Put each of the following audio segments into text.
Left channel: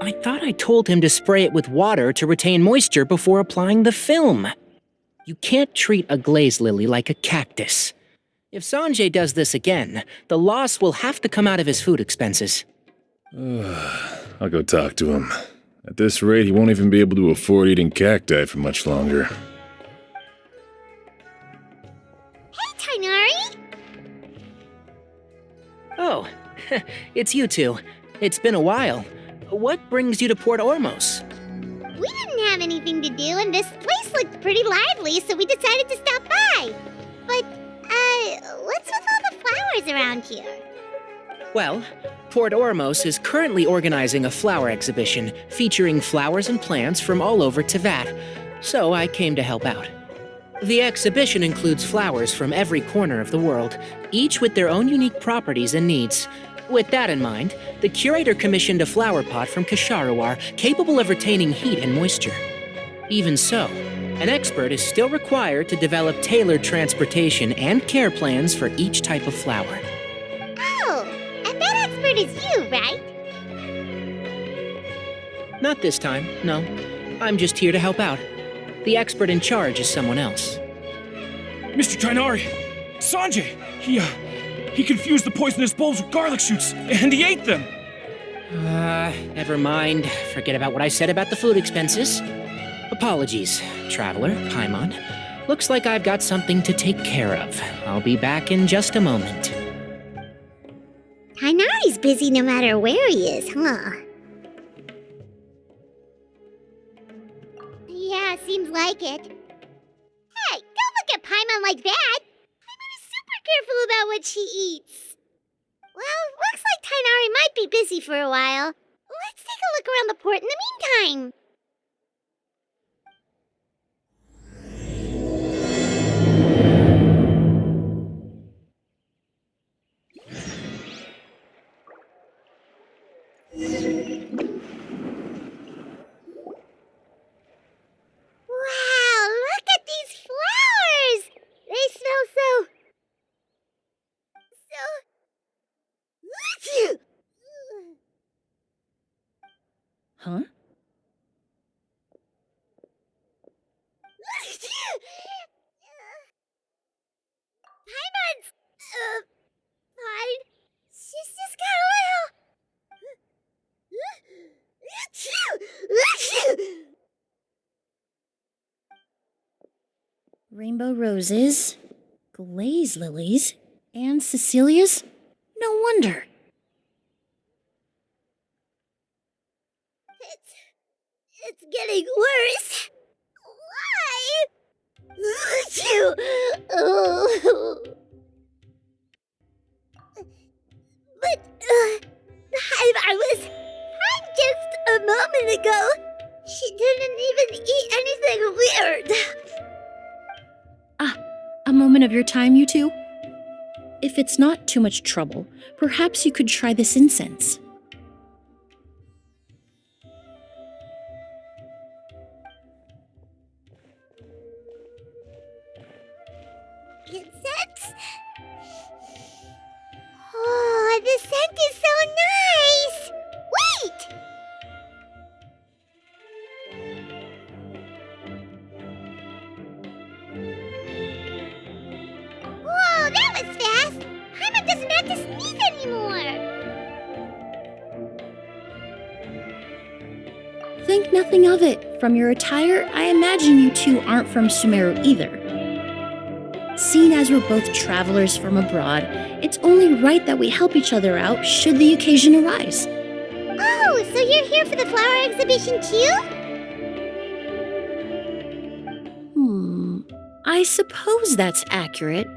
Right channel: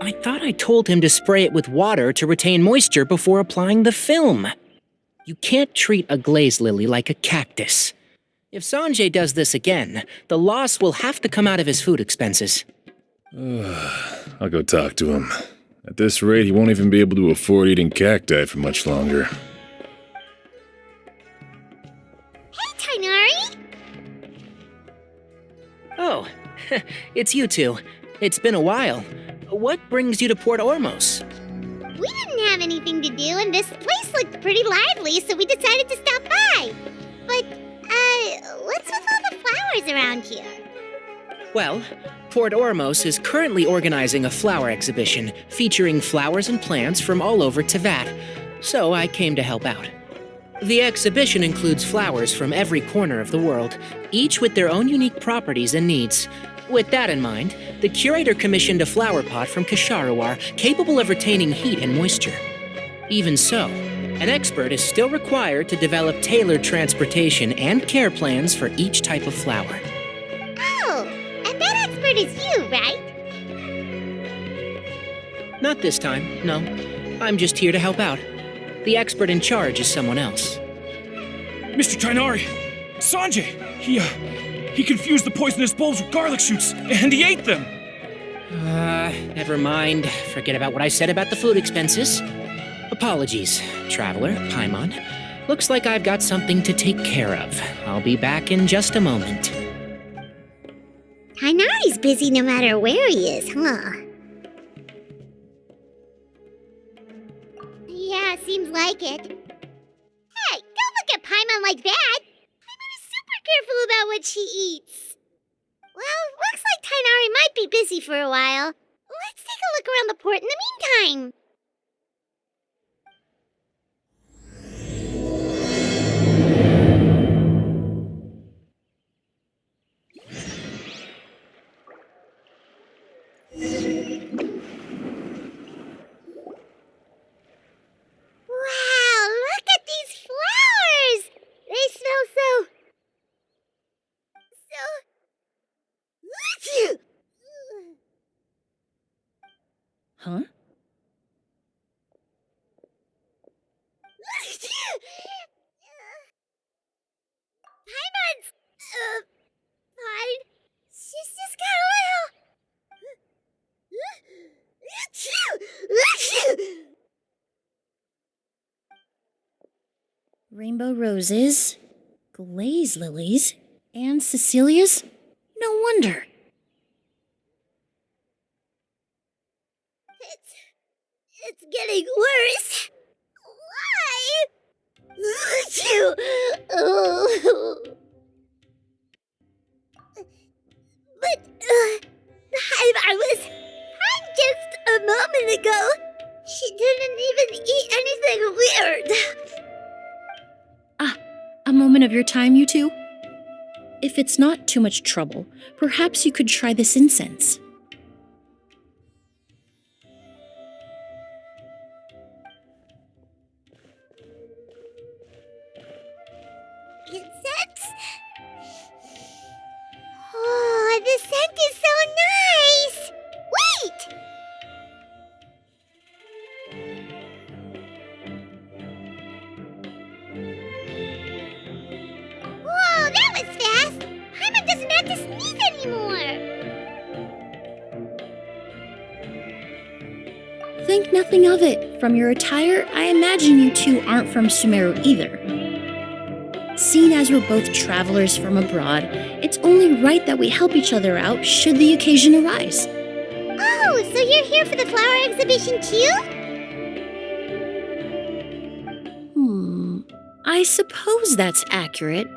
I thought I told him to spray it with water to retain moisture before applying the film. You can't treat a glaze lily like a cactus. If Sanjay does this again, the loss will have to come out of his food expenses. I'll go talk to him. At this rate, he won't even be able to afford eating cacti for much longer. Hey, Tainari! Oh, it's you two. It's been a while. What brings you to Port Ormos? We didn't have anything to do, and this place looked pretty lively, so we decided to stop by. But, what's with all the flowers around here? Well, Port Ormos is currently organizing a flower exhibition featuring flowers and plants from all over Teyvat, so I came to help out. The exhibition includes flowers from every corner of the world, each with their own unique properties and needs. With that in mind, the curator commissioned a flower pot from Kasharawar capable of retaining heat and moisture. Even so, an expert is still required to develop tailored transportation and care plans for each type of flower. Oh, and that expert is you, right? Not this time, no. I'm just here to help out. The expert in charge is someone else. Mr. Tainari! Sanjay! He confused the poisonous bulbs with garlic shoots, and he ate them! Never mind. Forget about what I said about the food expenses. Apologies, Traveler, Paimon. Looks like I've got something to take care of. I'll be back in just a moment. Tainari's busy no matter where he is, huh? Yeah, seems like it. Hey, don't look at Paimon like that! Paimon is super careful about what she eats. Well, looks like Tainari might be busy for a while. Let's take a look around the port in the meantime. Wow, look at these flowers! They smell so... Huh? Paimon's... fine. She's just got a little... Rainbow roses, glaze lilies, and Cecilia's? No wonder. It's getting worse. Why? But, I was fine just a moment ago. She didn't even eat anything weird. A moment of your time, you two? If it's not too much trouble, perhaps you could try this incense. Incense? Oh, the scent is so nice! Wait! Whoa, that was fast! Paimon doesn't have to sneeze anymore! Think nothing of it. From your attire, I imagine you two aren't from Sumeru either. Seeing as we're both travelers from abroad, it's only right that we help each other out should the occasion arise. Oh, so you're here for the flower exhibition too? I suppose that's accurate.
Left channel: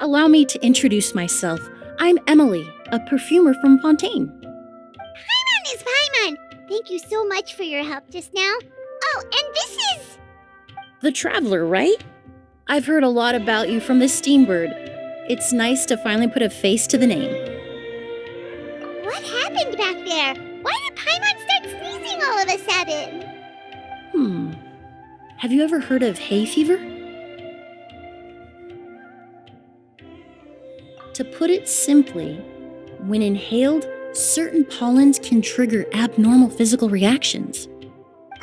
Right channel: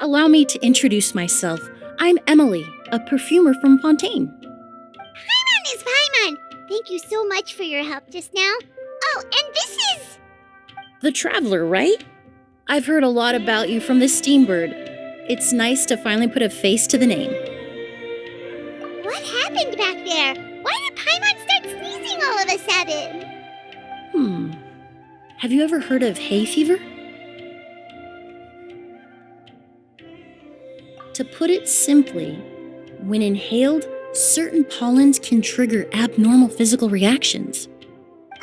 Allow me to introduce myself. I'm Emilie, a perfumer from Fontaine. Paimon is Paimon! Thank you so much for your help just now. Oh, and this is... The Traveler, right? I've heard a lot about you from the Steambird. It's nice to finally put a face to the name. What happened back there? Why did Paimon start sneezing all of a sudden? Have you ever heard of hay fever? To put it simply, when inhaled, certain pollens can trigger abnormal physical reactions. But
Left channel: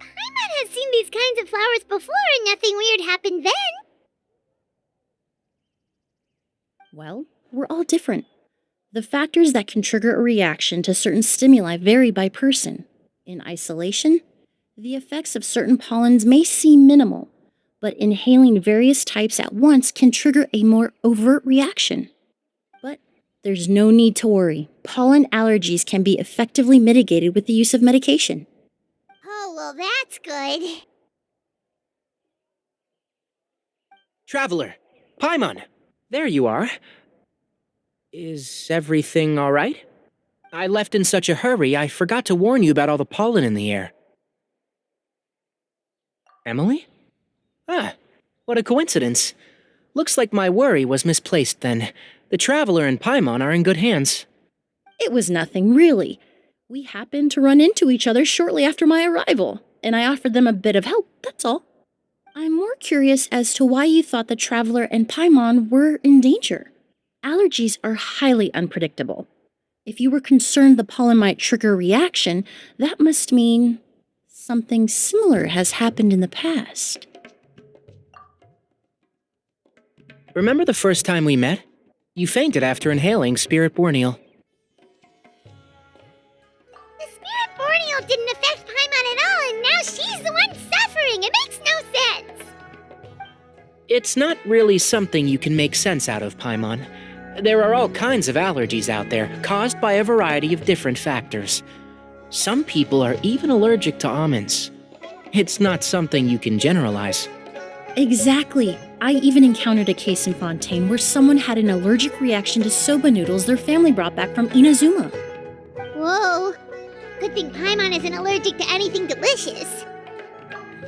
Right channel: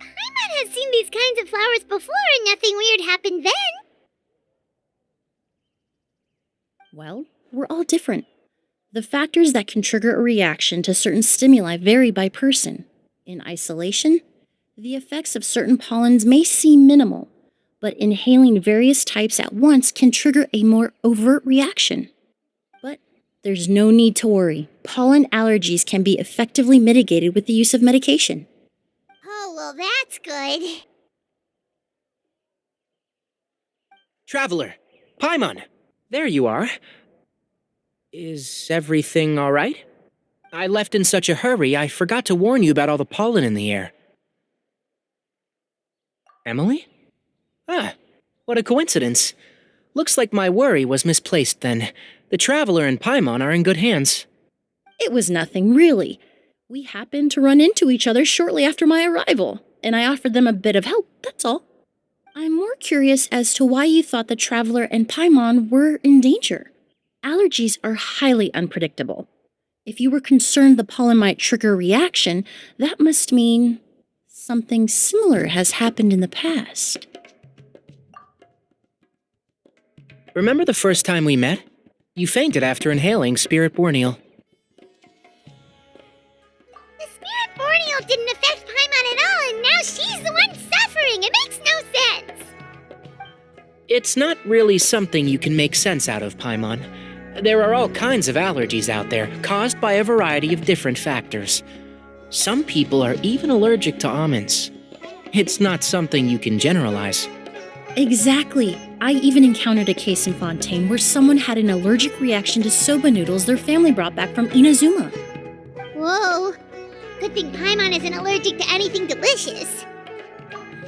Paimon has seen these kinds of flowers before and nothing weird happened then. Well, we're all different. The factors that can trigger a reaction to certain stimuli vary by person. In isolation, the effects of certain pollens may seem minimal, but inhaling various types at once can trigger a more overt reaction. But there's no need to worry. Pollen allergies can be effectively mitigated with the use of medication. Oh, well, that's good. Traveler, Paimon, there you are. Is everything all right? I left in such a hurry, I forgot to warn you about all the pollen in the air. Emilie? Ah, what a coincidence. Looks like my worry was misplaced then. The Traveler and Paimon are in good hands. It was nothing, really. We happened to run into each other shortly after my arrival, and I offered them a bit of help, that's all. I'm more curious as to why you thought the Traveler and Paimon were in danger. Allergies are highly unpredictable. If you were concerned the pollen might trigger a reaction, that must mean something similar has happened in the past. Remember the first time we met? You fainted after inhaling Spirit Borneal. The Spirit Borneal didn't affect Paimon at all, and now she's the one suffering. It makes no sense. It's not really something you can make sense out of, Paimon. There are all kinds of allergies out there, caused by a variety of different factors. Some people are even allergic to almonds. It's not something you can generalize. Exactly. I even encountered a case in Fontaine where someone had an allergic reaction to soba noodles their family brought back from Inazuma. Whoa. Good thing Paimon isn't allergic to anything delicious.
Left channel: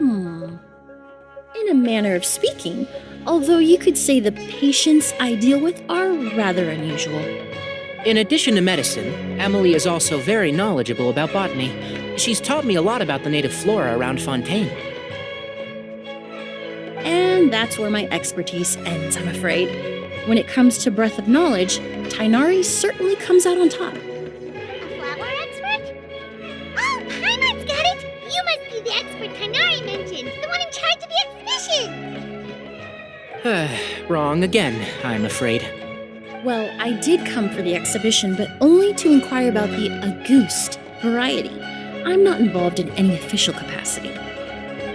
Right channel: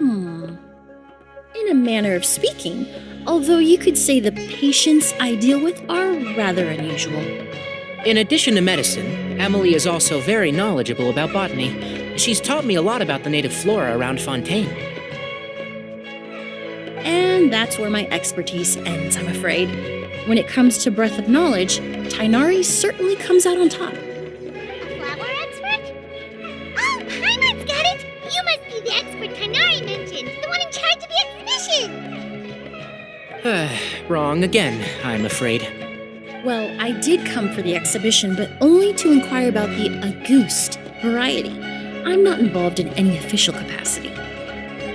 In a manner of speaking, although you could say the patients I deal with are rather unusual. In addition to medicine, Emilie is also very knowledgeable about botany. She's taught me a lot about the native flora around Fontaine. And that's where my expertise ends, I'm afraid. When it comes to breadth of knowledge, Tighnari certainly comes out on top. A flower expert? Oh, Paimon's got it! You must be the expert Tighnari mentioned, the one in charge of the exhibition! Wrong again, I'm afraid. Well, I did come for the exhibition, but only to inquire about the Auguste variety. I'm not involved in any official capacity.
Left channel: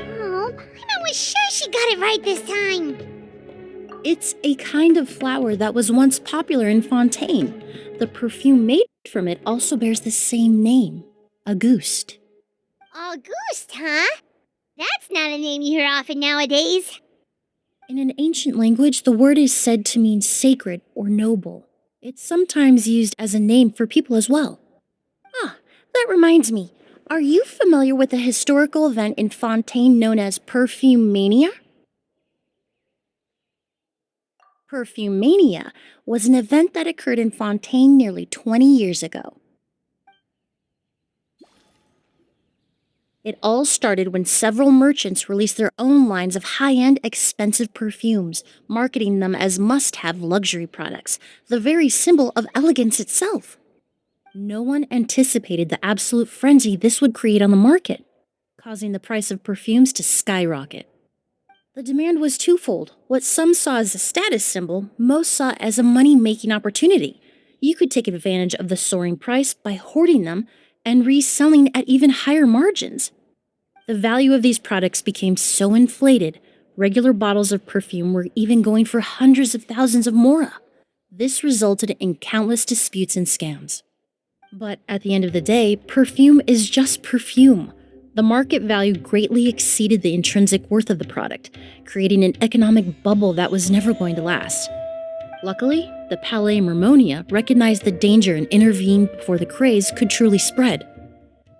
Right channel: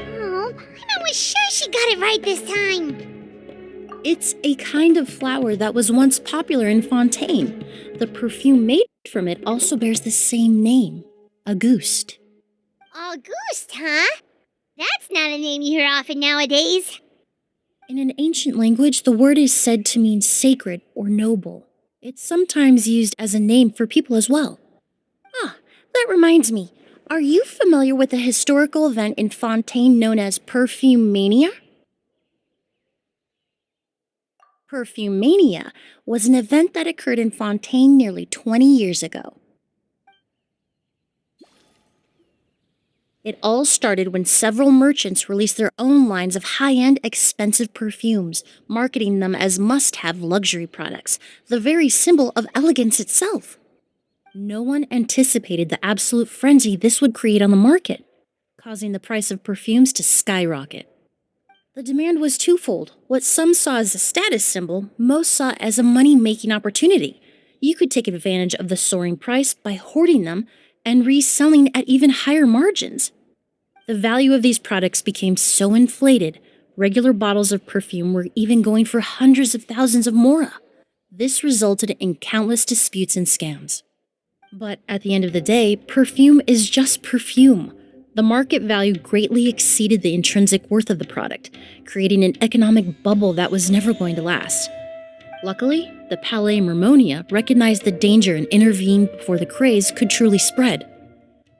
Oh, Paimon was sure she got it right this time. It's a kind of flower that was once popular in Fontaine. The perfume made from it also bears the same name, Auguste. Auguste, huh? That's not a name you hear often nowadays. In an ancient language, the word is said to mean sacred or noble. It's sometimes used as a name for people as well. Ah, that reminds me. Are you familiar with a historical event in Fontaine known as Perfume Mania? Perfume Mania was an event that occurred in Fontaine nearly 20 years ago. It all started when several merchants released their own lines of high-end, expensive perfumes, marketing them as must-have luxury products, the very symbol of elegance itself. No one anticipated the absolute frenzy this would create on the market, causing the price of perfumes to skyrocket. The demand was twofold. What some saw as a status symbol, most saw as a money-making opportunity. You could take advantage of the soaring price by hoarding them and reselling at even higher margins. The value of these products became so inflated, regular bottles of perfume were even going for hundreds of thousands of mora. This resulted in countless disputes and scams. But at the end of the day, perfume is just perfume. The market value greatly exceeded the intrinsic worth of the product, creating an economic bubble that was never going to last. Luckily, the Palais Mermonia recognized the danger and intervened before the craze could truly spread.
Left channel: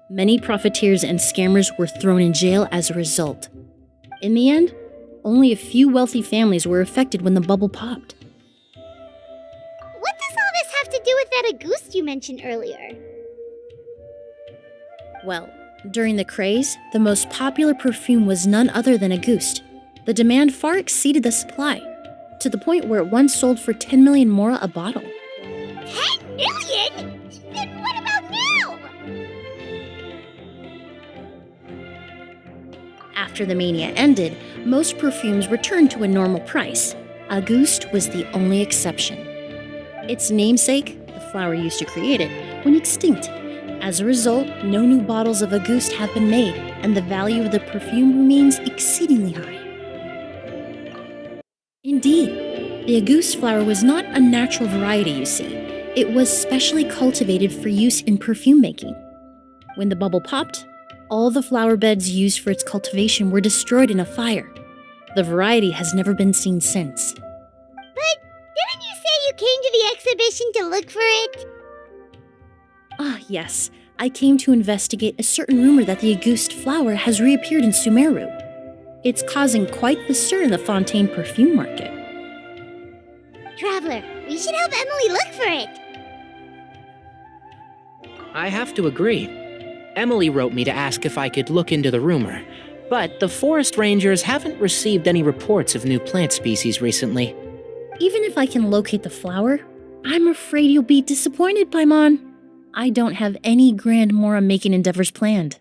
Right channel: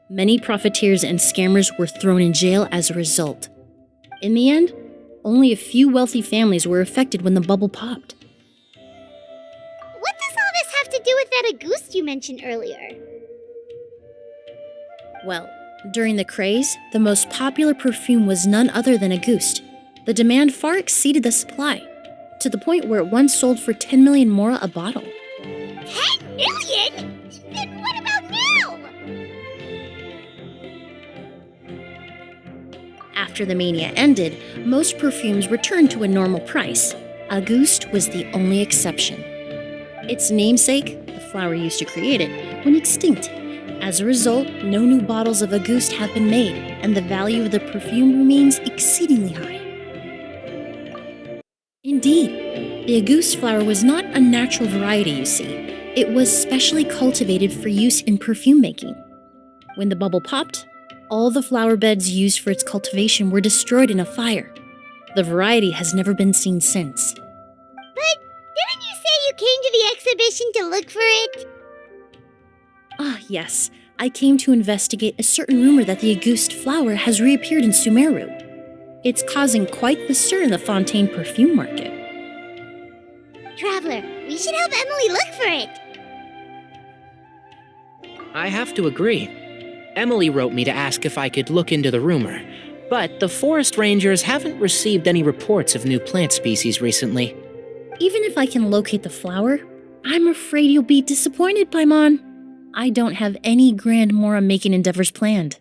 Many profiteers and scammers were thrown in jail as a result. In the end, only a few wealthy families were affected when the bubble popped. What does all this have to do with that Auguste you mentioned earlier? Well, during the craze, the most popular perfume was none other than Auguste. The demand far exceeded the supply, to the point where it once sold for 10 million mora a bottle. 10 million? Then what about now? After the mania ended, most perfumes returned to a normal price. Auguste was the only exception. Its namesake, the flower used to create it, went extinct. As a result, no new bottles of Auguste have been made, and the value of the perfume remains exceedingly high. Indeed, the Auguste flower was not a natural variety, you see. It was specially cultivated for use in perfume making. When the bubble popped, all the flower beds used for its cultivation were destroyed in a fire. The variety has never been seen since. But didn't you say you came to the exhibition to look for it? Ah, yes. I came to investigate a certain rumor that the Auguste flower has reappeared in Sumeru. It's causing quite the stir in the Fontaine perfume market. Traveler, we should help Emilie look for it. I have to agree. Emilie wrote me to ask if I could look into the rumor, but the forest rangers haven't received any reports of new plant species recently. Even if I can locate the flower, I'm afraid you'll be disappointed, Paimon. I don't have any grand Mora-making endeavors planned.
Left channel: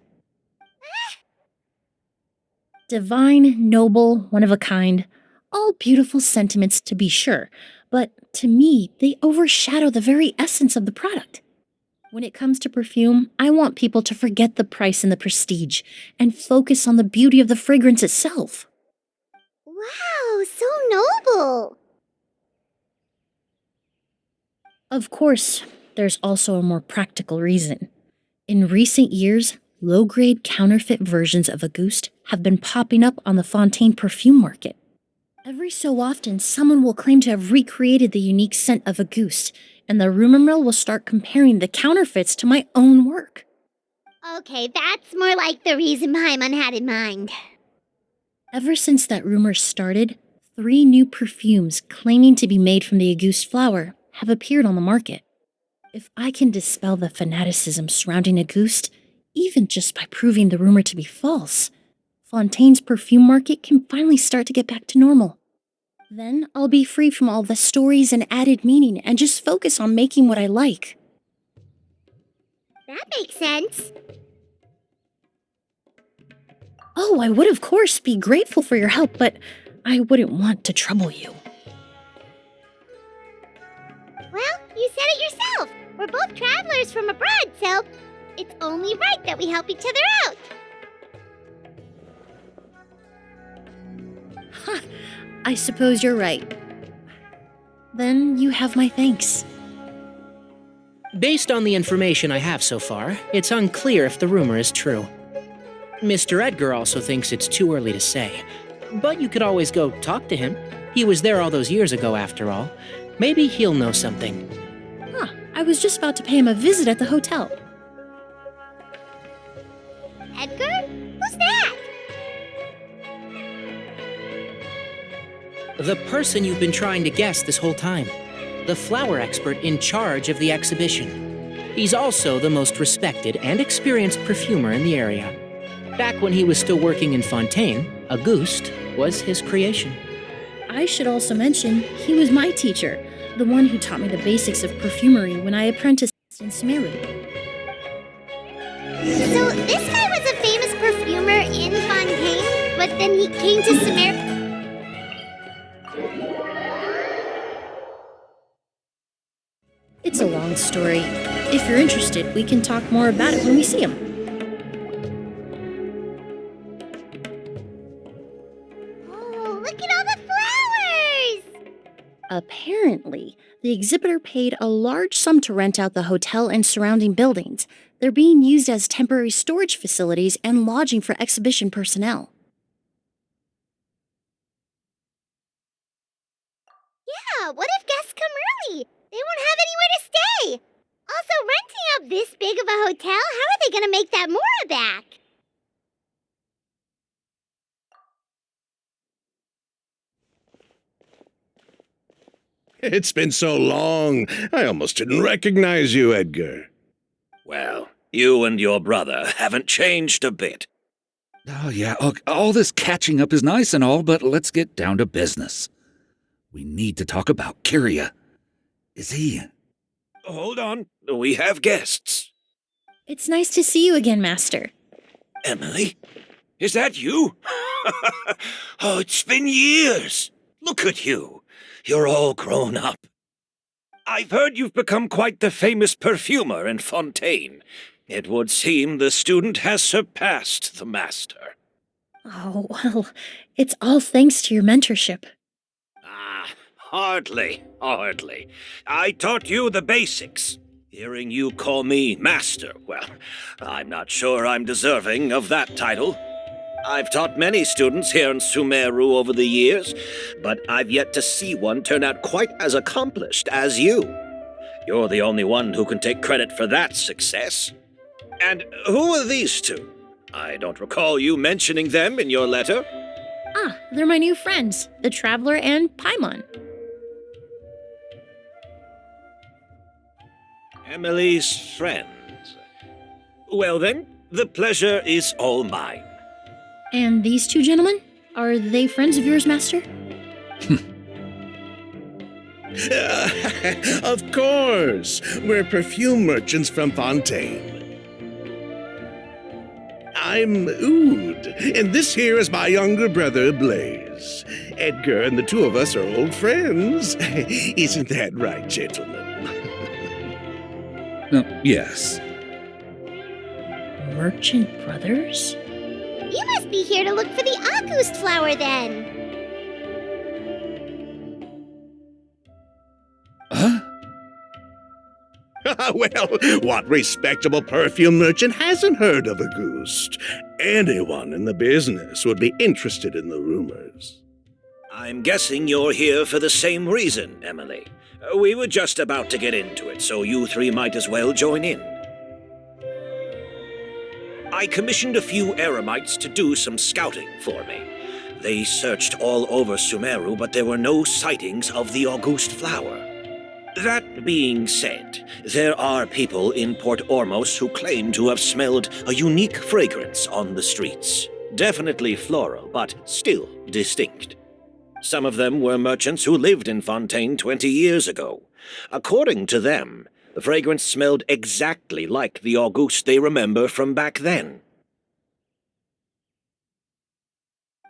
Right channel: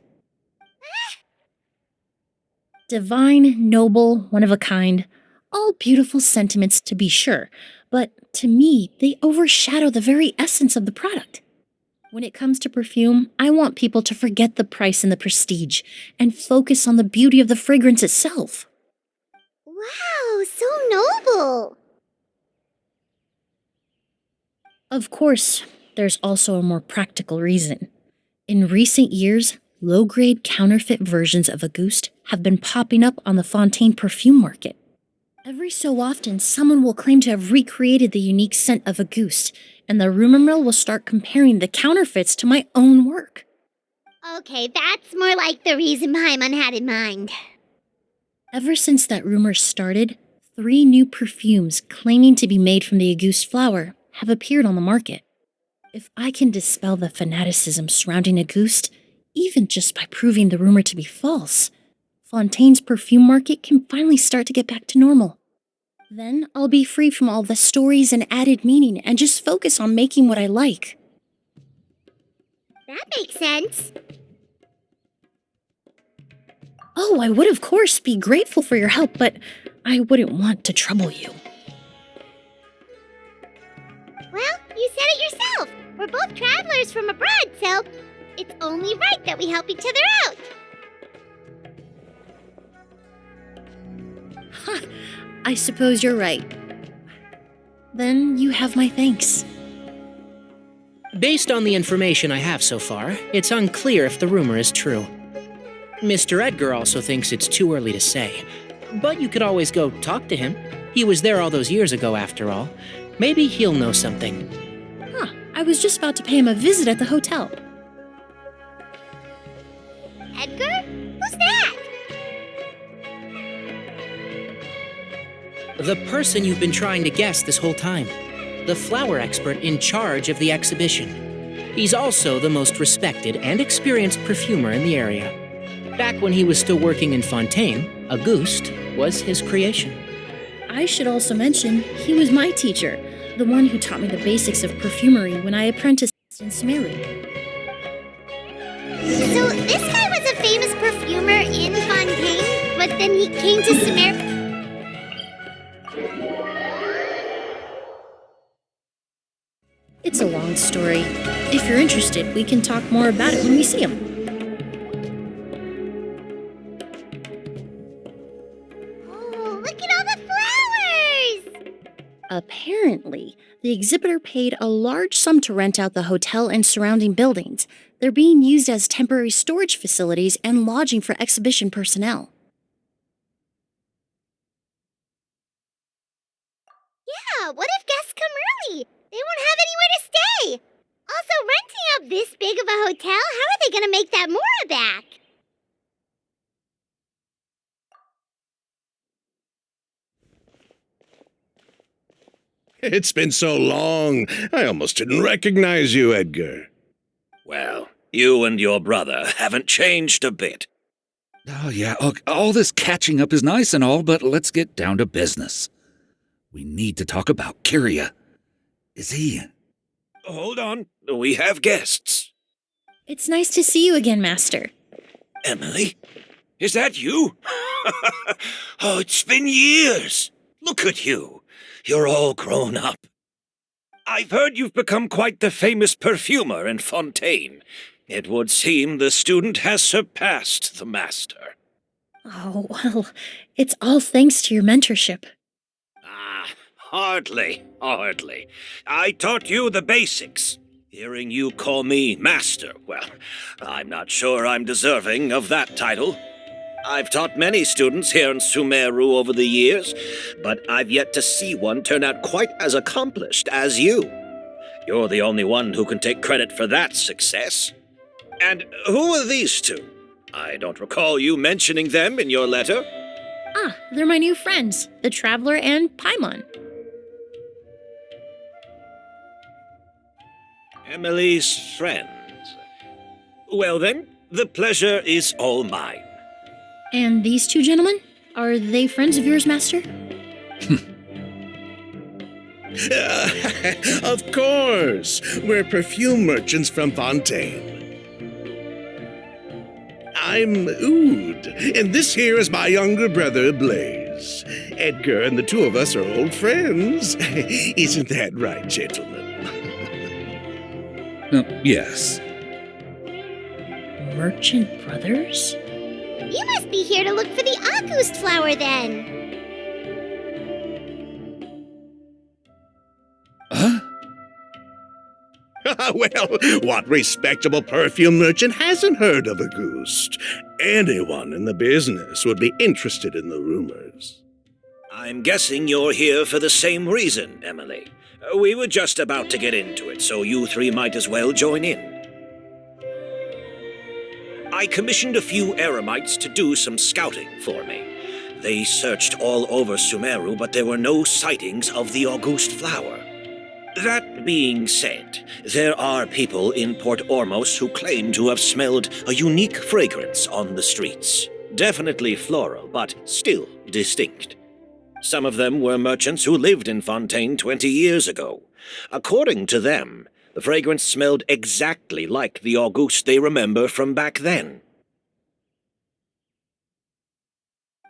Divine, noble, one of a kind, all beautiful sentiments to be sure, but to me, they overshadow the very essence of the product. When it comes to perfume, I want people to forget the price and the prestige and focus on the beauty of the fragrance itself. Wow, so noble. Of course, there's also a more practical reason. In recent years, low-grade counterfeit versions of Auguste have been popping up on the Fontaine perfume market. Every so often, someone will claim to have recreated the unique scent of Auguste, and the rumor mill will start comparing the counterfeits to my own work. Okay, that's more like the reason Paimon had in mind. Ever since that rumor started, 3 new perfumes claiming to be made from the Auguste flower have appeared on the market. If I can dispel the fanaticism surrounding Auguste, even just by proving the rumor to be false, Fontaine's perfume market can finally start to get back to normal. Then I'll be free from all the stories and added meaning and just focus on making what I like. That makes sense. Oh, I would of course be grateful for your help, but I wouldn't want to trouble you. Well, you said it yourself. We're both travelers from abroad, so it's only right that we help each other out. Ha! I suppose you're right. Then you have my thanks. Based on the information I have so far, it's unclear if the rumor is true. Mr. Edgar also thinks it's too early to say, but you could always go talk to him. He was there all those years ago, after all. Maybe he'll know something. Huh, I was just about to pay him a visit at the hotel. Edgar? Who's that? The person you've been trying to guess this whole time. The flower expert in charge of the exhibition. He's also the most respected and experienced perfumer in the area. Back when he was still working in Fontaine, Auguste was his creation. I should also mention, he was my teacher, the one who taught me the basics of perfumery when I apprenticed in Sumeru. So this guy was a famous perfumer in Fontaine, but then he came to Sumeru. It's a long story. If you're interested, we can talk more about it when we see him. Oh, look at all the flowers! Apparently, the exhibitor paid a large sum to rent out the hotel and surrounding buildings. They're being used as temporary storage facilities and lodging for exhibition personnel. Yeah, what if guests come early? They won't have anywhere to stay. Also, renting out this big of a hotel, how are they going to make that Mora back? It's been so long, I almost didn't recognize you, Edgar. Well, you and your brother haven't changed a bit. Oh, yeah, look, all this catching up is nice and all, but let's get down to business. We need to talk about Kyria. Is he... Hold on, we have guests. It's nice to see you again, Master. Emilie? Is that you? Oh, it's been years. Look at you. You're all grown up. I've heard you've become quite the famous perfumer in Fontaine. It would seem the student has surpassed the master. Oh, well, it's all thanks to your mentorship. Ah, hardly. I taught you the basics. Hearing you call me master, well, I'm not sure I'm deserving of that title. I've taught many students here in Sumeru over the years, but I've yet to see one turn out quite as accomplished as you. You're the only one who can take credit for that success. And who are these two? I don't recall you mentioning them in your letter. Ah, they're my new friends, the Traveler and Paimon. Emilie's friends. Well then, the pleasure is all mine. And these two gentlemen? Are they friends of yours, Master? Of course! We're perfume merchants from Fontaine. I'm Oud, and this here is my younger brother, Blaze. Edgar and the two of us are old friends. Isn't that right, gentlemen? Yes. Merchant brothers? You must be here to look for the August flower then. Huh? Well, what respectable perfume merchant hasn't heard of Auguste? Anyone in the business would be interested in the rumors. I'm guessing you're here for the same reason, Emilie. We were just about to get into it, so you three might as well join in. I commissioned a few eremites to do some scouting for me. They searched all over Sumeru, but there were no sightings of the Auguste flower. That being said, there are people in Port Ormos who claim to have smelled a unique fragrance on the streets. Definitely floral, but still distinct. Some of them were merchants who lived in Fontaine 20 years ago. According to them, the fragrance smelled exactly like the Auguste they remember from back then.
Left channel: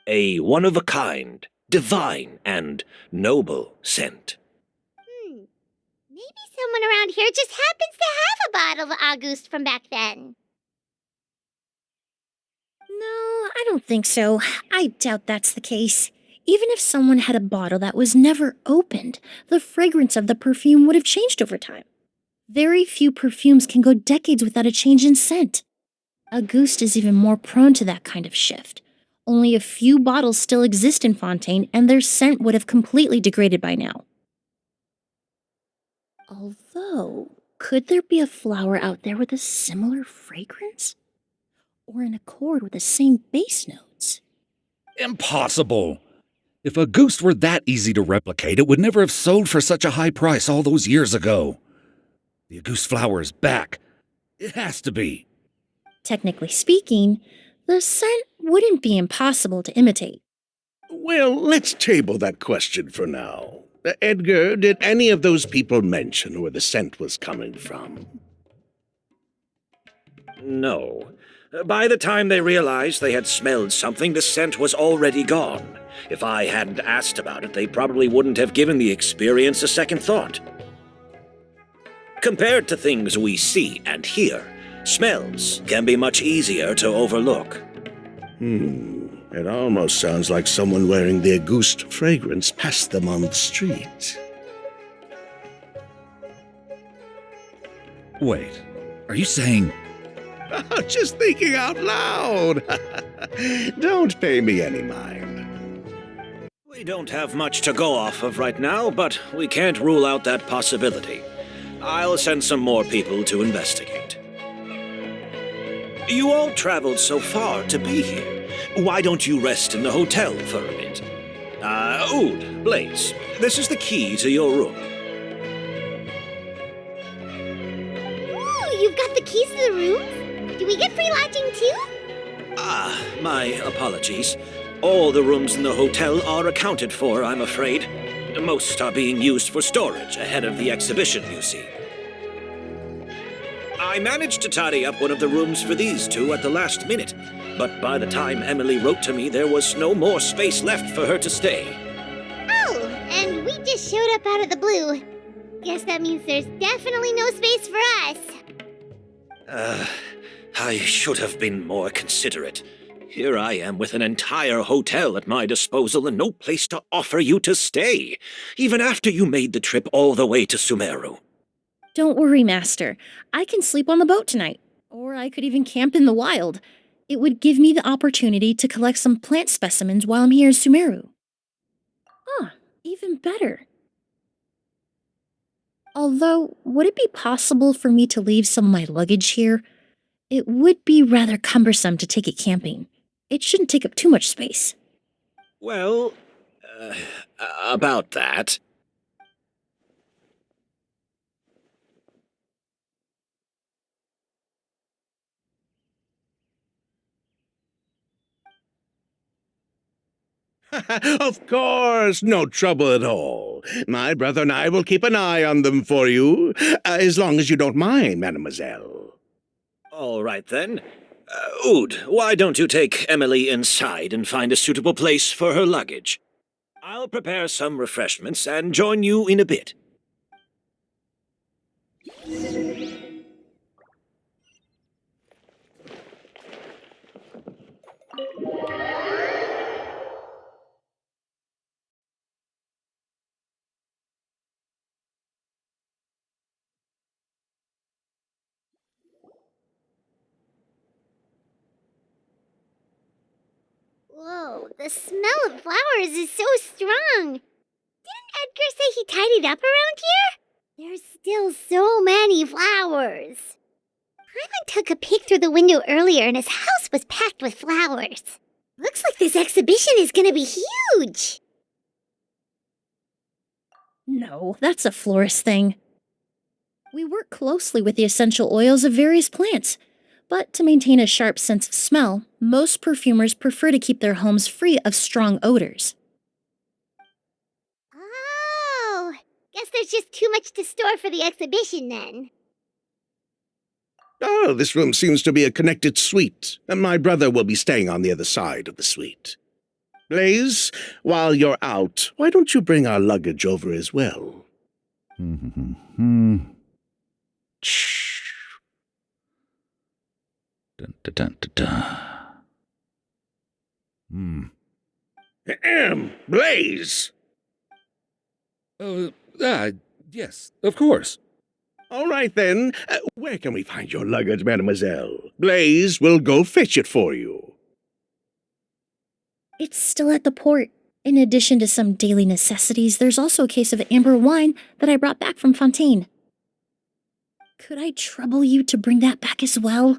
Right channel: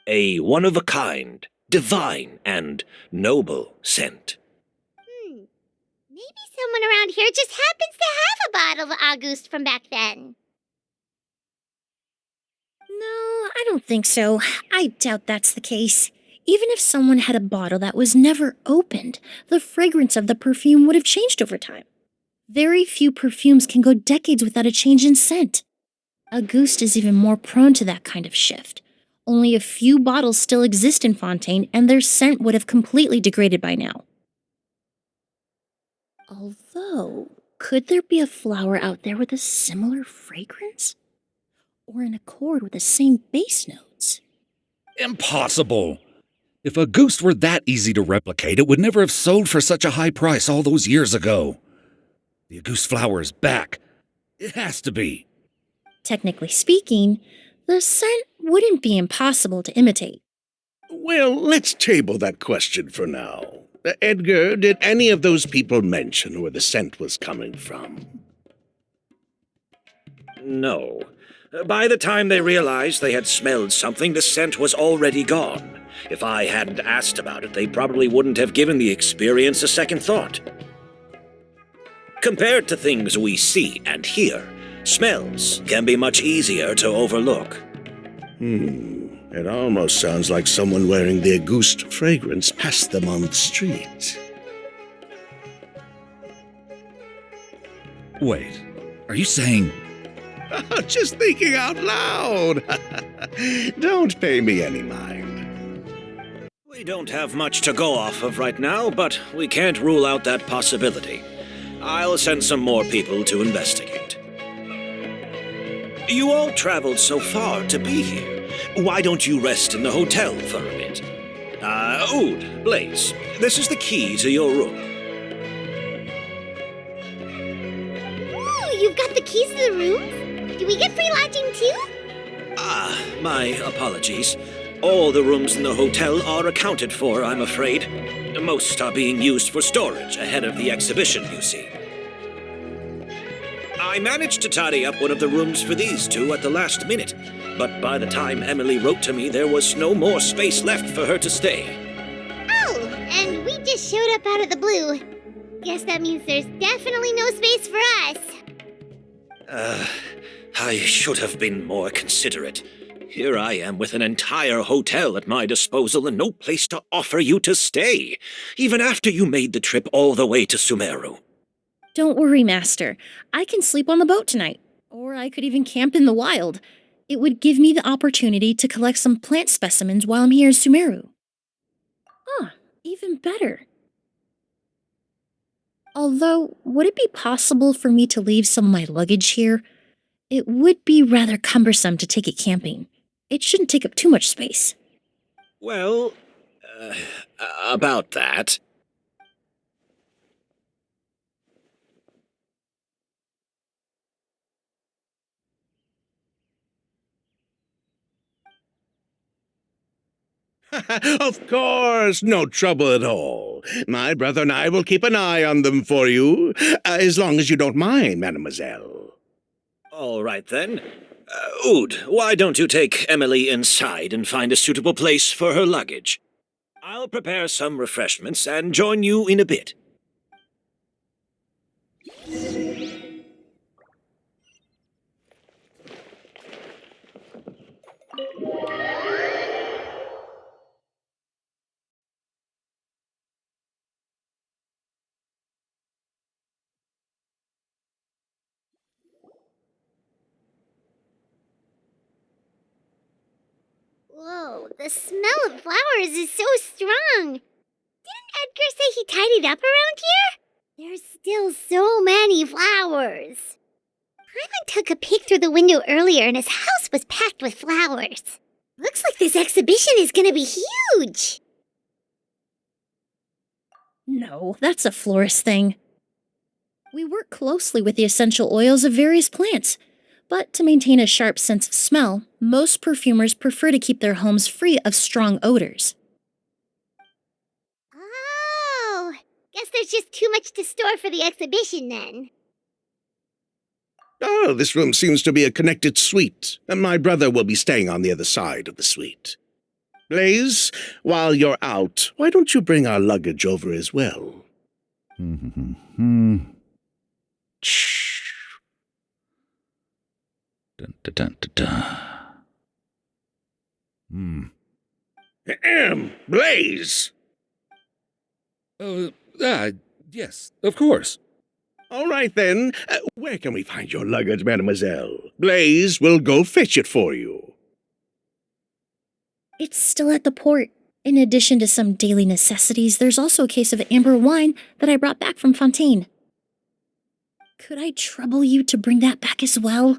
A one-of-a-kind, divine, and noble scent. Maybe someone around here just happens to have a bottle of Auguste from back then. No, I don't think so. I doubt that's the case. Even if someone had a bottle that was never opened, the fragrance of the perfume would have changed over time. Very few perfumes can go decades without a change in scent. Auguste is even more prone to that kind of shift. Only a few bottles still exist in Fontaine, and their scent would have completely degraded by now. Although, could there be a flower out there with a similar fragrance? Or in accord with the same base notes? Impossible! If Auguste were that easy to replicate, it would never have sold for such a high price all those years ago. The Auguste flower is back. It has to be. Technically speaking, the scent wouldn't be impossible to imitate. Well, let's table that question for now. Edgar, did any of those people mention where the scent was coming from? No. By the time they realized they had smelled something, the scent was already gone. If I hadn't asked about it, they probably wouldn't have given the experience a second thought. Compared to things we see and hear, smells can be much easier to overlook. It almost sounds like someone wearing the Auguste fragrance passed them on the street. Wait, are you saying... Just thinking out loud. Don't pay me any mind. We don't have much to go off of right now, but we can't rule out that possibility. I'll send some more people to investigate. You all traveled so far to be here. Why don't you rest in the hotel for a bit? Ood, Blaze, this is the key to your room. Ooh, you've got the keys to the room? Do we get free lodging too? My apologies. All the rooms in the hotel are accounted for, I'm afraid. Most are being used for storage ahead of the exhibition, you see. I managed to tidy up one of the rooms for these two at the last minute, but by the time Emilie wrote to me, there was no more space left for her to stay. Oh, and we just showed up out of the blue. Guess that means there's definitely no space for us. I should have been more considerate. Here I am with an entire hotel at my disposal and no place to offer you to stay, even after you made the trip all the way to Sumeru. Don't worry, Master. I can sleep on the boat tonight. Or I could even camp in the wild. It would give me the opportunity to collect some plant specimens while I'm here in Sumeru. Even better. Although, would it be possible for me to leave some of my luggage here? It would be rather cumbersome to take it camping. It shouldn't take up too much space. Well, about that. Of course, no trouble at all. My brother and I will keep an eye on them for you, as long as you don't mind, mademoiselle. All right, then. Ood, why don't you take Emilie inside and find a suitable place for her luggage? I'll prepare some refreshments and join you in a bit. Whoa, the smell of flowers is so strong. Didn't Edgar say he tidied up around here? There's still so many flowers. Paimon took a peek through the window earlier and his house was packed with flowers. Looks like this exhibition is gonna be huge. No, that's a florist thing. We work closely with the essential oils of various plants, but to maintain a sharp sense of smell, most perfumers prefer to keep their homes free of strong odors. Oh, guess there's just too much to store for the exhibition then. Oh, this room seems to be a connected suite, and my brother will be staying on the other side of the suite. Blaze, while you're out, why don't you bring our luggage over as well? Dun, dun, dun, dun, dun. Blaze! Yes, of course. All right, then. Where can we find your luggage, mademoiselle? Blaze will go fetch it for you. It's still at the port. In addition to some daily necessities, there's also a case of amber wine that I brought back from Fontaine. Could I trouble you to bring that back as well?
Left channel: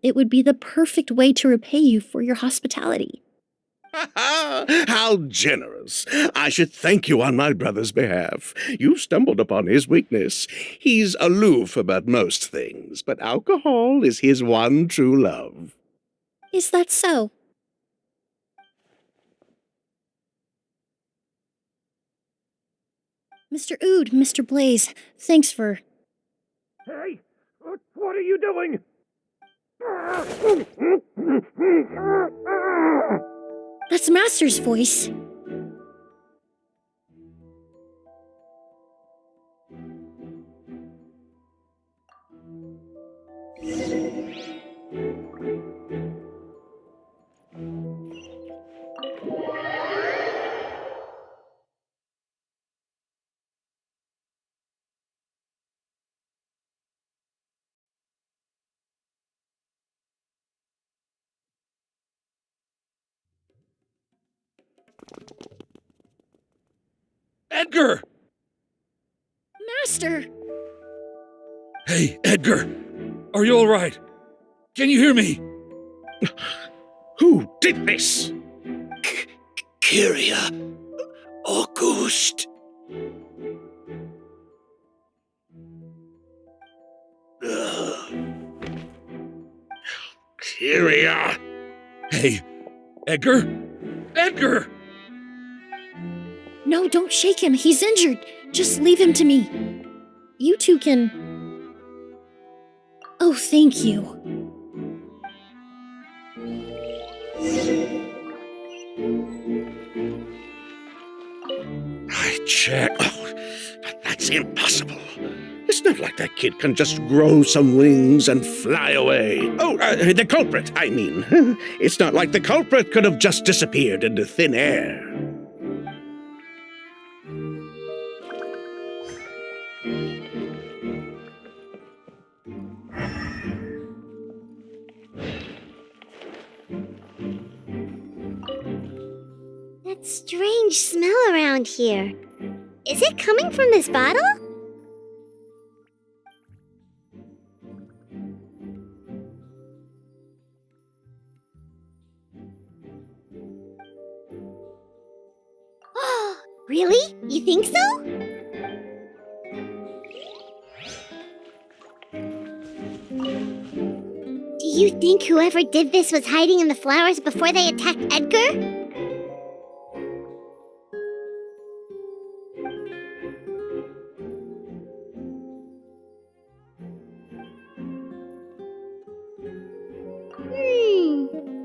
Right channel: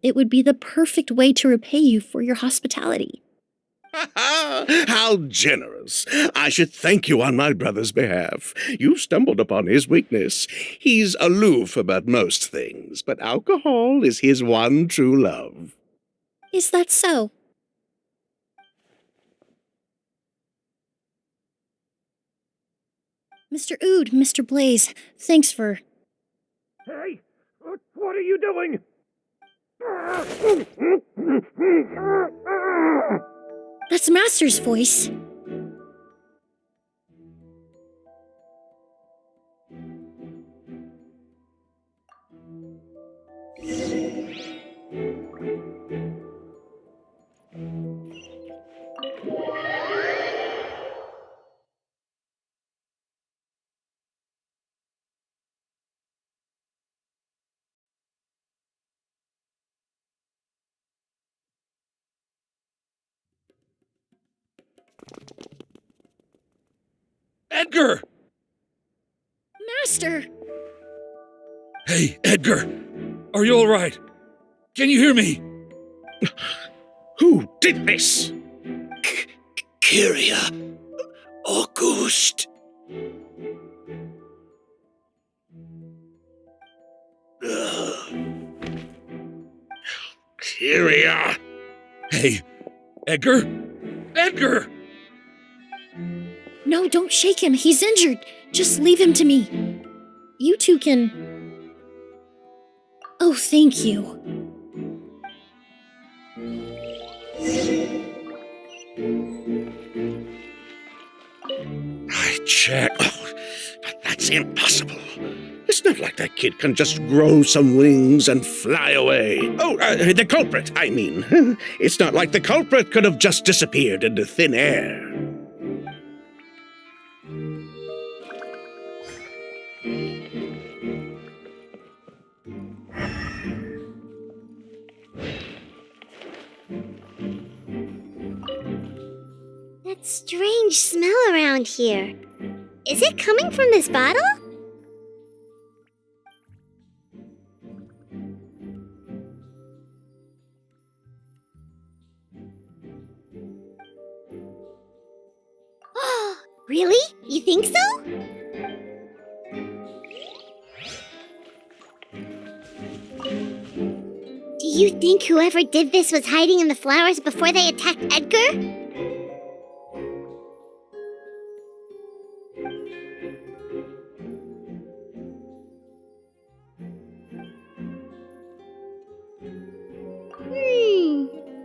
It would be the perfect way to repay you for your hospitality. How generous! I should thank you on my brother's behalf. You stumbled upon his weakness. He's aloof about most things, but alcohol is his one true love. Is that so? Mr. Ood, Mr. Blaze, thanks for... Hey, what are you doing? That's Master's voice. Edgar! Master! Hey, Edgar! Are you all right? Can you hear me? Who did this? Kyria, Auguste! Ugh. Here we are. Hey, Edgar? Edgar! No, don't shake him. He's injured. Just leave him to me. You two can... Oh, thank you. I checked. Oh, but that's impossible. It's not like that kid can just grow some wings and fly away. Oh, the culprit, I mean. It's not like the culprit could have just disappeared into thin air. That strange smell around here. Is it coming from this bottle? Oh, really? You think so? Do you think whoever did this was hiding in the flowers before they attacked Edgar?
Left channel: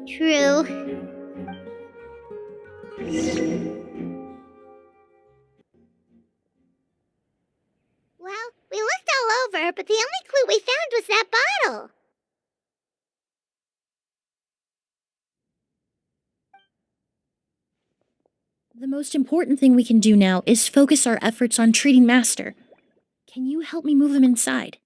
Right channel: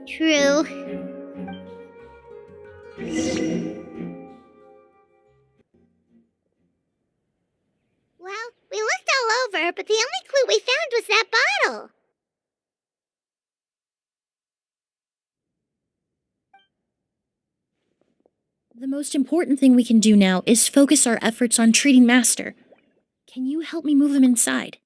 True. Well, we looked all over, but the only clue we found was that bottle. The most important thing we can do now is focus our efforts on treating Master. Can you help me move him inside?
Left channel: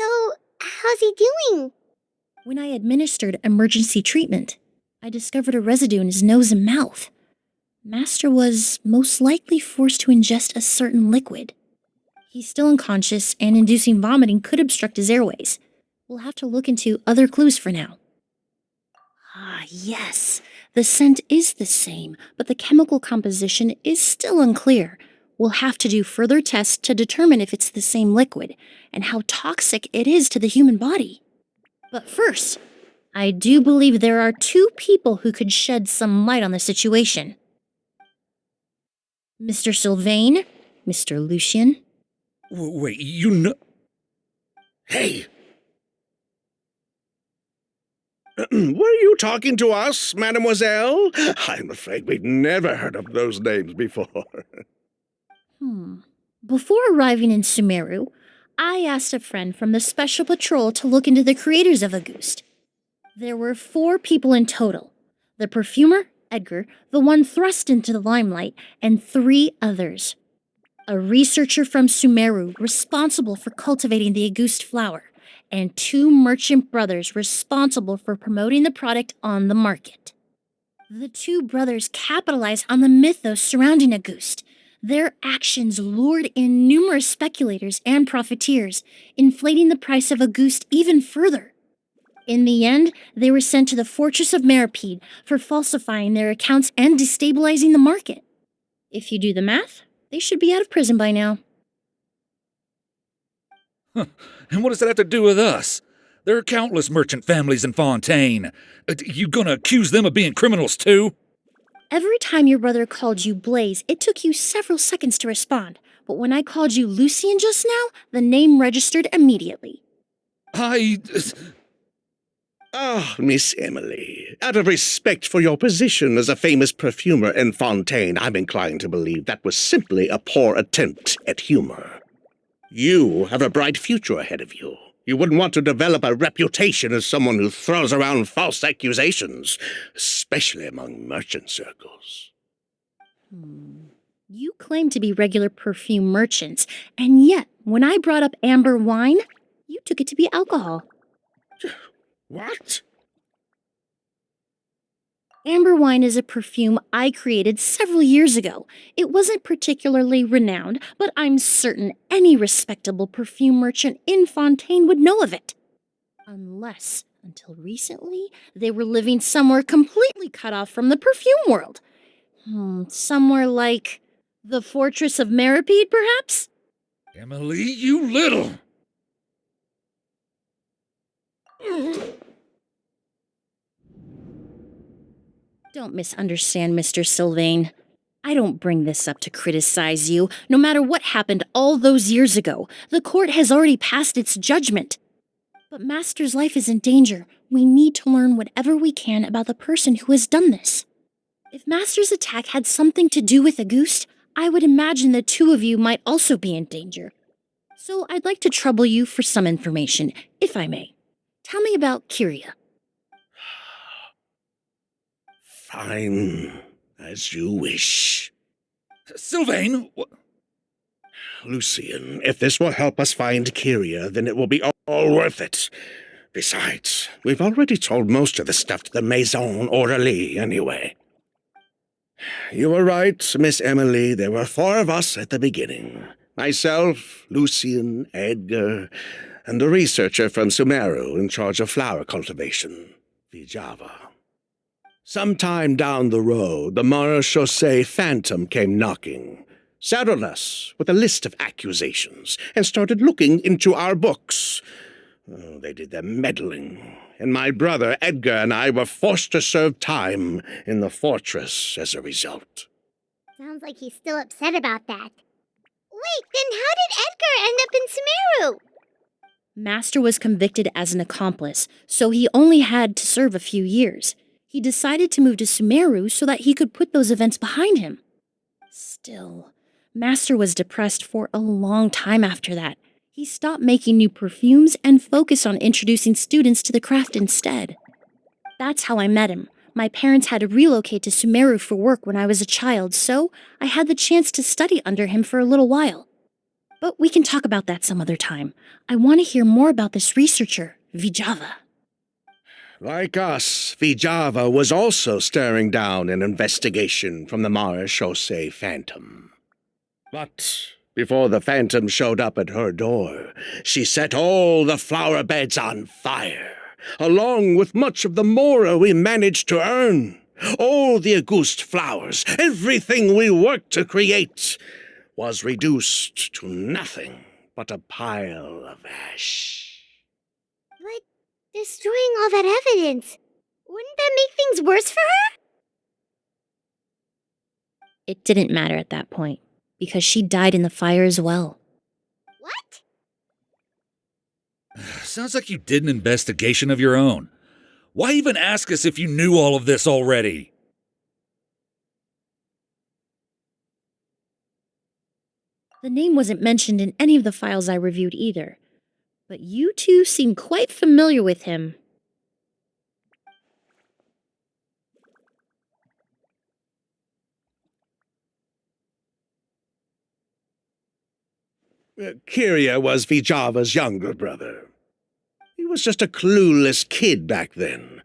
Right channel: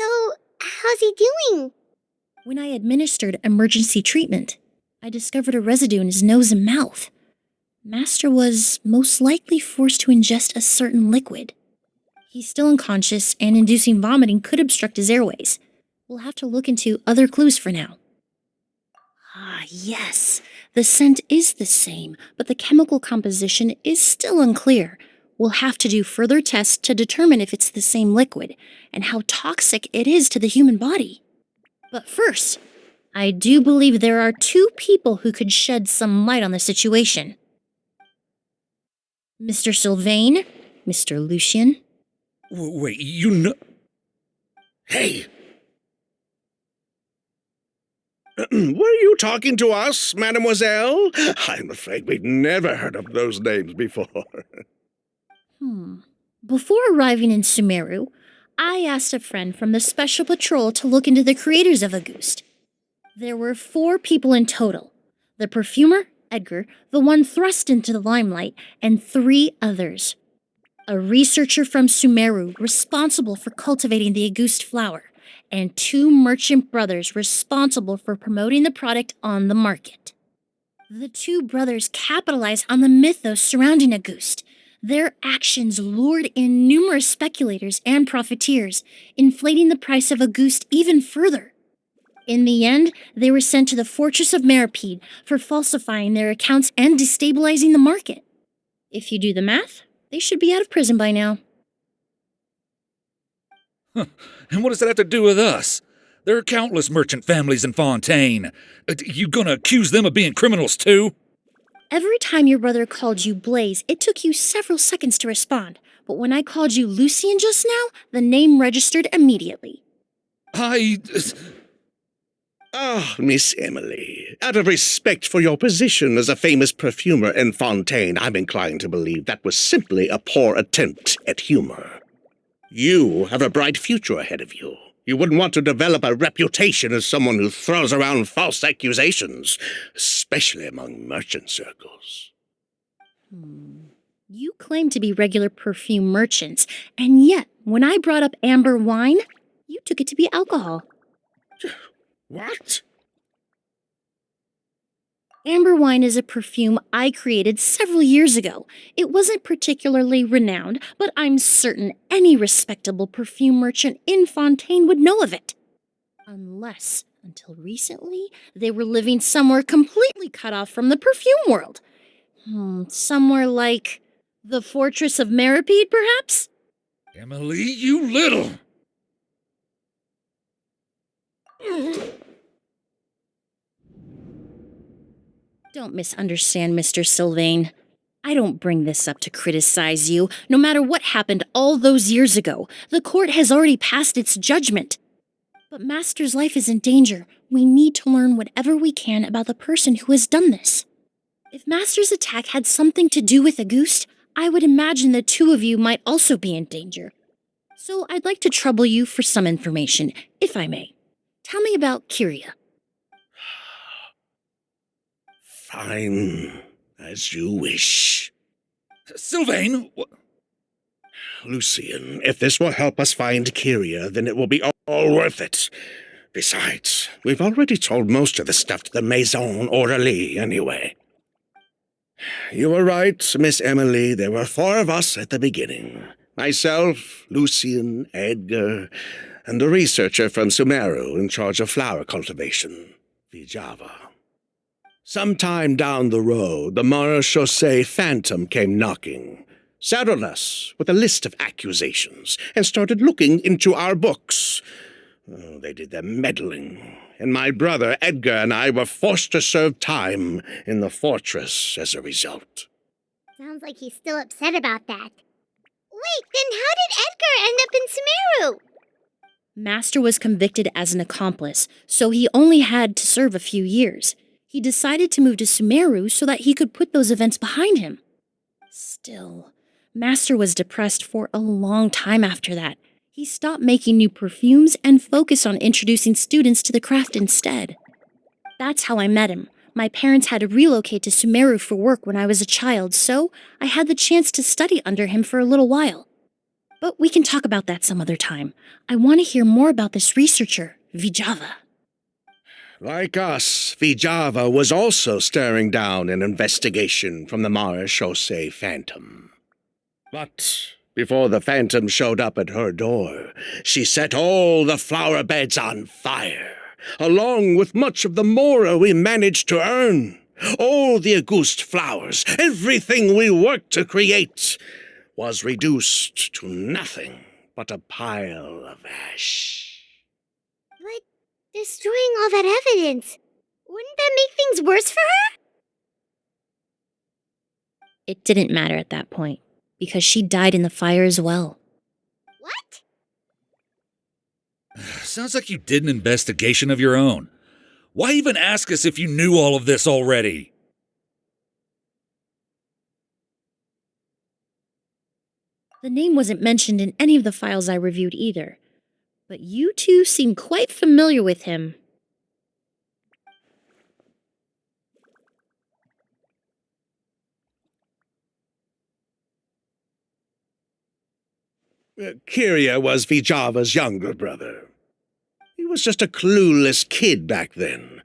So, how's he doing? When I administered emergency treatment, I discovered a residue in his nose and mouth. Master was most likely forced to ingest a certain liquid. He's still unconscious, and inducing vomiting could obstruct his airways. We'll have to look into other clues for now. Ah, yes. The scent is the same, but the chemical composition is still unclear. We'll have to do further tests to determine if it's the same liquid and how toxic it is to the human body. But first, I do believe there are two people who could shed some light on the situation. Mr. Sylvain, Mr. Lucien. Wait, you know... Hey! Were you talking to us, mademoiselle? I'm afraid we'd never heard of those names before. Before arriving in Sumeru, I asked a friend from the Special Patrol to look into the creators of Auguste. There were 4 people in total. The perfumer, Edgar, the one thrust into the limelight, and 3 others. A researcher from Sumeru responsible for cultivating the Auguste flower, and 2 merchant brothers responsible for promoting the product on the market. The 2 brothers capitalized on the mythos surrounding Auguste. Their actions lured in numerous speculators and profiteers, inflating the price of Auguste even further. In the end, they were sent to the fortress of Meripede for falsifying their accounts and destabilizing the market. If you do the math, they should be out of prison by now. And what does that have to do with us? There are countless merchant families in Fontaine. You gonna accuse them of being criminals too? Every time your brother called you Blaze, it took you several seconds to respond. But when I called you Lucien just now, the name registered immediately. Ah, Miss Emilie, out of respect for your position as a famous perfumer in Fontaine, I'm inclined to believe that was simply a poor attempt at humor. You have a bright future ahead of you. You wouldn't want to develop a reputation as someone who throws around false accusations, especially among merchant circles. You claim to be regular perfume merchants, and yet, when I brought up amber wine, you took it to be alcohol. What? Amber wine is a perfume I created several years ago. It wasn't particularly renowned, but I'm certain any respectable perfume merchant in Fontaine would know of it. Unless, until recently, they were living somewhere completely cut off from the perfume world. Somewhere like the Fortress of Meripede, perhaps? Emilie, you little! Don't misunderstand, Mr. Sylvain. I don't bring this up to criticize you. No matter what happened all those years ago, the court has already passed its judgment. But Master's life is in danger. We need to learn whatever we can about the person who has done this. If Master's attack had something to do with Auguste, I would imagine the two of you might also be in danger. So I'd like to trouble you for some information, if I may. Tell me about Kyria. Fine, as you wish. Sylvain! Lucien, if this will help us find Kyria, then it will be all worth it. Besides, we've already told most of the stuff to the Maison Orally anyway. You were right, Miss Emilie. There were 4 of us at the beginning. Myself, Lucien, Edgar, and the researcher from Sumeru in charge of flower cultivation, Vijava. Sometime down the road, the Marechaussee Phantom came knocking, saddled us with a list of accusations, and started looking into our books. They did their meddling, and my brother Edgar and I were forced to serve time in the fortress as a result. Sounds like he's still upset about that. Wait, then how did Edgar end up in Sumeru? Master was convicted as an accomplice, so he only had to serve a few years. He decided to move to Sumeru so that he could put those events behind him. Still, Master was depressed for a long time after that. He stopped making new perfumes and focused on introducing students to the craft instead. That's how I met him. My parents had to relocate to Sumeru for work when I was a child, so I had the chance to study under him for a little while. But we can talk about that some other time. I want to hear more about this researcher, Vijava. Like us, Vijava was also staring down an investigation from the Marechaussee Phantom. But before the Phantom showed up at her door, she set all the flower beds on fire, along with much of the mora we managed to earn. All the Auguste flowers, everything we worked to create, was reduced to nothing but a pile of ash. But destroying all that evidence, wouldn't that make things worse for her? It didn't matter at that point, because she died in the fire as well. What? Sounds like you did an investigation of your own. Why even ask us if you knew all of this already? The name wasn't mentioned in any of the files I reviewed either, but you two seem quite familiar with him. Kyria was Vijava's younger brother. He was just a clueless kid back then,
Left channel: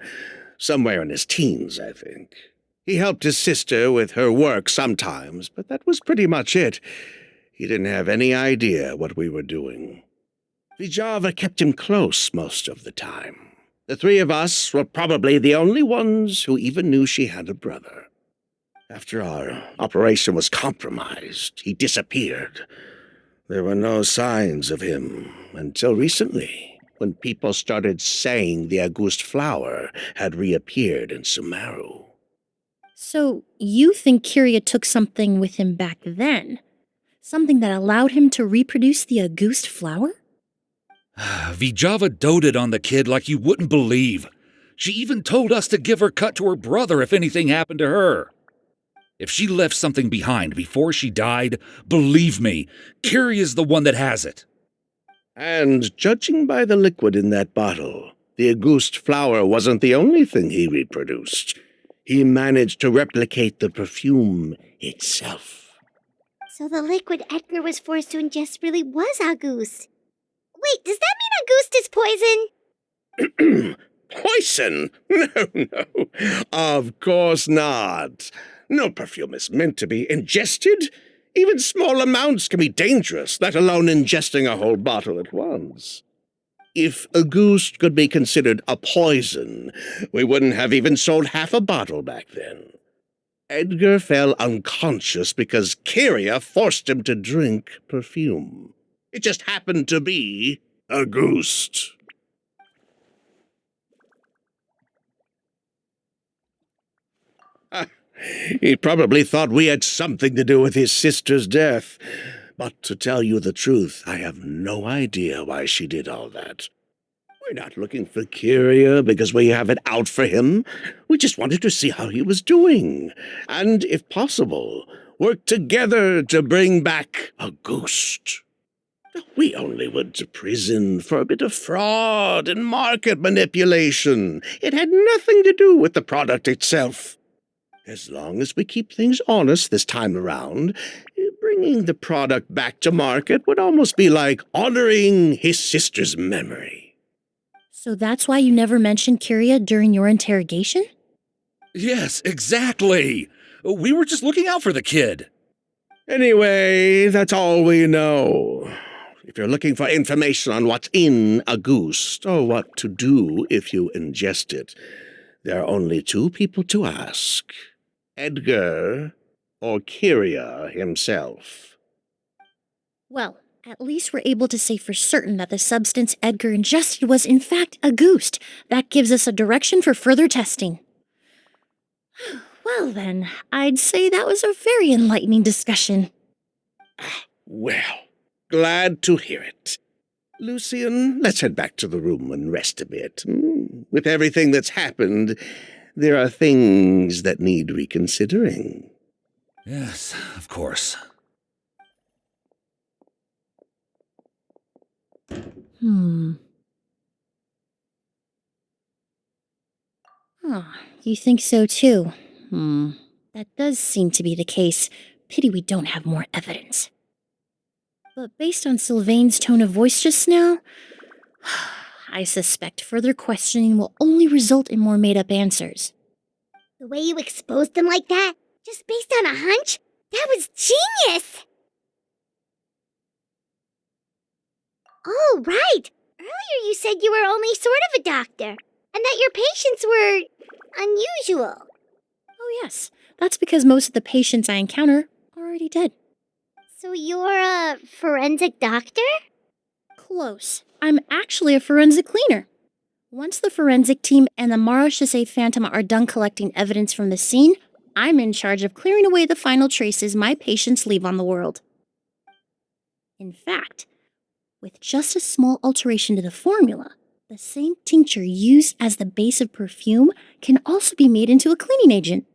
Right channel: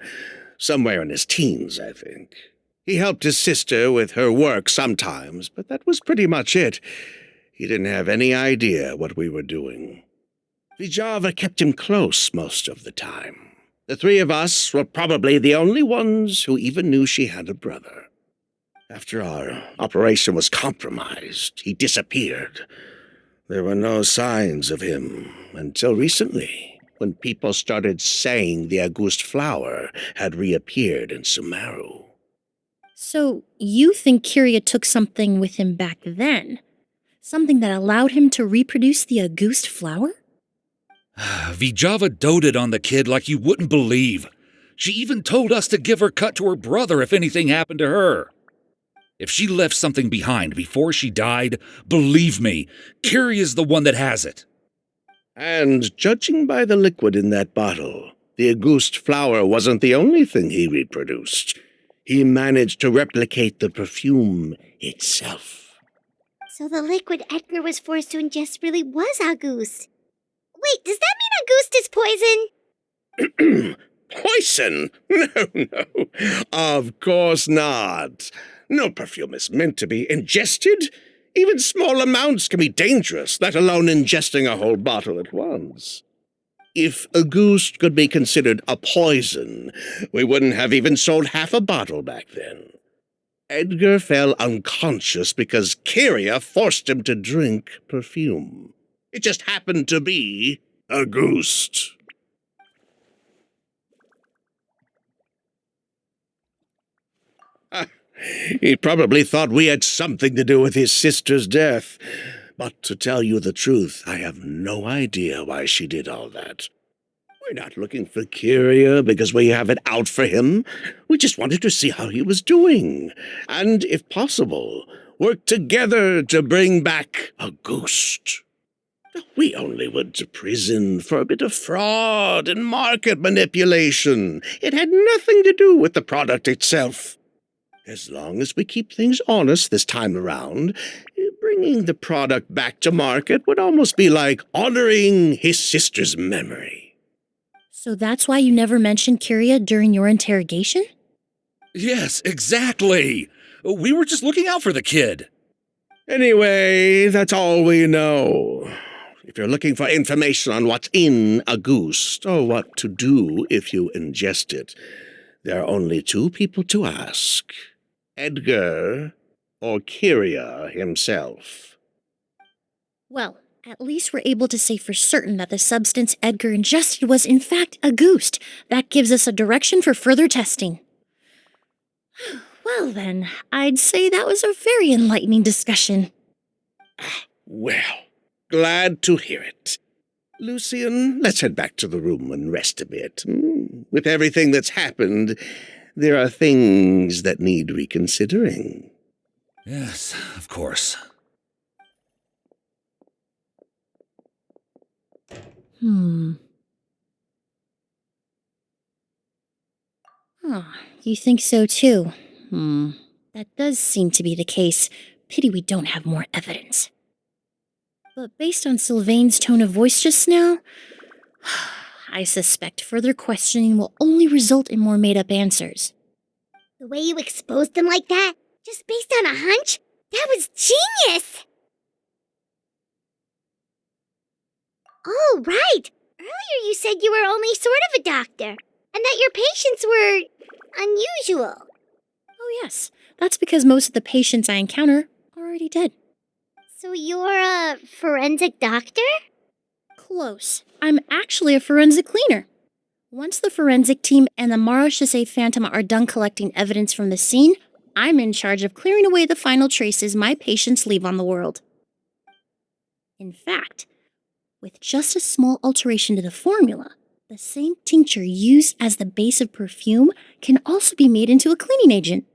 somewhere in his teens, I think. He helped his sister with her work sometimes, but that was pretty much it. He didn't have any idea what we were doing. Vijava kept him close most of the time. The 3 of us were probably the only ones who even knew she had a brother. After our operation was compromised, he disappeared. There were no signs of him until recently, when people started saying the Auguste flower had reappeared in Sumeru. So, you think Kyria took something with him back then? Something that allowed him to reproduce the Auguste flower? Vijava doted on the kid like you wouldn't believe. She even told us to give her cut to her brother if anything happened to her. If she left something behind before she died, believe me, Kyria's the one that has it. And judging by the liquid in that bottle, the Auguste flower wasn't the only thing he reproduced. He managed to replicate the perfume itself. So the liquid Edgar was forced to ingest really was Auguste. Wait, does that mean Auguste is poison? Poison? No, no. Of course not. No perfume is meant to be ingested. Even small amounts can be dangerous, let alone ingesting a whole bottle at once. If a goose could be considered a poison, we wouldn't have even sold half a bottle back then. Edgar fell unconscious because Kyria forced him to drink perfume. It just happened to be a goose. He probably thought we had something to do with his sister's death. But to tell you the truth, I have no idea why she did all that. We're not looking for Kyria because we have it out for him. We just wanted to see how he was doing. And, if possible, work together to bring back a ghost. We only went to prison for a bit of fraud and market manipulation. It had nothing to do with the product itself. As long as we keep things honest this time around, bringing the product back to market would almost be like honoring his sister's memory. So that's why you never mentioned Kyria during your interrogation? Yes, exactly. We were just looking out for the kid. Anyway, that's all we know. If you're looking for information on what's in a goose, or what to do if you ingest it, there are only two people to ask. Edgar or Kyria himself. Well, at least we're able to say for certain that the substance Edgar ingested was in fact a goose. That gives us a direction for further testing. Well then, I'd say that was a very enlightening discussion. Well, glad to hear it. Lucian, let's head back to the room and rest a bit. With everything that's happened, there are things that need reconsidering. Yes, of course. Oh, you think so too? That does seem to be the case. Pity we don't have more evidence. But based on Sylvain's tone of voice just now, I suspect further questioning will only result in more made-up answers. The way you exposed them like that, just based on a hunch, that was genius! Oh, right! Earlier you said you were only sort of a doctor, and that your patients were unusual. Oh yes, that's because most of the patients I encounter are already dead. So you're a forensic doctor? Close. I'm actually a forensic cleaner. Once the forensic team and the Marechaussee Phantom are done collecting evidence from the scene, I'm in charge of clearing away the final traces my patients leave on the world. In fact, with just a small alteration to the formula, the same tincture used as the base of perfume can also be made into a cleaning agent.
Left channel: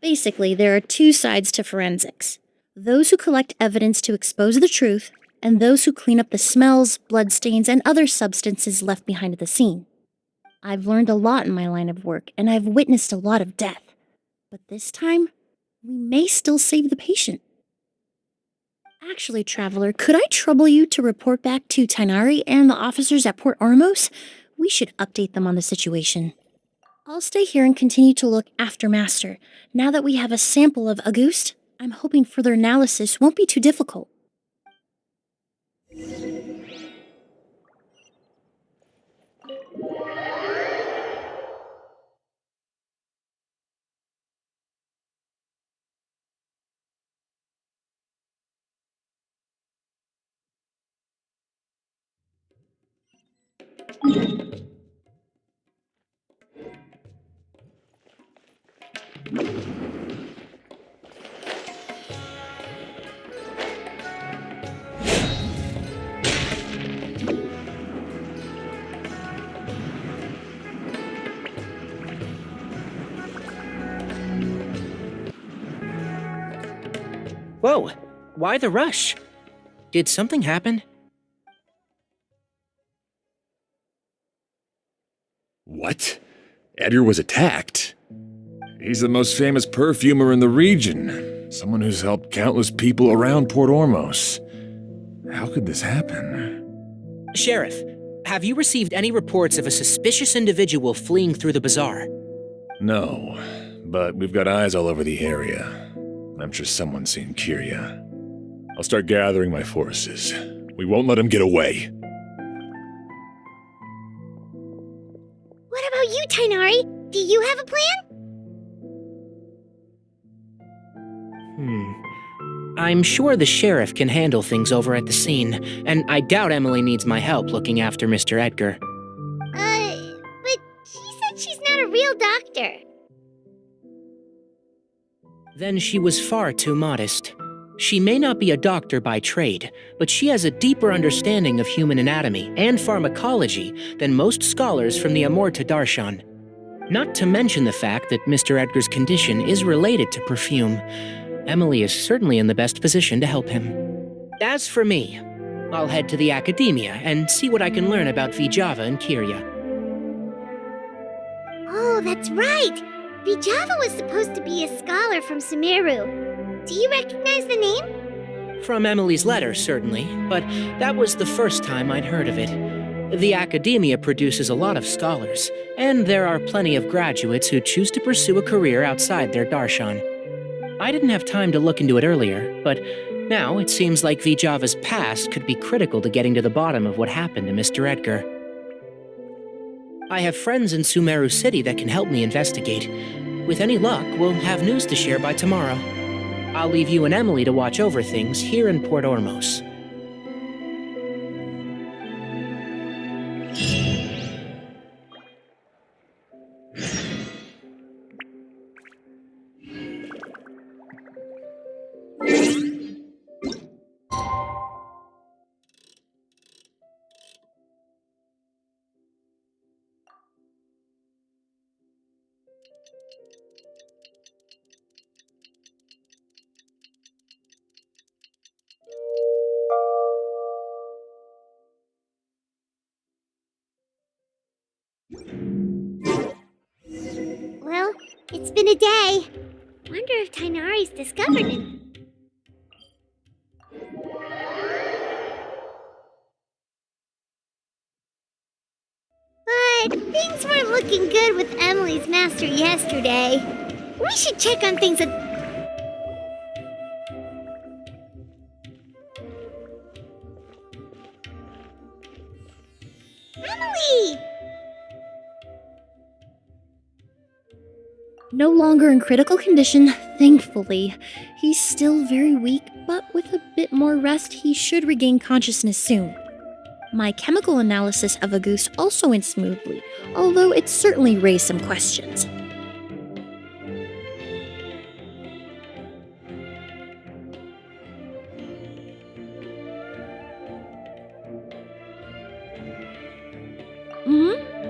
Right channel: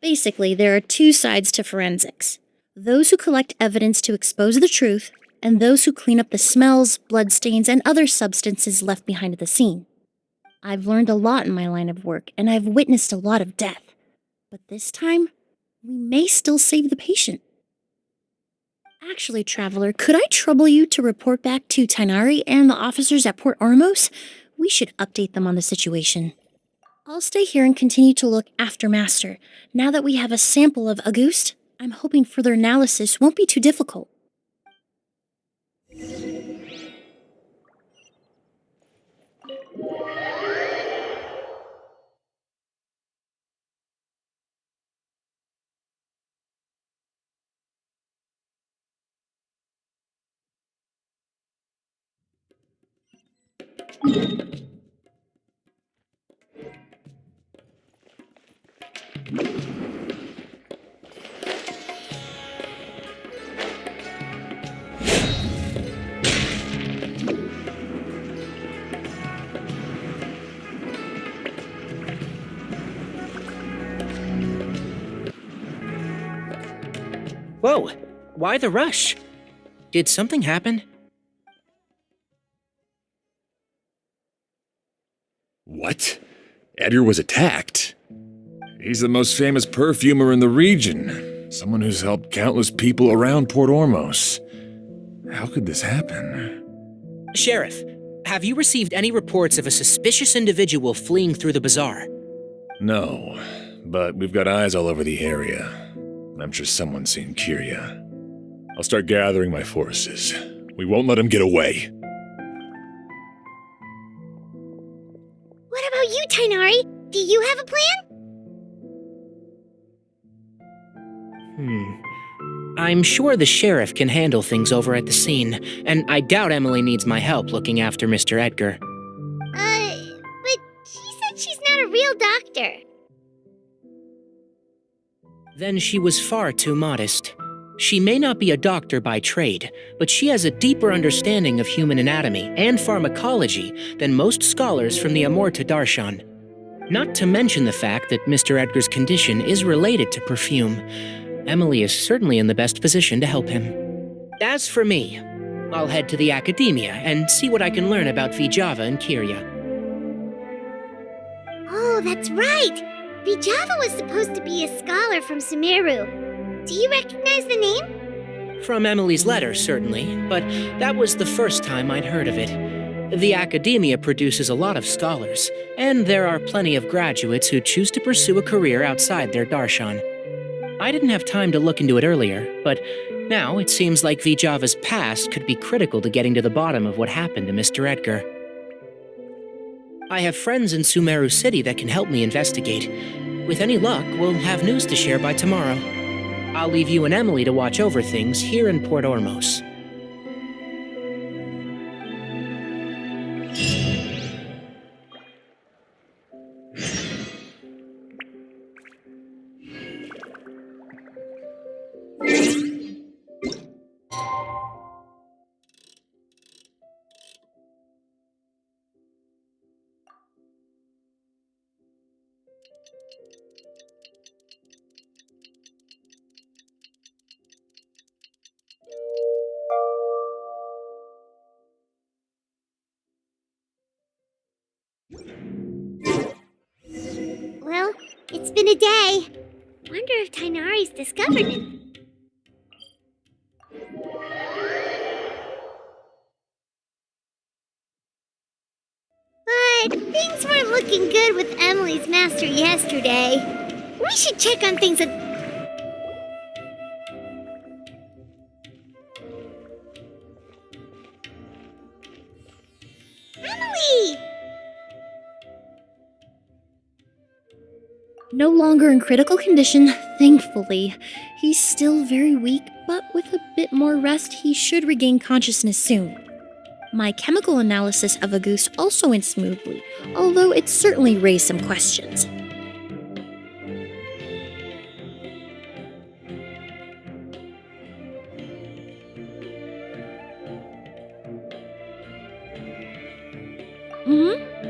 Basically, there are two sides to forensics. Those who collect evidence to expose the truth, and those who clean up the smells, bloodstains, and other substances left behind at the scene. I've learned a lot in my line of work, and I've witnessed a lot of death. But this time, we may still save the patient. Actually, Traveler, could I trouble you to report back to Tainari and the officers at Port Ormos? We should update them on the situation. I'll stay here and continue to look after Master. Now that we have a sample of Auguste, I'm hoping further analysis won't be too difficult. Whoa, why the rush? Did something happen? What? Edgar was attacked? He's the most famous perfumer in the region. Someone who's helped countless people around Port Ormos. How could this happen? Sheriff, Have you received any reports of a suspicious individual fleeing through the bazaar? No, but we've got eyes all over the area. I'm sure someone's seen Kiria. I'll start gathering my forces. We won't let him get away. What about you, Tainari? Do you have a plan? I'm sure the sheriff can handle things over at the scene, and I doubt Emilie needs my help looking after Mr. Edgar. But she said she's not a real doctor. Then she was far too modest. She may not be a doctor by trade, but she has a deeper understanding of human anatomy and pharmacology than most scholars from the Amorta Darshan. Not to mention the fact that Mr. Edgar's condition is related to perfume. Emilie is certainly in the best position to help him. As for me, I'll head to the academia and see what I can learn about Vijava and Kiria. Oh, that's right! Vijava was supposed to be a scholar from Sumeru. Do you recognize the name? From Emilie's letter, certainly, but that was the first time I'd heard of it. The academia produces a lot of scholars, and there are plenty of graduates who choose to pursue a career outside their darshan. I didn't have time to look into it earlier, but now it seems like Vijava's past could be critical to getting to the bottom of what happened to Mr. Edgar. I have friends in Sumeru City that can help me investigate. With any luck, we'll have news to share by tomorrow. I'll leave you and Emilie to watch over things here in Port Ormos. Well, it's been a day. Wonder if Tainari's discovered him. But things weren't looking good with Emilie's master yesterday. We should check on things at... Emilie! No longer in critical condition, thankfully. He's still very weak, but with a bit more rest, he should regain consciousness soon. My chemical analysis of Auguste also went smoothly, although it certainly raised some questions.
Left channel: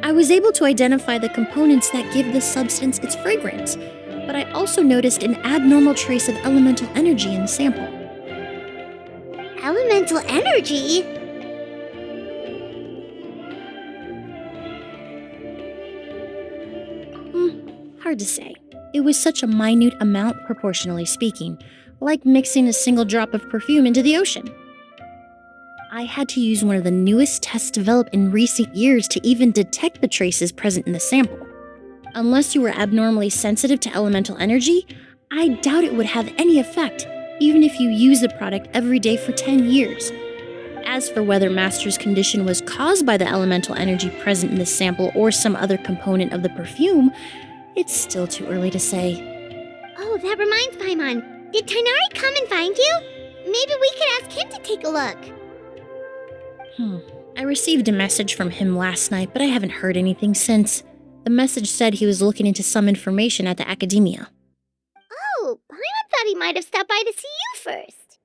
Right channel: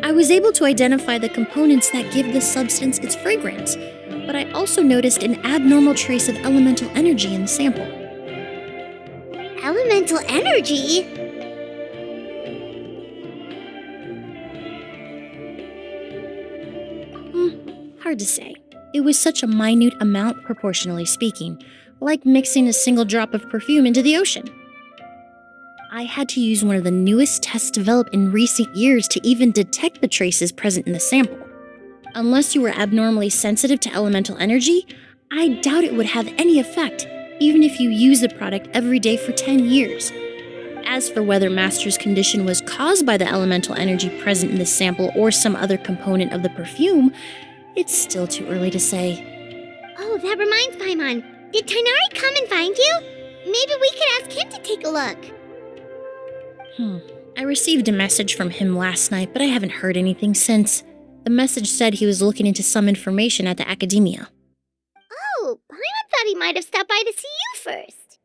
I was able to identify the components that give the substance its fragrance, but I also noticed an abnormal trace of elemental energy in the sample. Elemental energy? Hard to say. It was such a minute amount, proportionally speaking, like mixing a single drop of perfume into the ocean. I had to use one of the newest tests developed in recent years to even detect the traces present in the sample. Unless you were abnormally sensitive to elemental energy, I doubt it would have any effect, even if you use the product every day for 10 years. As for whether Master's condition was caused by the elemental energy present in the sample or some other component of the perfume, it's still too early to say. Oh, that reminds Paimon. Did Tainari come and find you? Maybe we could ask him to take a look. I received a message from him last night, but I haven't heard anything since. The message said he was looking into some information at the academia. Oh, Paimon thought he might have stopped by to see you first.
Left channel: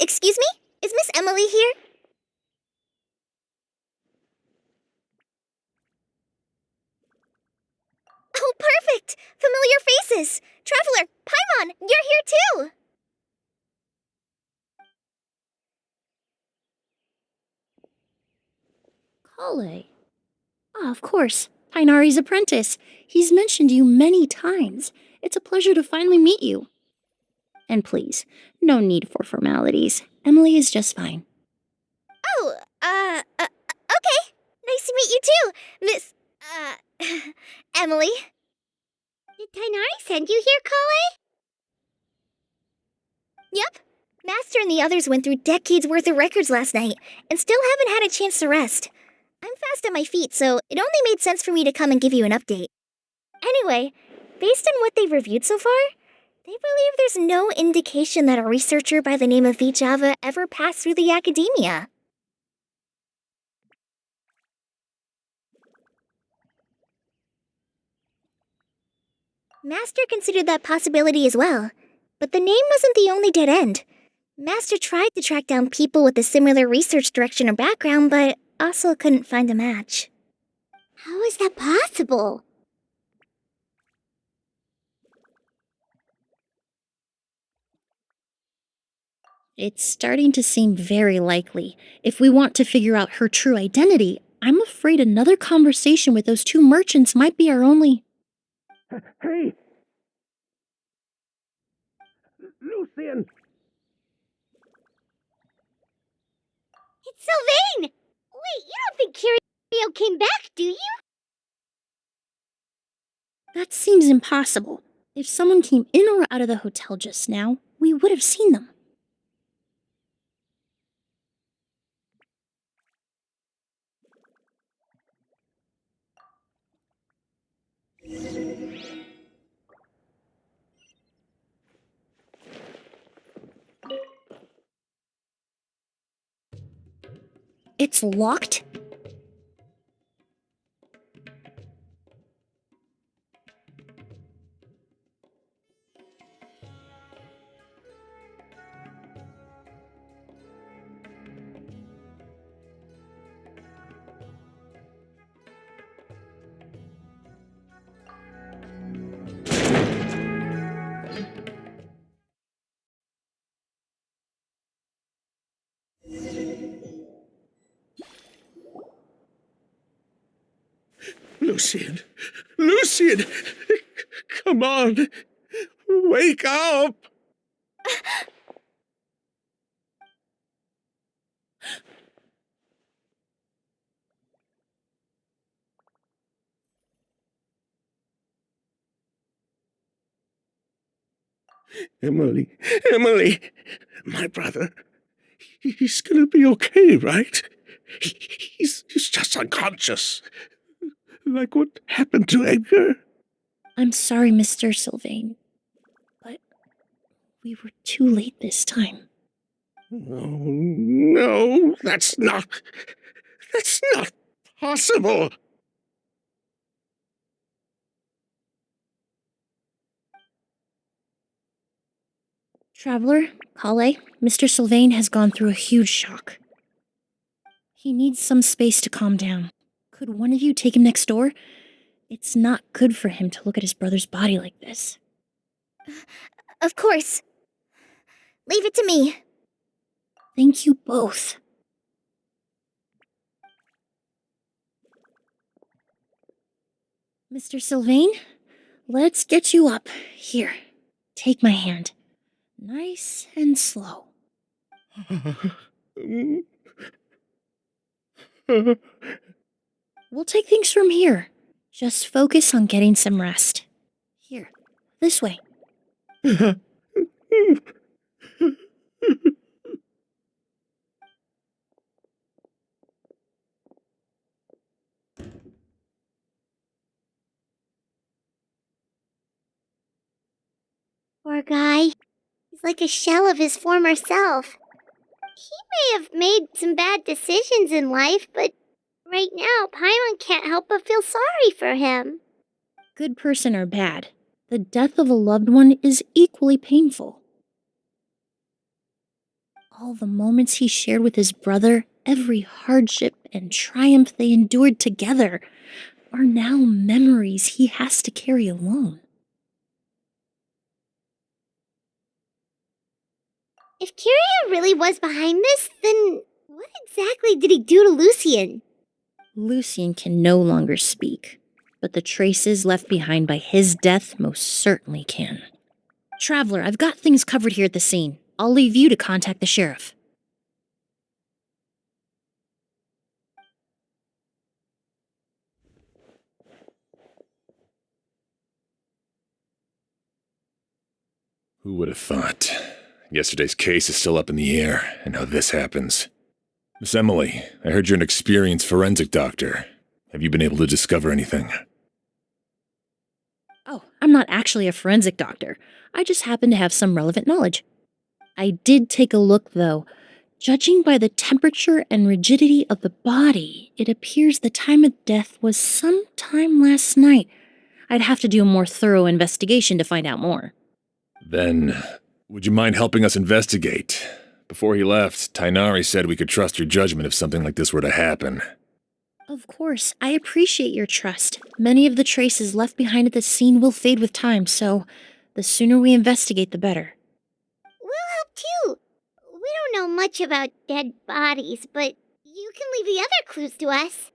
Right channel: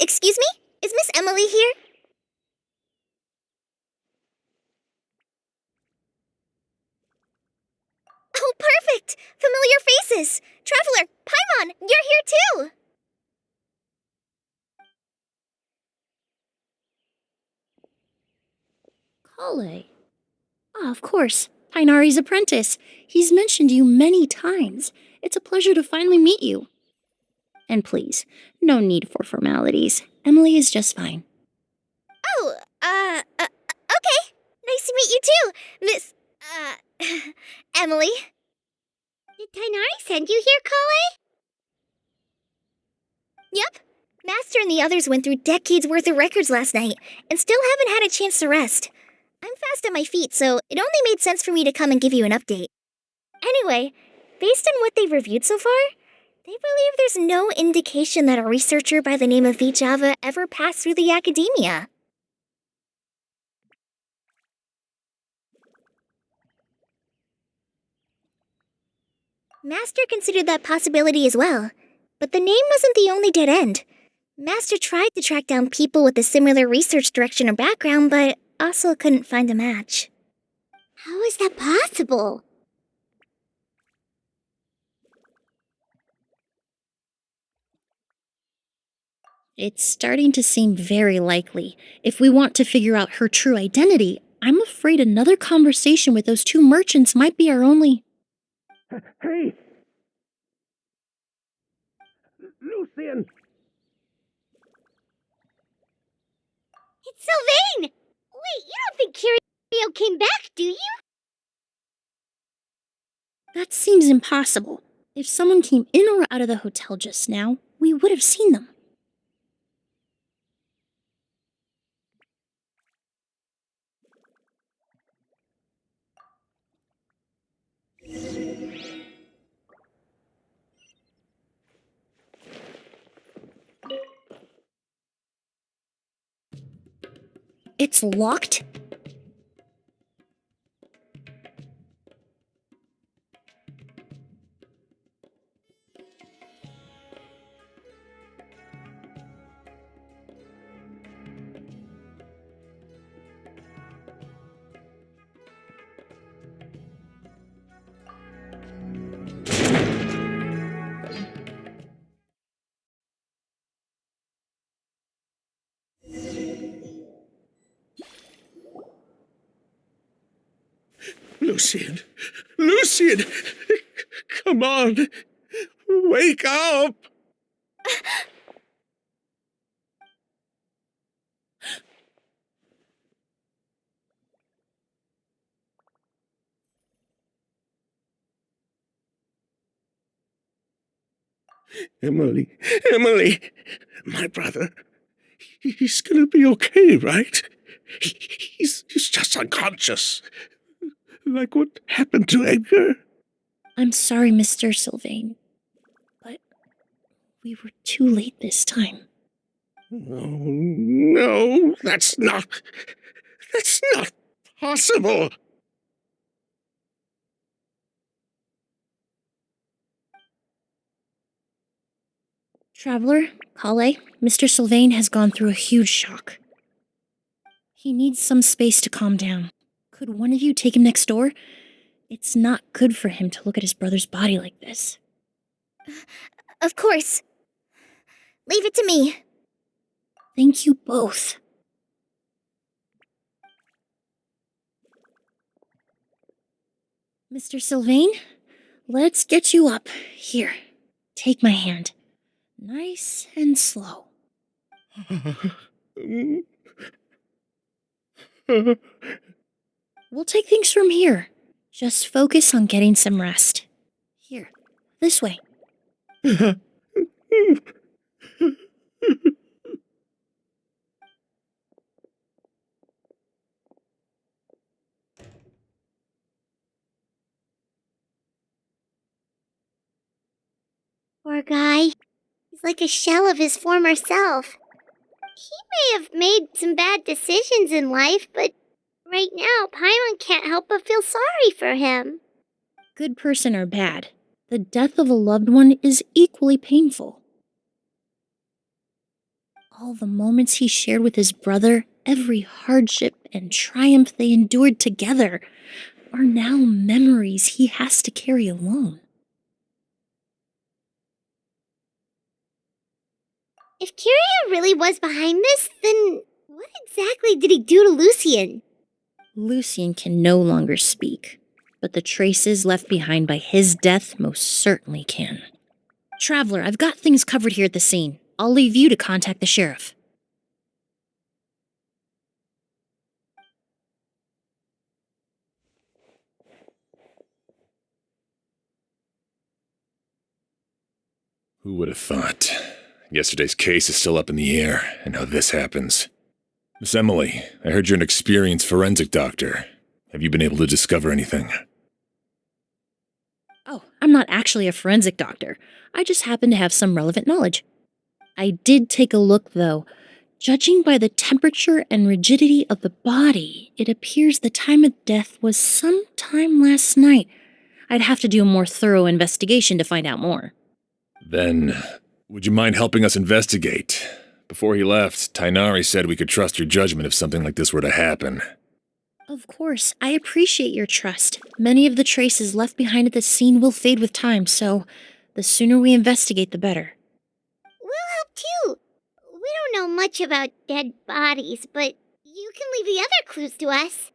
Excuse me? Is Miss Emilie here? Oh, perfect! Familiar faces! Traveler, Paimon, you're here too! Kale. Ah, of course. Tainari's apprentice. He's mentioned you many times. It's a pleasure to finally meet you. And please, no need for formalities. Emilie is just fine. Okay. Nice to meet you too, Miss, Emily. Did Tainari send you here, Kale? Yep. Master and the others went through decades worth of records last night, and still haven't had a chance to rest. I'm fast on my feet, so it only made sense for me to come and give you an update. Anyway, based on what they've reviewed so far, they believe there's no indication that a researcher by the name of Vijava ever passed through the academia. Master considered that possibility as well, but the name wasn't the only dead end. Master tried to track down people with a similar research direction or background, but also couldn't find a match. How is that possible? It's starting to seem very likely. If we want to figure out her true identity, I'm afraid another conversation with those two merchants might be our only... Hey! Lucian! It's Sylvain! Wait, you don't think Kirio came back, do you? That seems impossible. If someone came in or out of the hotel just now, we would have seen them. It's locked? Lucian! Lucian! Come on! Wake up! Emily, Emily! My brother, he's gonna be okay, right? He's just unconscious. Like what happened to Edgar? I'm sorry, Mr. Sylvain, but we were too late this time. Oh, no, that's not possible. Traveler, Kale, Mr. Sylvain has gone through a huge shock. He needs some space to calm down. Could one of you take him next door? It's not good for him to look at his brother's body like this. Of course. Leave it to me. Thank you both. Mr. Sylvain, let's get you up. Here, take my hand. Nice and slow. We'll take things from here. Just focus on getting some rest. Here, this way. Poor guy. He's like a shell of his former self. He may have made some bad decisions in life, but right now, Paimon can't help but feel sorry for him. Good person or bad, the death of a loved one is equally painful. All the moments he shared with his brother, every hardship and triumph they endured together, are now memories he has to carry alone. If Kirio really was behind this, then what exactly did he do to Lucian? Lucian can no longer speak, but the traces left behind by his death most certainly can. Traveler, I've got things covered here at the scene. I'll leave you to contact the sheriff. Who would have thought? Yesterday's case is still up in the air, and now this happens. Miss Emilie, I heard you're an experienced forensic doctor. Have you been able to discover anything? Oh, I'm not actually a forensic doctor. I just happen to have some relevant knowledge. I did take a look, though. Judging by the temperature and rigidity of the body, it appears the time of death was sometime last night. I'd have to do a more thorough investigation to find out more. Then, would you mind helping us investigate? Before he left, Tainari said we could trust your judgment if something like this were to happen. Of course, I appreciate your trust. Many of the traces left behind at the scene will fade with time, so the sooner we investigate, the better. We'll help too. We don't know much about dead bodies, but you can leave the other clues to us.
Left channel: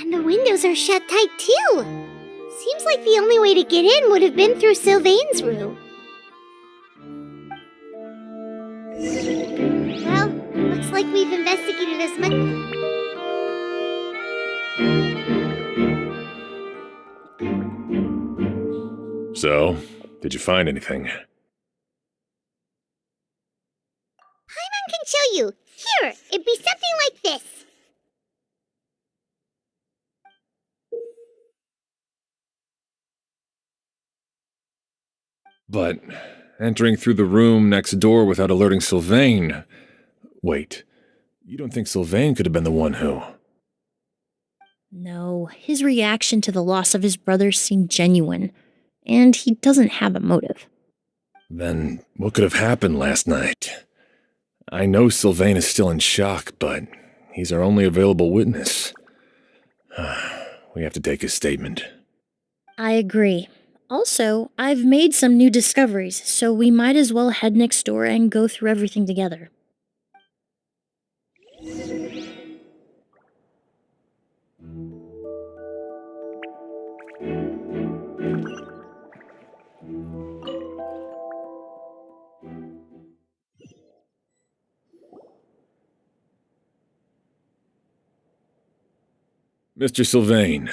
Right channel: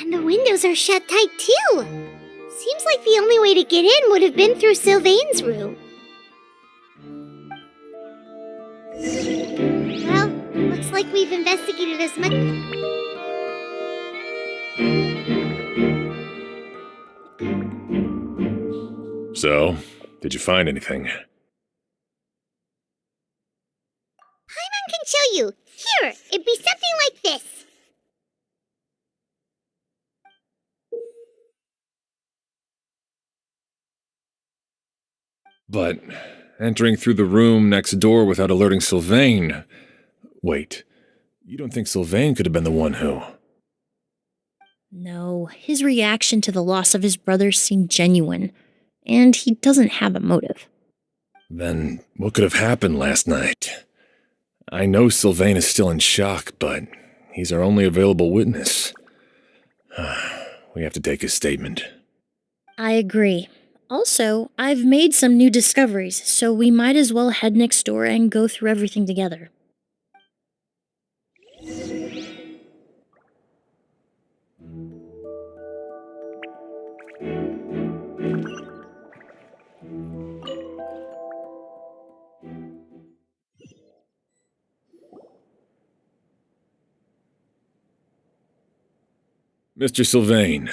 And the windows are shut tight too. Seems like the only way to get in would have been through Sylvain's room. Well, looks like we've investigated as much. So, did you find anything? Paimon can show you. Here, it'd be something like this. But entering through the room next door without alerting Sylvain... Wait, you don't think Sylvain could have been the one who... No, his reaction to the loss of his brother seemed genuine, and he doesn't have a motive. Then what could have happened last night? I know Sylvain is still in shock, but he's our only available witness. We have to take his statement. I agree. Also, I've made some new discoveries, so we might as well head next door and go through everything together. Mr. Sylvain,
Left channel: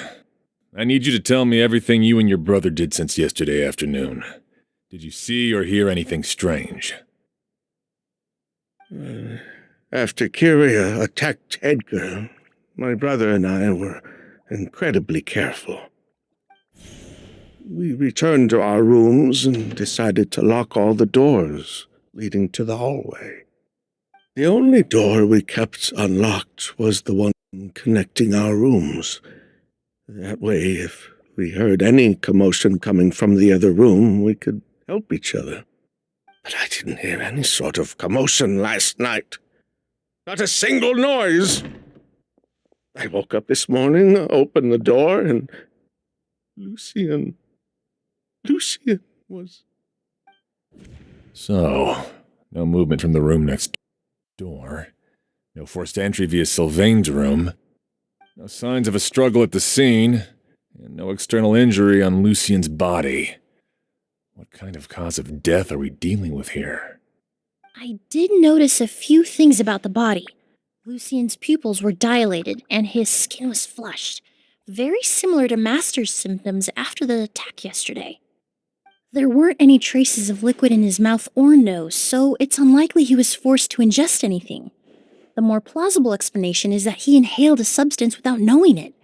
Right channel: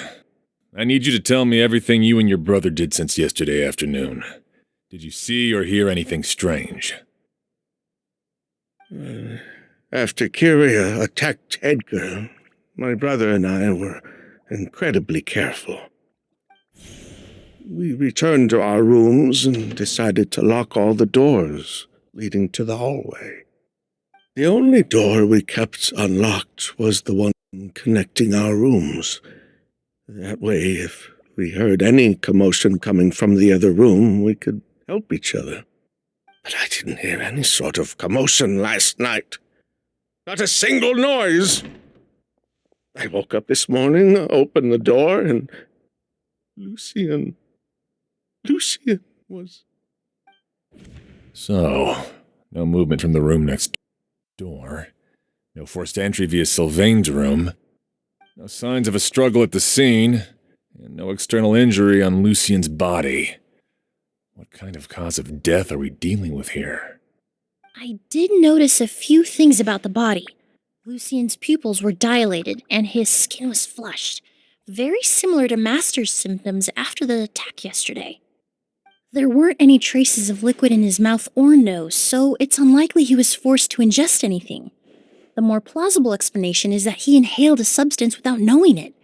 I need you to tell me everything you and your brother did since yesterday afternoon. Did you see or hear anything strange? After Kyria attacked Edgar, my brother and I were incredibly careful. We returned to our rooms and decided to lock all the doors leading to the hallway. The only door we kept unlocked was the one connecting our rooms. That way, if we heard any commotion coming from the other room, we could help each other. But I didn't hear any sort of commotion last night. Not a single noise. I woke up this morning, opened the door, and Lucian was... So, no movement from the room next door. No forced entry via Sylvain's room. No signs of a struggle at the scene. And no external injury on Lucian's body. What kind of cause of death are we dealing with here? I did notice a few things about the body. Lucian's pupils were dilated, and his skin was flushed, very similar to Master's symptoms after the attack yesterday. There weren't any traces of liquid in his mouth or nose, so it's unlikely he was forced to ingest anything. The more plausible explanation is that he inhaled a substance without knowing it,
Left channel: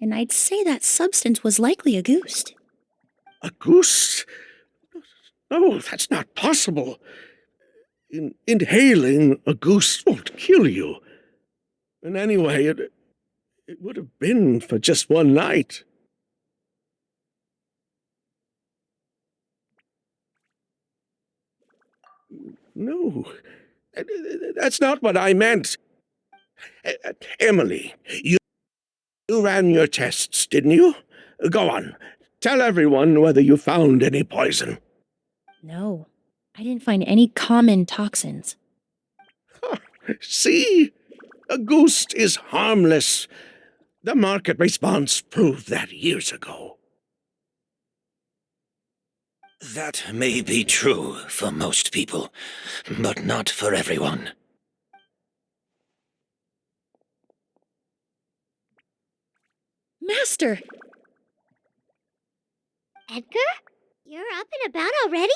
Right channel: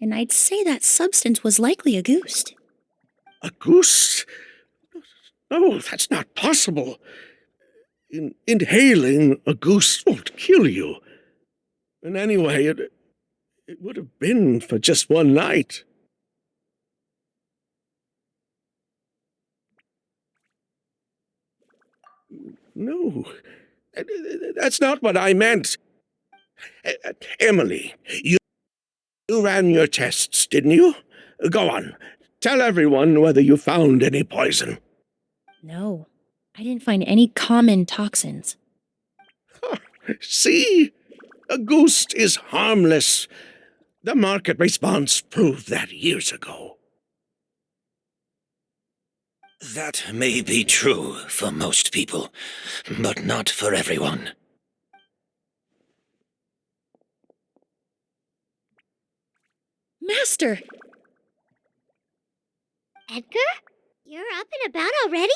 and I'd say that substance was likely a goose. A goose? No, that's not possible. Inhaling a goose won't kill you. And anyway, it would have been for just one night. No, that's not what I meant. Emilie, you ran your tests, didn't you? Go on. Tell everyone whether you found any poison. No, I didn't find any common toxins. See? A ghost is harmless. The market response proved that years ago. That may be true for most people, but not for everyone. Master! Edgar? You're up and about already?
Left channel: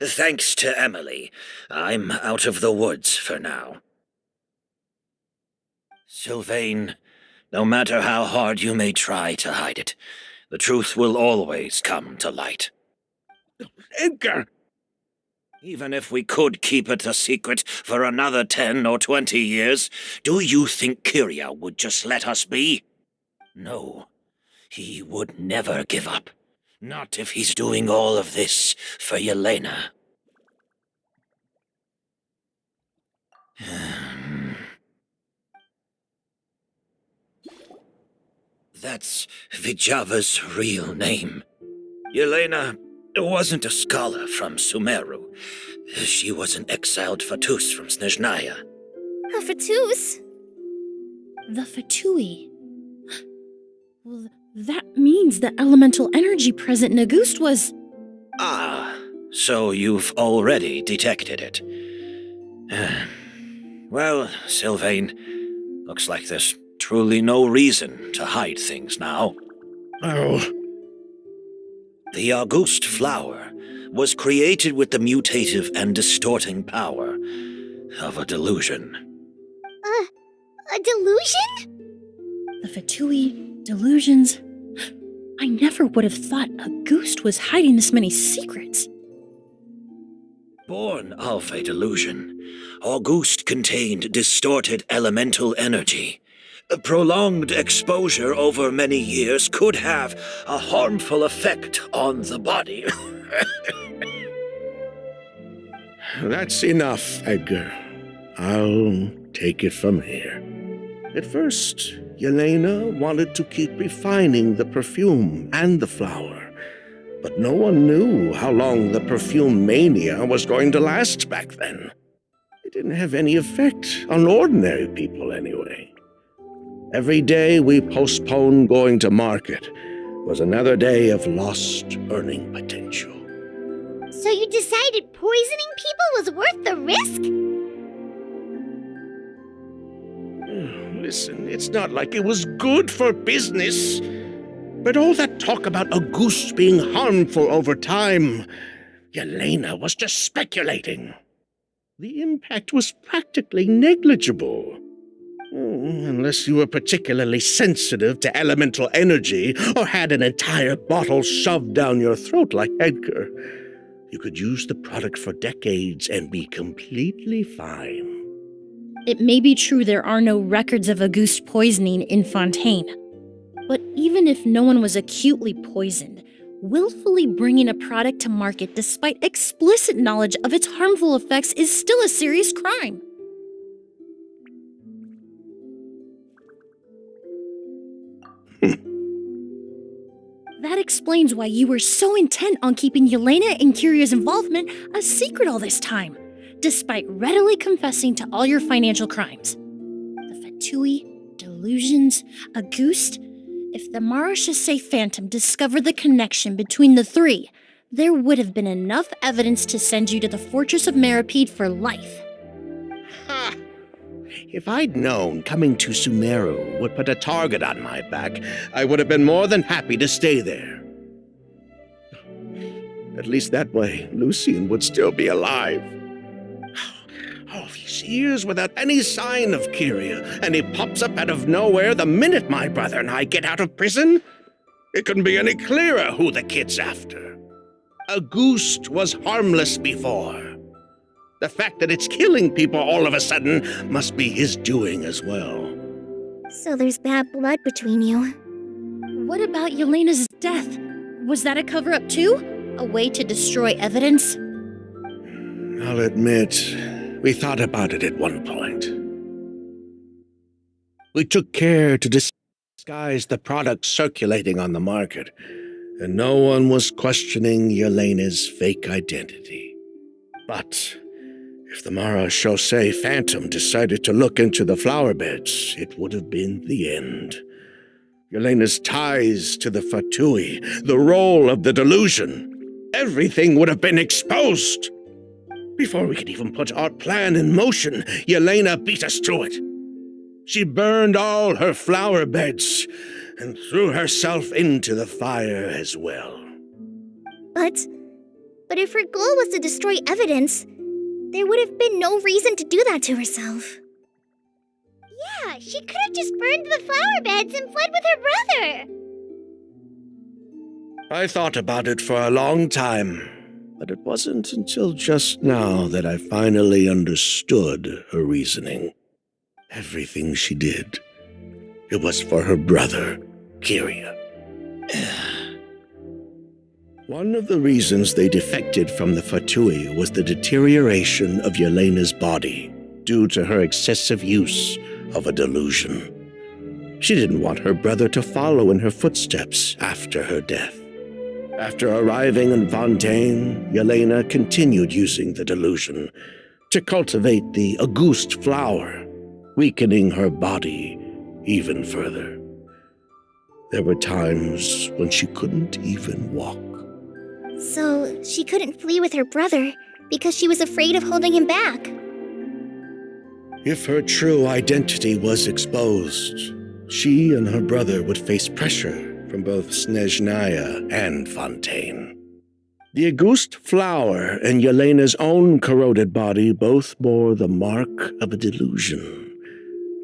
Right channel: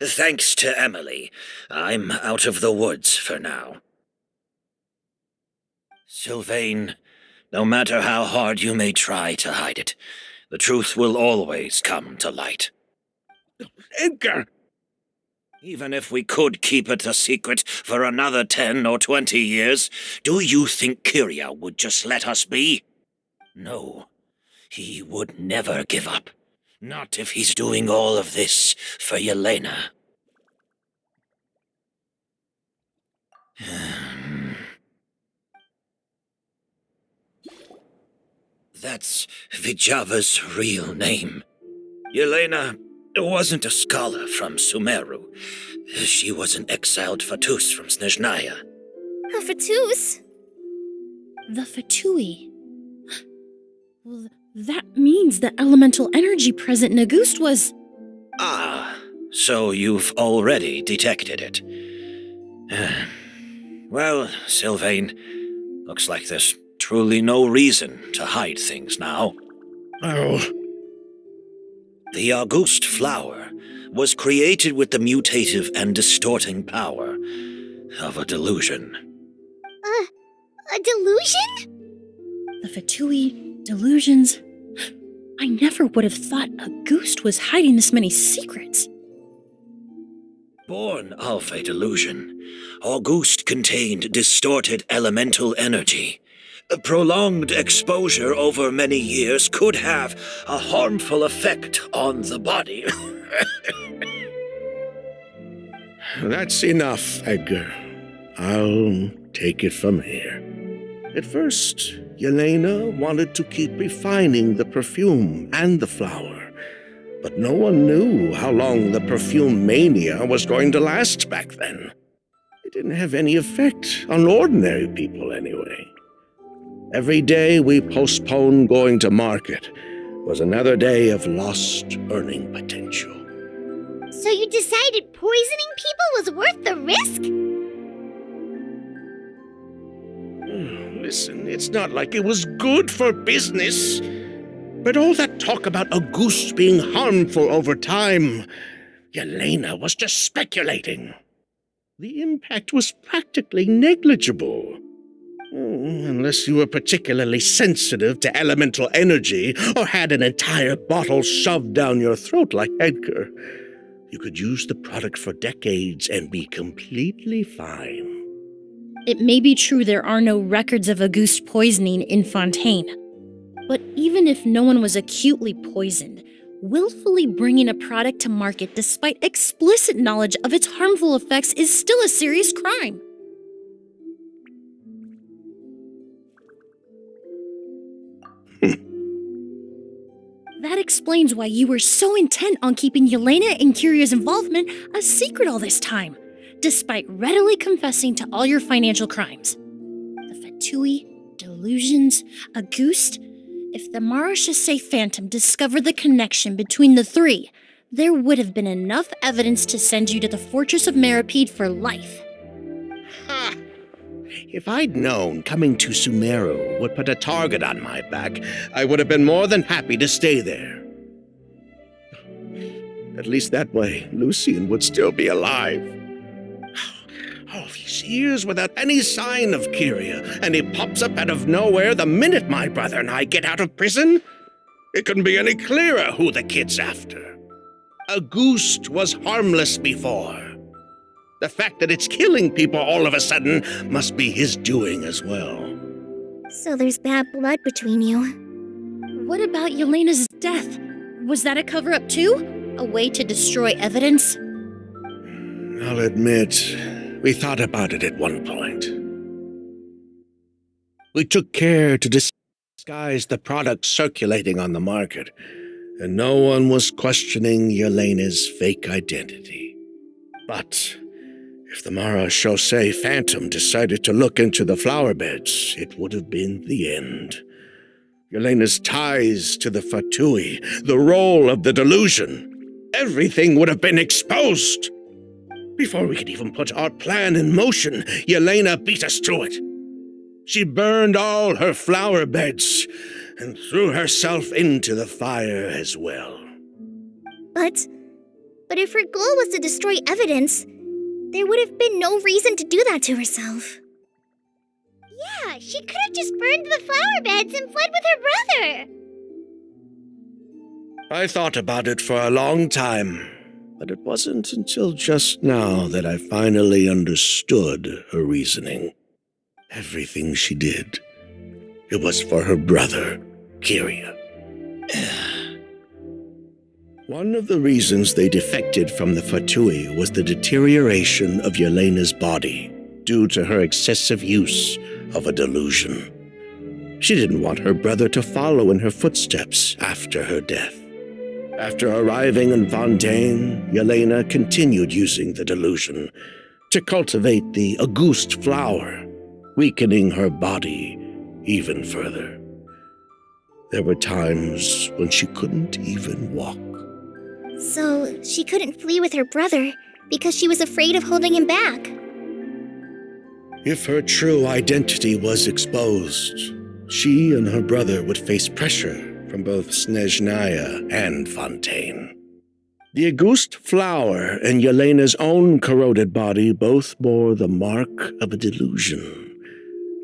Thanks to Emilie, I'm out of the woods for now. Sylvain, no matter how hard you may try to hide it, the truth will always come to light. Edgar! Even if we could keep it a secret for another 10 or 20 years, do you think Kyria would just let us be? No, he would never give up. Not if he's doing all of this for Yelena. That's Vijava's real name. Yelena wasn't a scholar from Sumeru. She was an exiled Fatus from Snezhnaya. A Fatus? The Fatui. Well, that means the elemental energy present in Auguste was... Ah, so you've already detected it. Well, Sylvain, looks like there's truly no reason to hide things now. Oh, The Auguste flower was created with the mutative and distorting power of a delusion. A delusion? The Fatui, delusions... I never would have thought Auguste was hiding this many secrets. Born of a delusion, Auguste contained distorted elemental energy. A prolonged exposure over many years could have a harmful effect on the body. that's enough, Edgar. I'll take it from here. At first, Yelena wanted to keep refining the perfume and the flower, but no one knew how long the perfume mania was going to last back then. It didn't have any effect on ordinary people anyway. Every day we postponed going to market was another day of lost earning potential. So you decided poisoning people was worth the risk? Listen, it's not like it was good for business. But all that talk about Auguste being harmful over time, Yelena was just speculating. The impact was practically negligible. Unless you were particularly sensitive to elemental energy or had an entire bottle shoved down your throat like Edgar. You could use the product for decades and be completely fine. It may be true there are no records of Auguste poisoning in Fontaine. But even if no one was acutely poisoned, willfully bringing a product to market despite explicit knowledge of its harmful effects is still a serious crime. That explains why you were so intent on keeping Yelena and Kyria's involvement a secret all this time, despite readily confessing to all your financial crimes. The Fatui, delusions, Auguste. If the Marechaussee Phantom discovered the connection between the three, there would have been enough evidence to send you to the Fortress of Meripede for life. Ha! If I'd known coming to Sumeru would put a target on my back, I would have been more than happy to stay there. At least that way, Lucien would still be alive. All these years without any sign of Kyria, and he pops up out of nowhere the minute my brother and I get out of prison? It couldn't be any clearer who the kid's after. Auguste was harmless before. The fact that it's killing people all of a sudden must be his doing as well. So there's bad blood between you. What about Yelena's death? Was that a cover-up too? A way to destroy evidence? I'll admit, we thought about it at one point. We took care to disguise the products circulating on the market, and no one was questioning Yelena's fake identity. But if the Mara Chaussee Phantom decided to look into the flower beds, it would have been the end. Yelena's ties to the Fatui, the role of the delusion, everything would have been exposed. Before we could even put our plan in motion, Yelena beat us to it. She burned all her flower beds and threw herself into the fire as well. But if her goal was to destroy evidence, there would have been no reason to do that to herself. Yeah, she could have just burned the flower beds and fled with her brother. I thought about it for a long time, but it wasn't until just now that I finally understood her reasoning. Everything she did, it was for her brother, Kyria. One of the reasons they defected from the Fatui was the deterioration of Yelena's body due to her excessive use of a delusion. She didn't want her brother to follow in her footsteps after her death. After arriving in Fontaine, Yelena continued using the delusion to cultivate the Auguste flower, weakening her body even further. There were times when she couldn't even walk. So she couldn't flee with her brother because she was afraid of holding him back. If her true identity was exposed, she and her brother would face pressure from both Snezhnaya and Fontaine. The Auguste flower and Yelena's own corroded body both bore the mark of a delusion.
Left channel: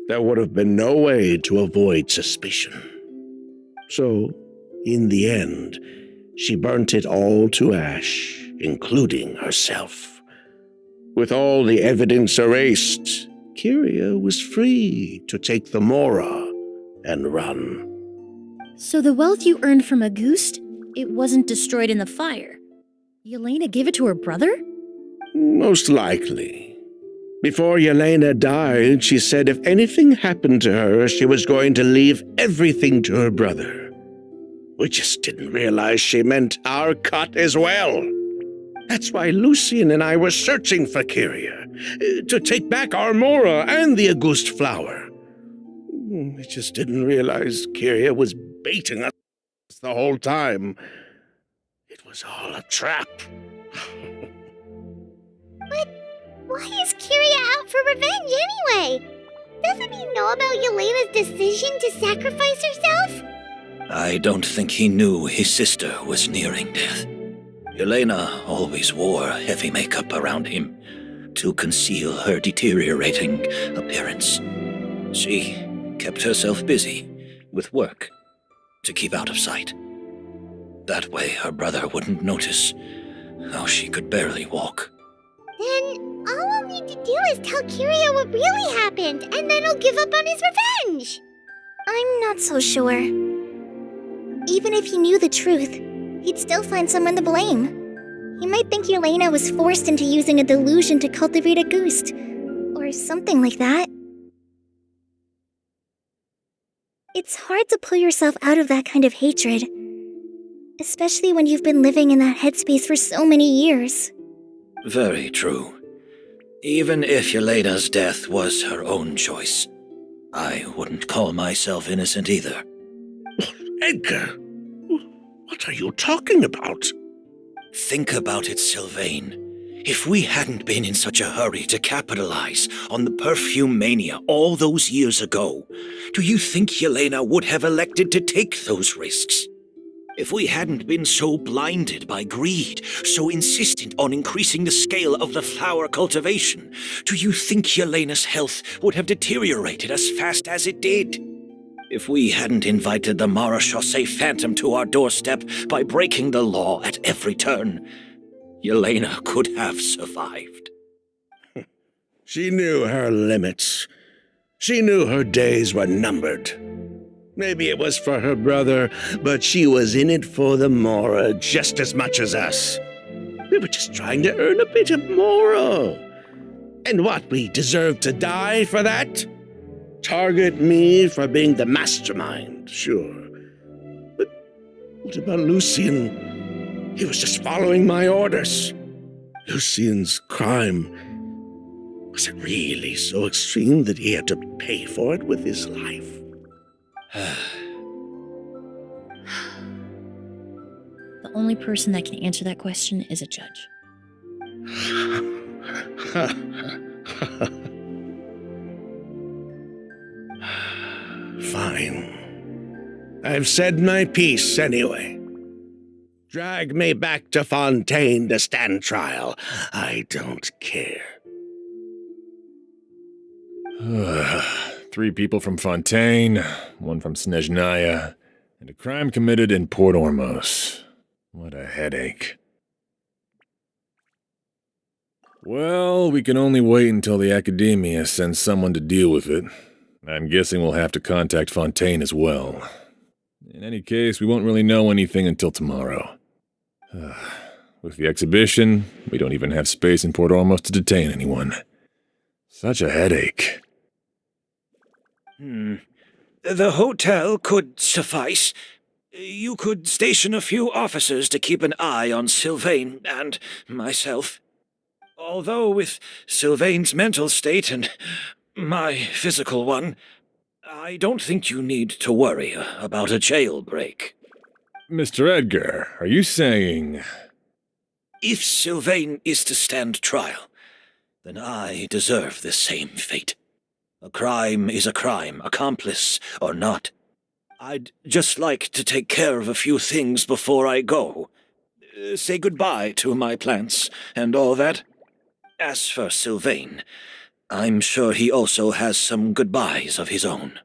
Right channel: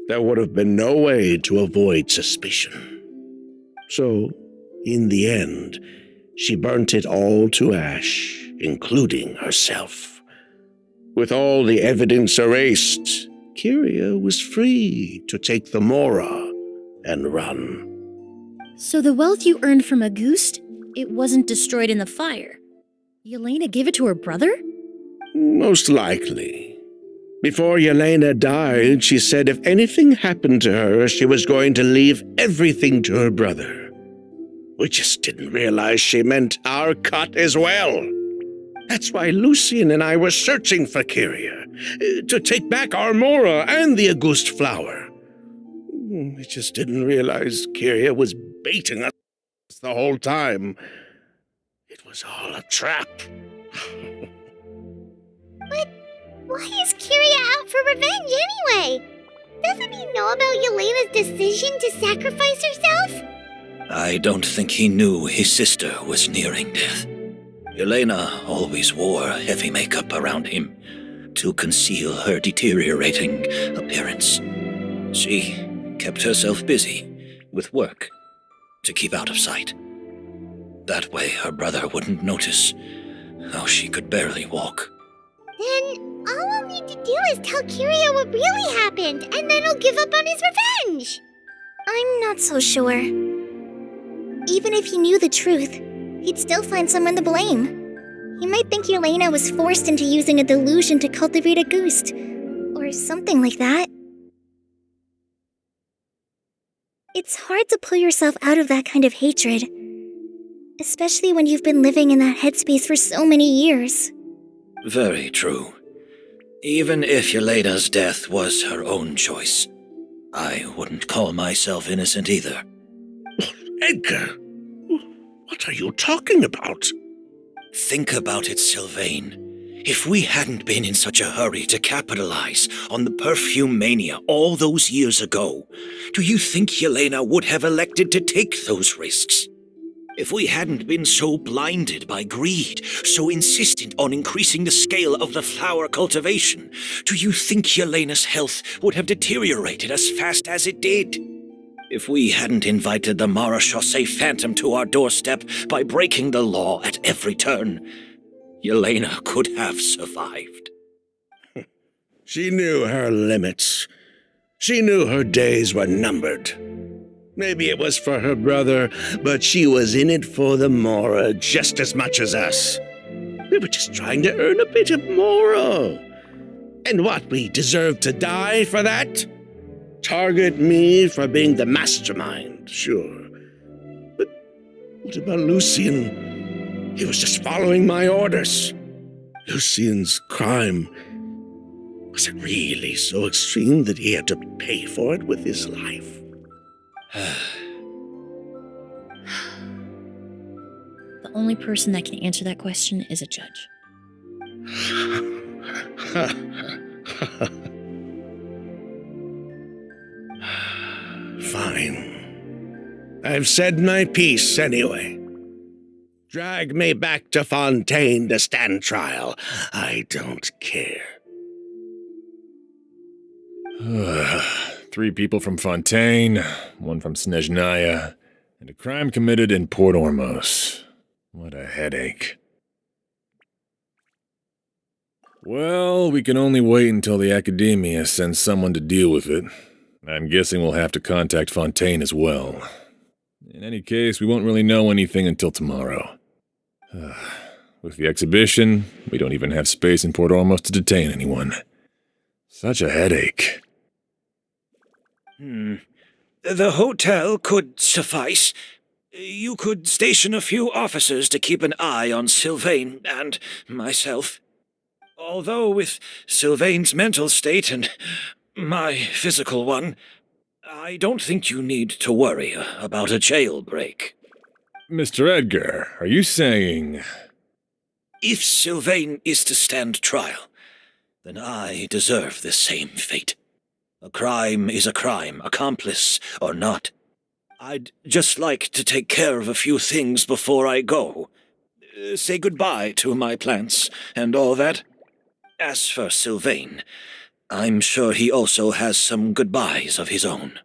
There would have been no way to avoid suspicion. So, in the end, she burnt it all to ash, including herself. With all the evidence erased, Kyria was free to take the Mora and run. So the wealth you earned from Auguste, it wasn't destroyed in the fire. Yelena gave it to her brother? Most likely. Before Yelena died, she said if anything happened to her, she was going to leave everything to her brother. We just didn't realize she meant our cut as well. That's why Lucien and I were searching for Kyria, to take back our Mora and the Auguste flower. We just didn't realize Kyria was baiting us the whole time. It was all a trap. But why is Kyria out for revenge anyway? Doesn't he know about Yelena's decision to sacrifice herself? I don't think he knew his sister was nearing death. Yelena always wore heavy makeup around him to conceal her deteriorating appearance. She kept herself busy with work to keep out of sight. That way her brother wouldn't notice how she could barely walk. Then all we'll need to do is tell Kyria what really happened, and then he'll give up on his revenge. I'm not so sure. Even if he knew the truth, he'd still find someone to blame. He might think Yelena was forced into using a delusion to cultivate Auguste, or something like that. It's hard to pull yourself out of that kind of hatred, especially when you've been living in that headspace for so many years. Very true. Even if Yelena's death was her own choice, I wouldn't call myself innocent either. Edgar, what are you talking about? Think about it, Sylvain. If we hadn't been in such a hurry to capitalize on the perfume mania all those years ago, do you think Yelena would have elected to take those risks? If we hadn't been so blinded by greed, so insistent on increasing the scale of the flower cultivation, do you think Yelena's health would have deteriorated as fast as it did? If we hadn't invited the Mara Chaussee Phantom to our doorstep by breaking the law at every turn, Yelena could have survived. She knew her limits. She knew her days were numbered. Maybe it was for her brother, but she was in it for the Mora just as much as us. We were just trying to earn a bit of Mora. And what, we deserve to die for that? Target me for being the mastermind, sure. But what about Lucian? He was just following my orders. Lucian's crime, was it really so extreme that he had to pay for it with his life? The only person that can answer that question is a judge. Fine. I've said my piece anyway. Drag me back to Fontaine to stand trial. I don't care. 3 people from Fontaine, 1 from Snezhnaya, and a crime committed in Port Ormos. What a headache. Well, we can only wait until the Academia sends someone to deal with it. I'm guessing we'll have to contact Fontaine as well. In any case, we won't really know anything until tomorrow. With the exhibition, we don't even have space in Port Ormos to detain anyone. Such a headache. The hotel could suffice. You could station a few officers to keep an eye on Sylvain and myself. Although with Sylvain's mental state and my physical one, I don't think you need to worry about a jailbreak. Mr. Edgar, are you saying... If Sylvain is to stand trial, then I deserve the same fate. A crime is a crime, accomplice or not. I'd just like to take care of a few things before I go. Say goodbye to my plants and all that. As for Sylvain, I'm sure he also has some goodbyes of his own.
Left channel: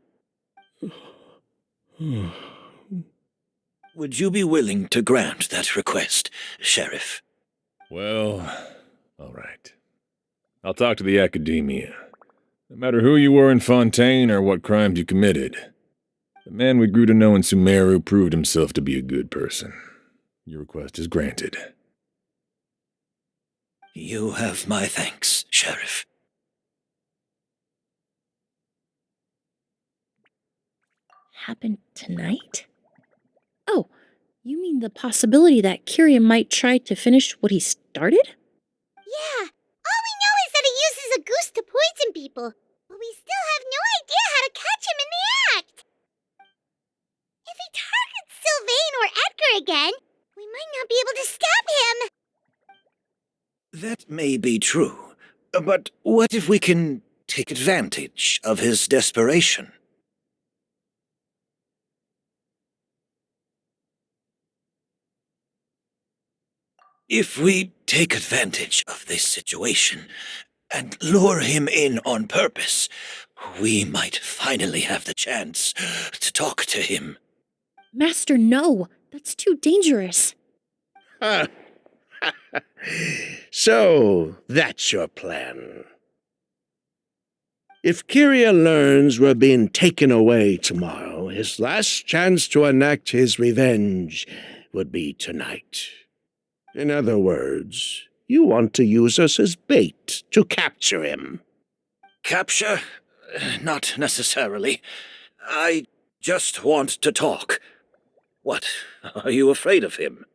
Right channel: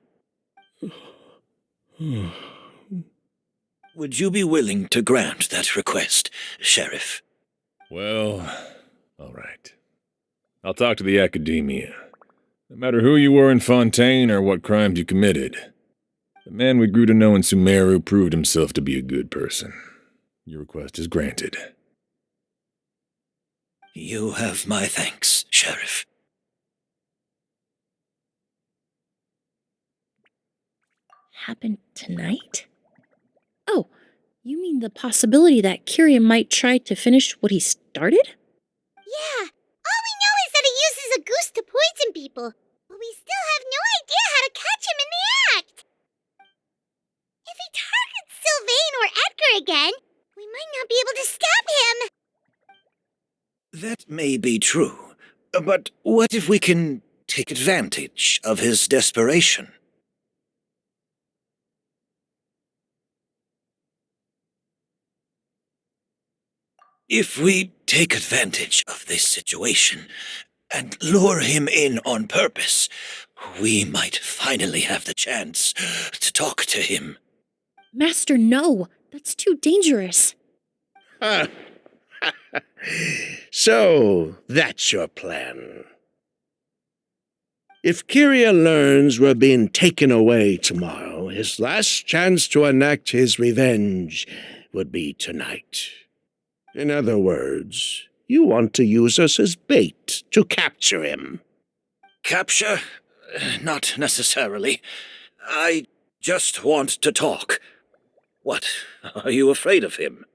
Would you be willing to grant that request, Sheriff? Well, all right. I'll talk to the Academia. No matter who you were in Fontaine or what crimes you committed, the man we grew to know in Sumeru proved himself to be a good person. Your request is granted. You have my thanks, Sheriff. Happened tonight? Oh, you mean the possibility that Kyria might try to finish what he started? Yeah, all we know is that he uses a goose to poison people, but we still have no idea how to catch him in the act. If he targets Sylvain or Edgar again, we might not be able to stop him. That may be true, but what if we can take advantage of his desperation? If we take advantage of this situation and lure him in on purpose, we might finally have the chance to talk to him. Master, no. That's too dangerous. So, that's your plan. If Kyria learns we're being taken away tomorrow, his last chance to enact his revenge would be tonight. In other words, you want to use us as bait to capture him. Capture? Not necessarily. I just want to talk. What, are you afraid of him?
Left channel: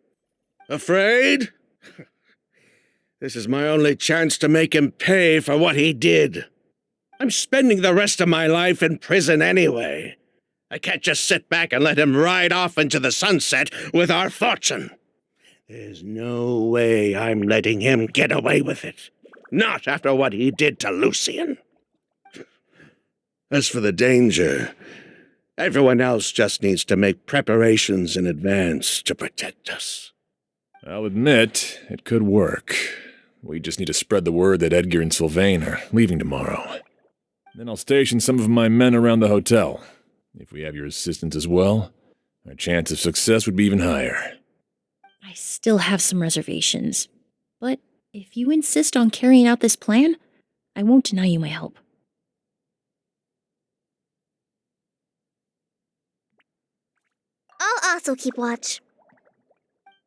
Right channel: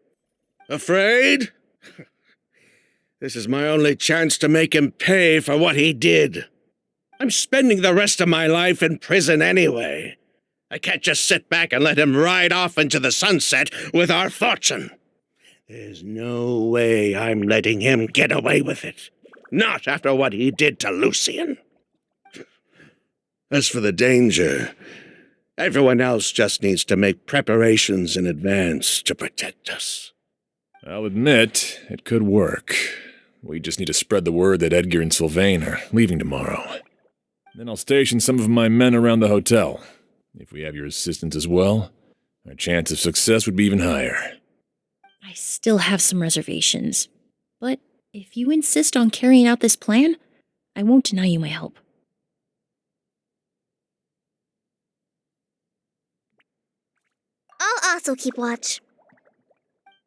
Afraid? This is my only chance to make him pay for what he did. I'm spending the rest of my life in prison anyway. I can't just sit back and let him ride off into the sunset with our fortune. There's no way I'm letting him get away with it. Not after what he did to Lucian. As for the danger, everyone else just needs to make preparations in advance to protect us. I'll admit, it could work. We just need to spread the word that Edgar and Sylvain are leaving tomorrow. Then I'll station some of my men around the hotel. If we have your assistance as well, our chance of success would be even higher. I still have some reservations, but if you insist on carrying out this plan, I won't deny you my help. I'll also keep watch.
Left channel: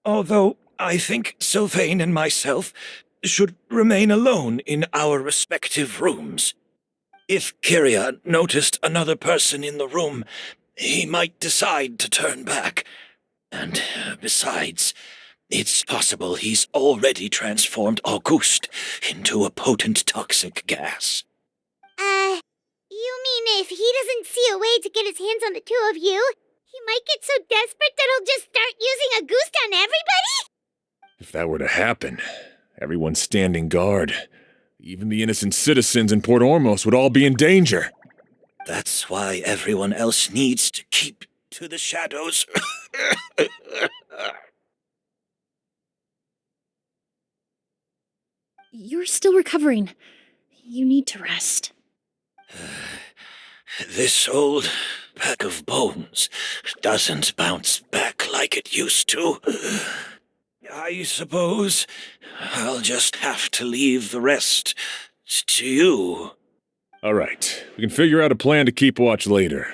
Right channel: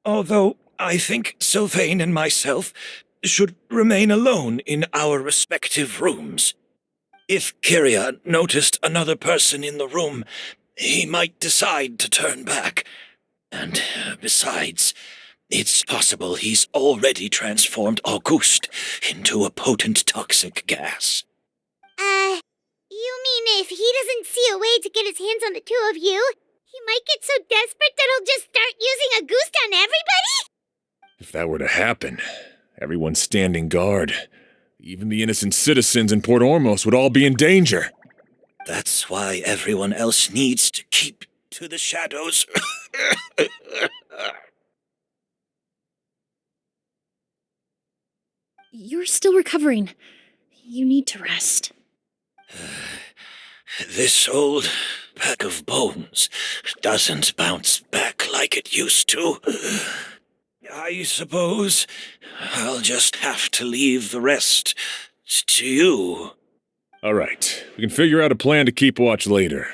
Although I think Sylvain and myself should remain alone in our respective rooms. If Kyria noticed another person in the room, he might decide to turn back. And besides, it's possible he's already transformed Auguste into a potent toxic gas. You mean if he doesn't see a way to get his hands on the two of you, he might get so desperate that he'll just start using Auguste on everybody? If that were to happen, everyone standing guard, even the innocent citizens in Port Ormos would all be in danger. That's why everyone else needs to keep to the shadows. You're still recovering. You need to rest. This old pack of bones doesn't bounce back like it used to. I suppose I'll just have to leave the rest to you. All right, we can figure out a plan to keep watch later.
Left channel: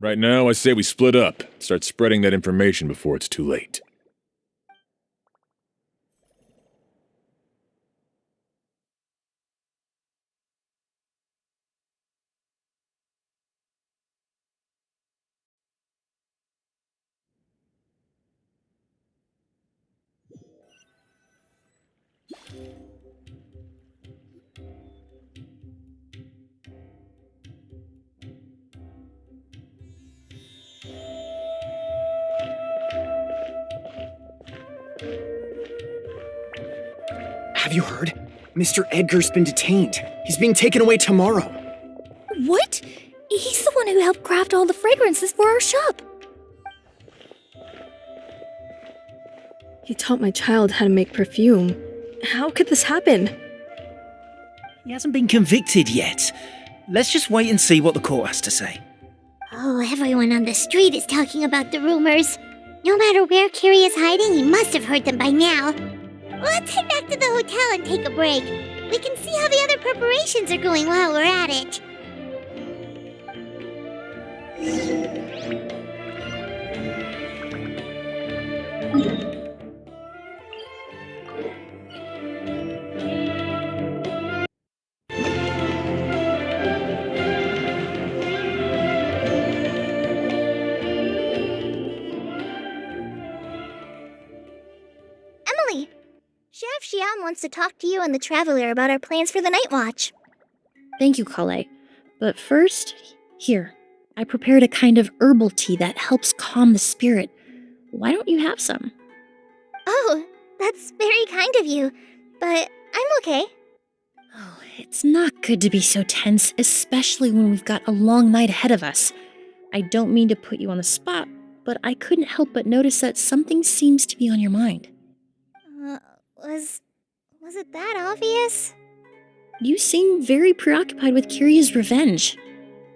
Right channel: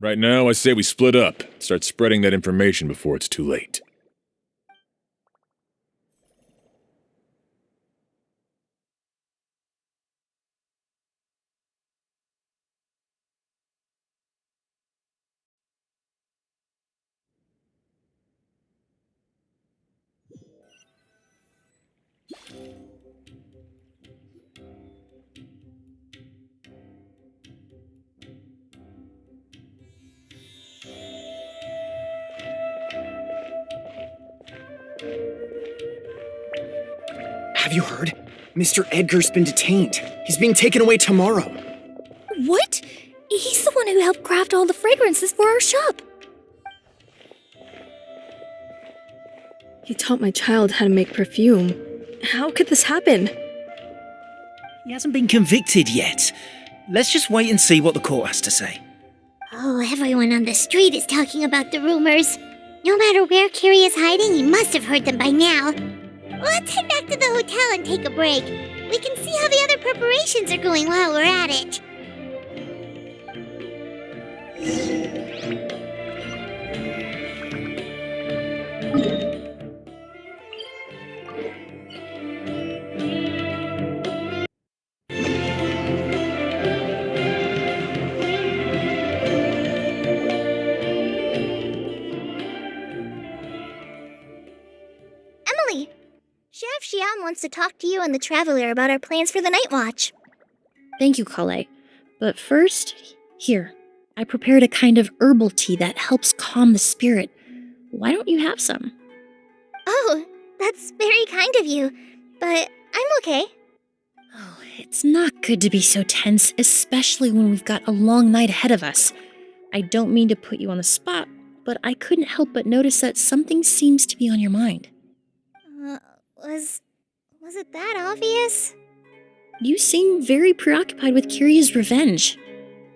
Right now, I say we split up, start spreading that information before it's too late. Have you heard? Mr. Edgar's been detained. He's being taken away tomorrow. What? He's the one who helped craft all the fragrances for our shop. He taught my child how to make perfume. How could this happen? He hasn't been convicted yet. Let's just wait and see what the court has to say. Oh, everyone on the street is talking about the rumors. No matter where Kyria is hiding, he must have heard them by now. Let's head back to the hotel and take a break. We can see how the other preparations are going while we're at it. Emilie, Chef Xian wants to talk to you and the Traveler about our plans for the night watch. Thank you, Kale. But first, here, I prepared a kind of herbal tea that helps calm the spirit. Why don't you have some? Oh, that's very kind of you, but I'm okay. Oh, it's not good to be so tense, especially when we've got a long night ahead of us. I don't mean to put you on the spot, but I couldn't help but notice that something seems to be on your mind. Was it that obvious? You seem very preoccupied with Kyria's revenge.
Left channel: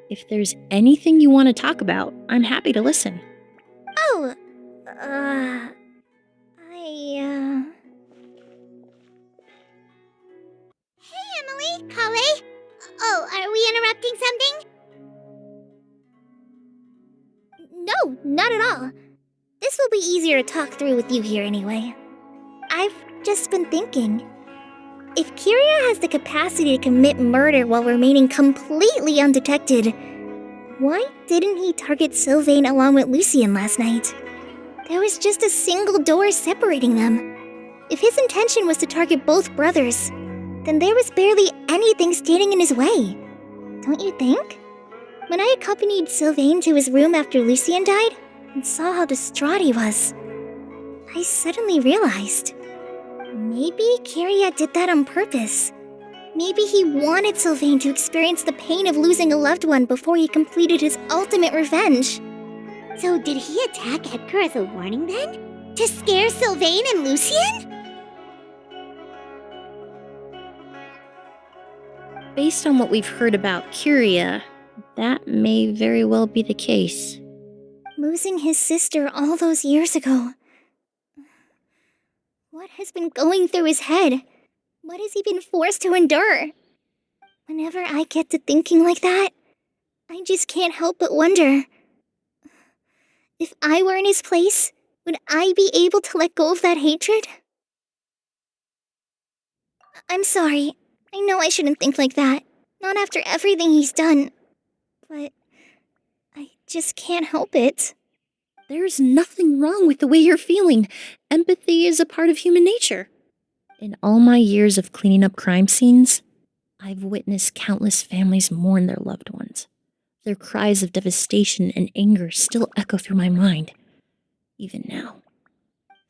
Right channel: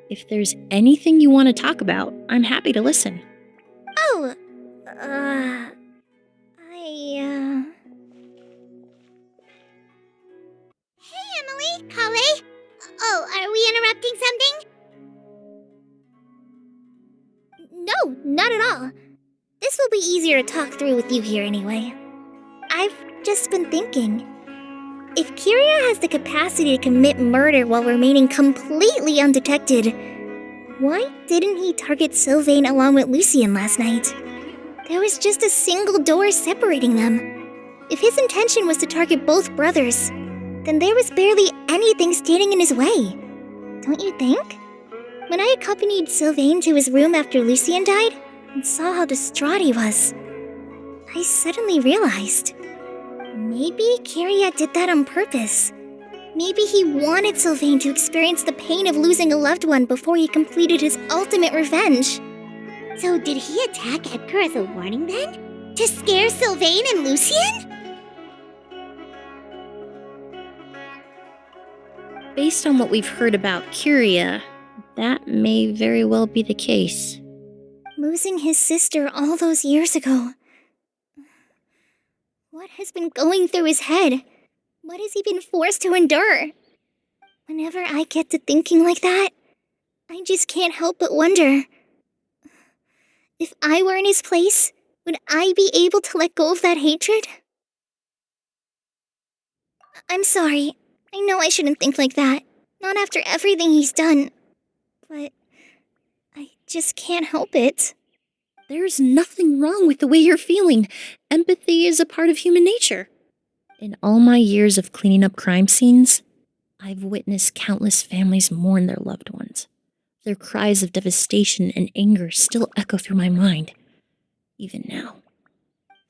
If there's anything you want to talk about, I'm happy to listen. Oh, Hey, Emilie, Kale. Oh, are we interrupting something? No, not at all. This will be easier to talk through with you here anyway. I've just been thinking. If Kyria has the capacity to commit murder while remaining completely undetected, why didn't he target Sylvain along with Lucien last night? There was just a single door separating them. If his intention was to target both brothers, then there was barely anything standing in his way. Don't you think? When I accompanied Sylvain to his room after Lucien died and saw how distraught he was, I suddenly realized. Maybe Kyria did that on purpose. Maybe he wanted Sylvain to experience the pain of losing a loved one before he completed his ultimate revenge. So did he attack Edgar as a warning then? To scare Sylvain and Lucien? Based on what we've heard about Kyria, that may very well be the case. Losing his sister all those years ago. What has been going through his head? What has he been forced to endure? Whenever I get to thinking like that, I just can't help but wonder. If I were in his place, would I be able to let go of that hatred? I'm sorry. I know I shouldn't think like that. Not after everything he's done. But I just can't help it. There's nothing wrong with the way you're feeling. Empathy is a part of human nature. In all my years of cleaning up crime scenes, I've witnessed countless families mourn their loved ones. Their cries of devastation and anger still echo through my mind, even now.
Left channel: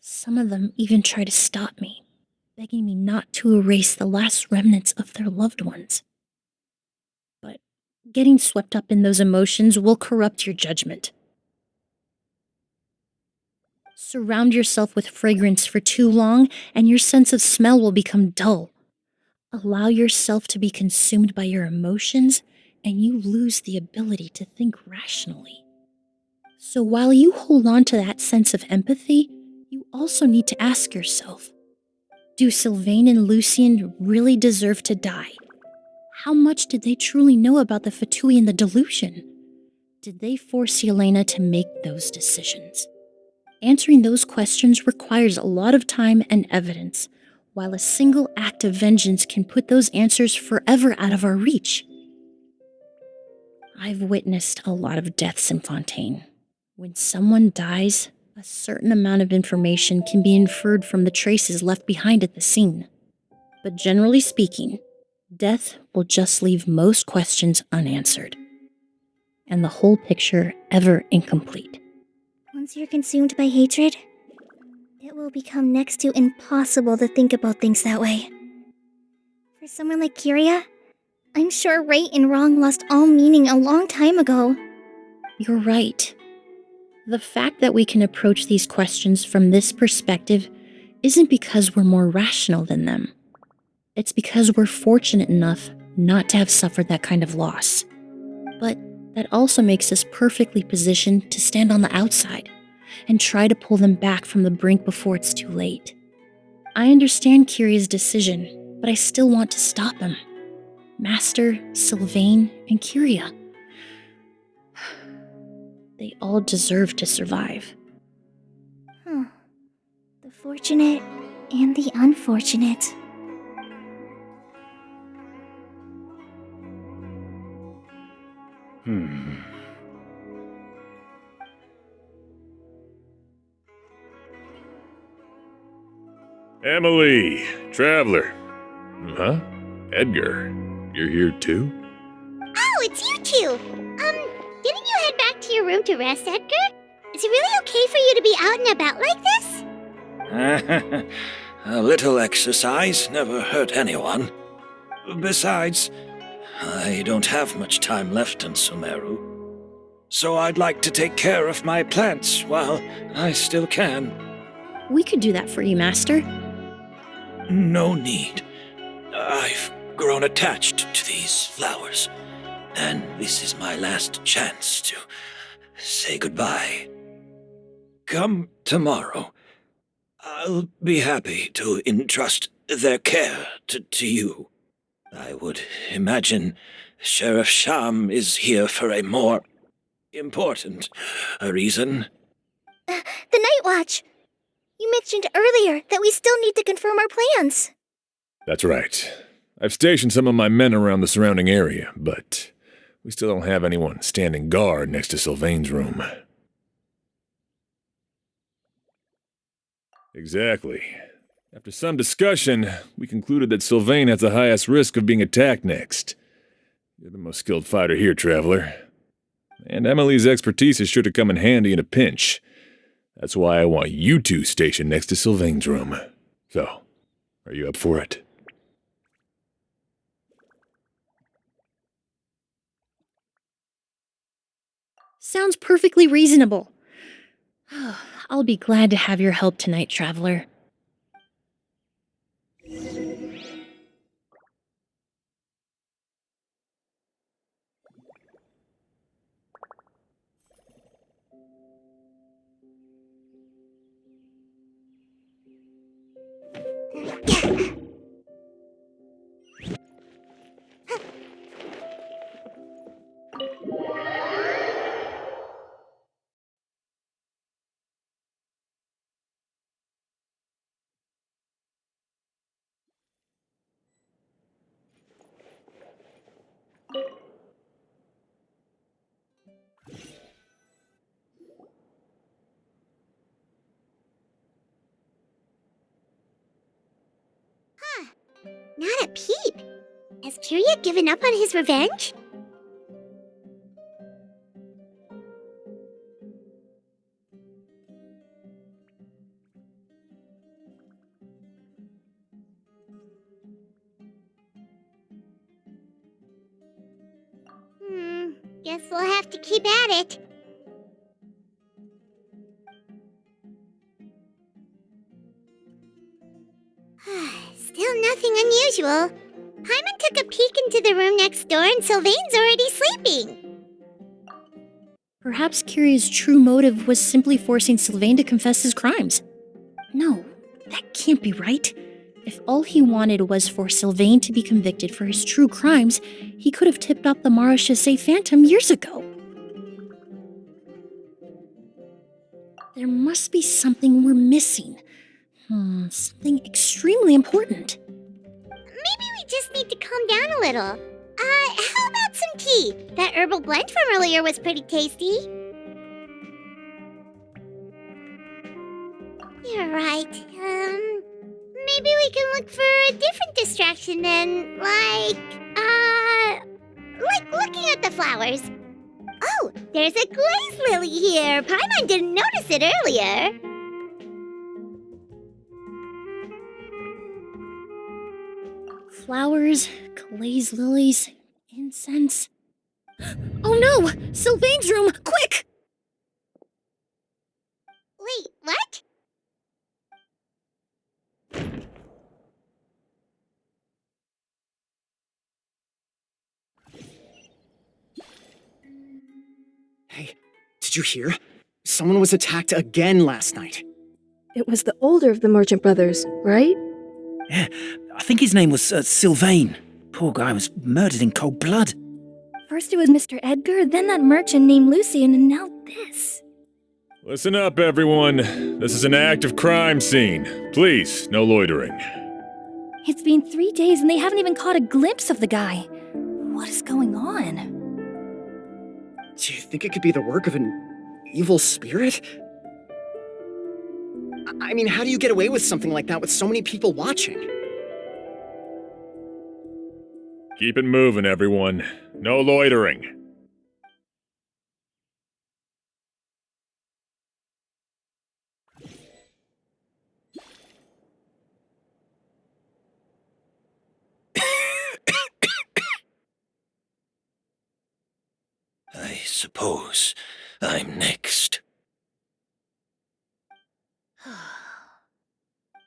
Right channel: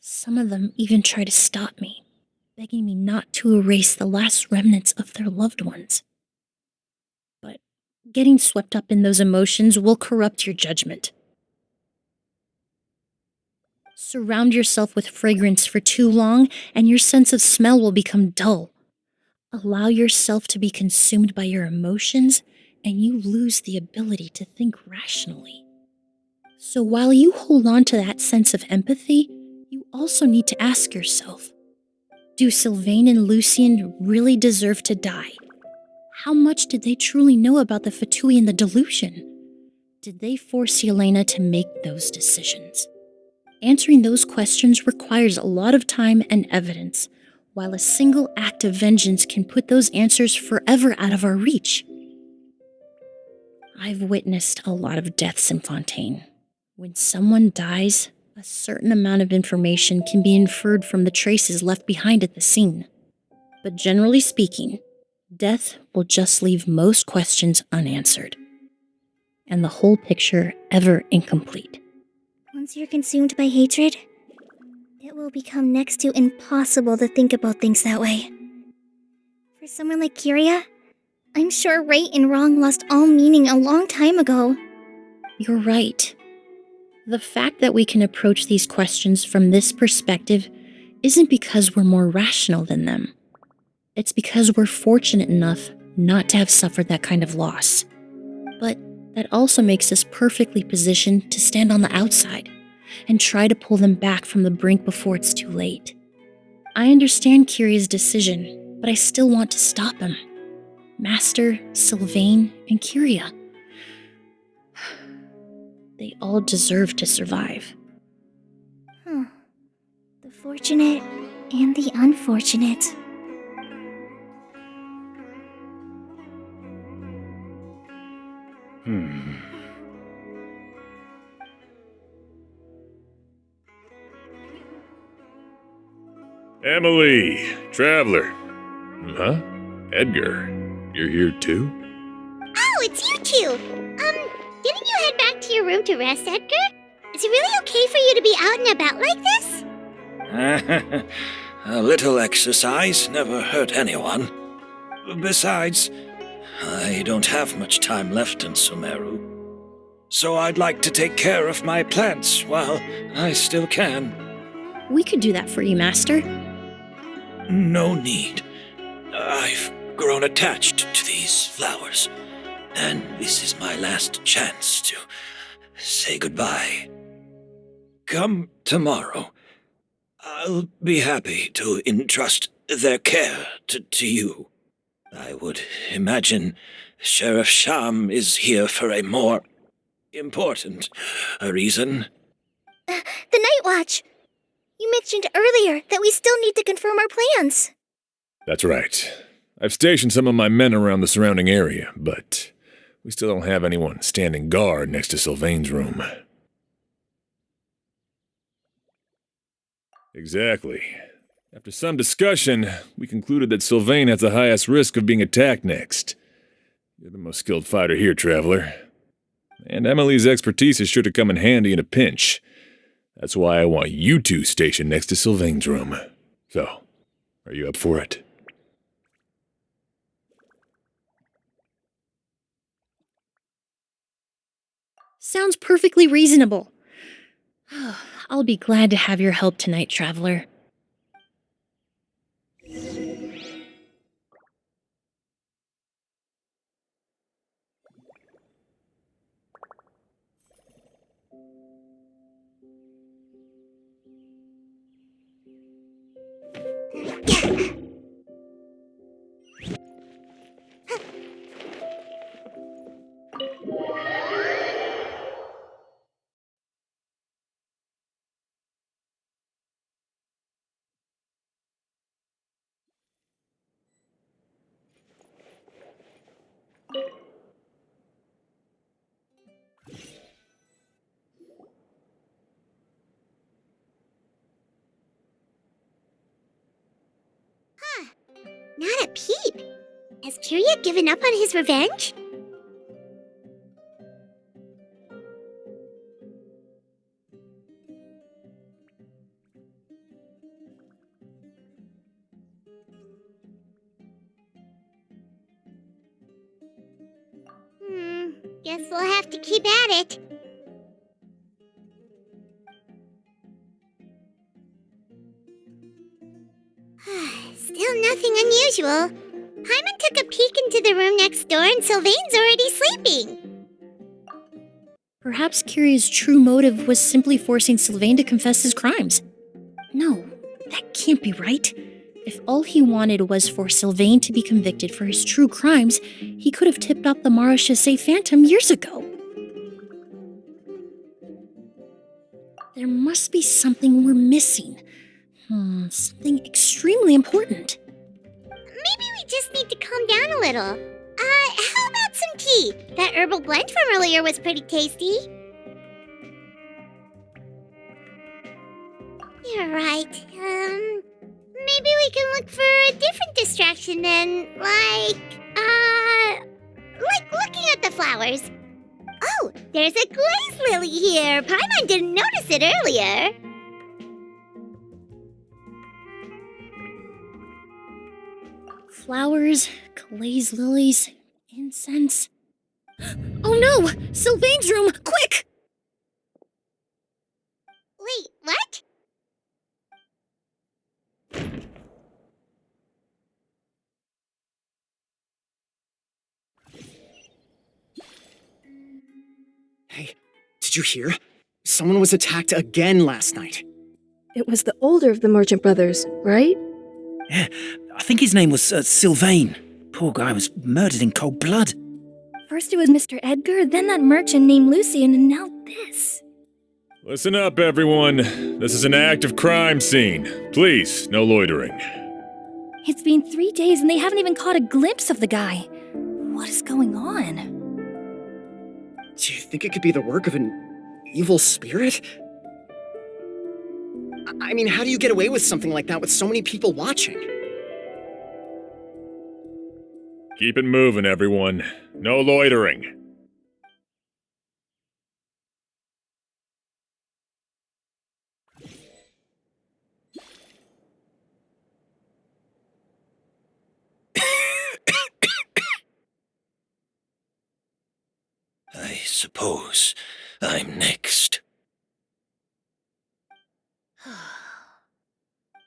Some of them even try to stop me, begging me not to erase the last remnants of their loved ones. But getting swept up in those emotions will corrupt your judgment. Surround yourself with fragrance for too long, and your sense of smell will become dull. Allow yourself to be consumed by your emotions, and you lose the ability to think rationally. So while you hold on to that sense of empathy, you also need to ask yourself, do Sylvain and Lucien really deserve to die? How much did they truly know about the Fatui and the delusion? Did they force Yelena to make those decisions? Answering those questions requires a lot of time and evidence, while a single act of vengeance can put those answers forever out of our reach. I've witnessed a lot of deaths in Fontaine. When someone dies, a certain amount of information can be inferred from the traces left behind at the scene. But generally speaking, death will just leave most questions unanswered, and the whole picture ever incomplete. Once you're consumed by hatred, it will become next to impossible to think about things that way. For someone like Kyria, I'm sure right and wrong lost all meaning a long time ago. You're right. The fact that we can approach these questions from this perspective isn't because we're more rational than them. It's because we're fortunate enough not to have suffered that kind of loss. But that also makes us perfectly positioned to stand on the outside and try to pull them back from the brink before it's too late. I understand Kyria's decision, but I still want to stop him. Master, Sylvain, and Kyria. They all deserve to survive. The fortunate and the unfortunate. Emilie, traveler. Huh? Edgar, you're here too? Oh, it's you two! Didn't you head back to your room to rest, Edgar? Is it really okay for you to be out and about like this? A little exercise never hurt anyone. Besides, I don't have much time left in Sumeru. So I'd like to take care of my plants while I still can. We could do that for you, Master. No need. I've grown attached to these flowers, and this is my last chance to say goodbye. Come tomorrow. I'll be happy to entrust their care to you. I would imagine Sheriff Sham is here for a more important reason. The Night Watch! You mentioned earlier that we still need to confirm our plans. That's right. I've stationed some of my men around the surrounding area, but we still don't have anyone standing guard next to Sylvain's room. Exactly. After some discussion, we concluded that Sylvain has the highest risk of being attacked next. You're the most skilled fighter here, traveler. And Emilie's expertise is sure to come in handy in a pinch. That's why I want you two stationed next to Sylvain's room. So, are you up for it? Sounds perfectly reasonable. I'll be glad to have your help tonight, traveler. Not a peep. Has Kyria given up on his revenge? Guess we'll have to keep at it. Still nothing unusual. Paimon took a peek into the room next door and Sylvain's already sleeping. Perhaps Kyria's true motive was simply forcing Sylvain to confess his crimes. No, that can't be right. If all he wanted was for Sylvain to be convicted for his true crimes, he could have tipped off the Marechaussee Phantom years ago. There must be something we're missing. Something extremely important. Maybe we just need to calm down a little. How about some tea? That herbal blend from earlier was pretty tasty. You're right. Maybe we can look for a different distraction then, like looking at the flowers. Oh, there's a glaze lily here. Paimon didn't notice it earlier. Flowers, glaze lilies, incense. Oh no! Sylvain's room! Quick! Wait, what? Hey, did you hear? Someone was attacked again last night. It was the older of the merchant brothers, right? Yeah, I think his name was Sylvain. Poor guy was murdered in cold blood. First it was Mr. Edgar, then that merchant named Lucian, and now this. Listen up, everyone. This is an active crime scene. Please, no loitering. It's been 3 days and they haven't even caught a glimpse of the guy. What is going on? Do you think it could be the work of an evil spirit? I mean, how do you get away with something like that with so many people watching? Keep it moving, everyone. No loitering. I suppose I'm next.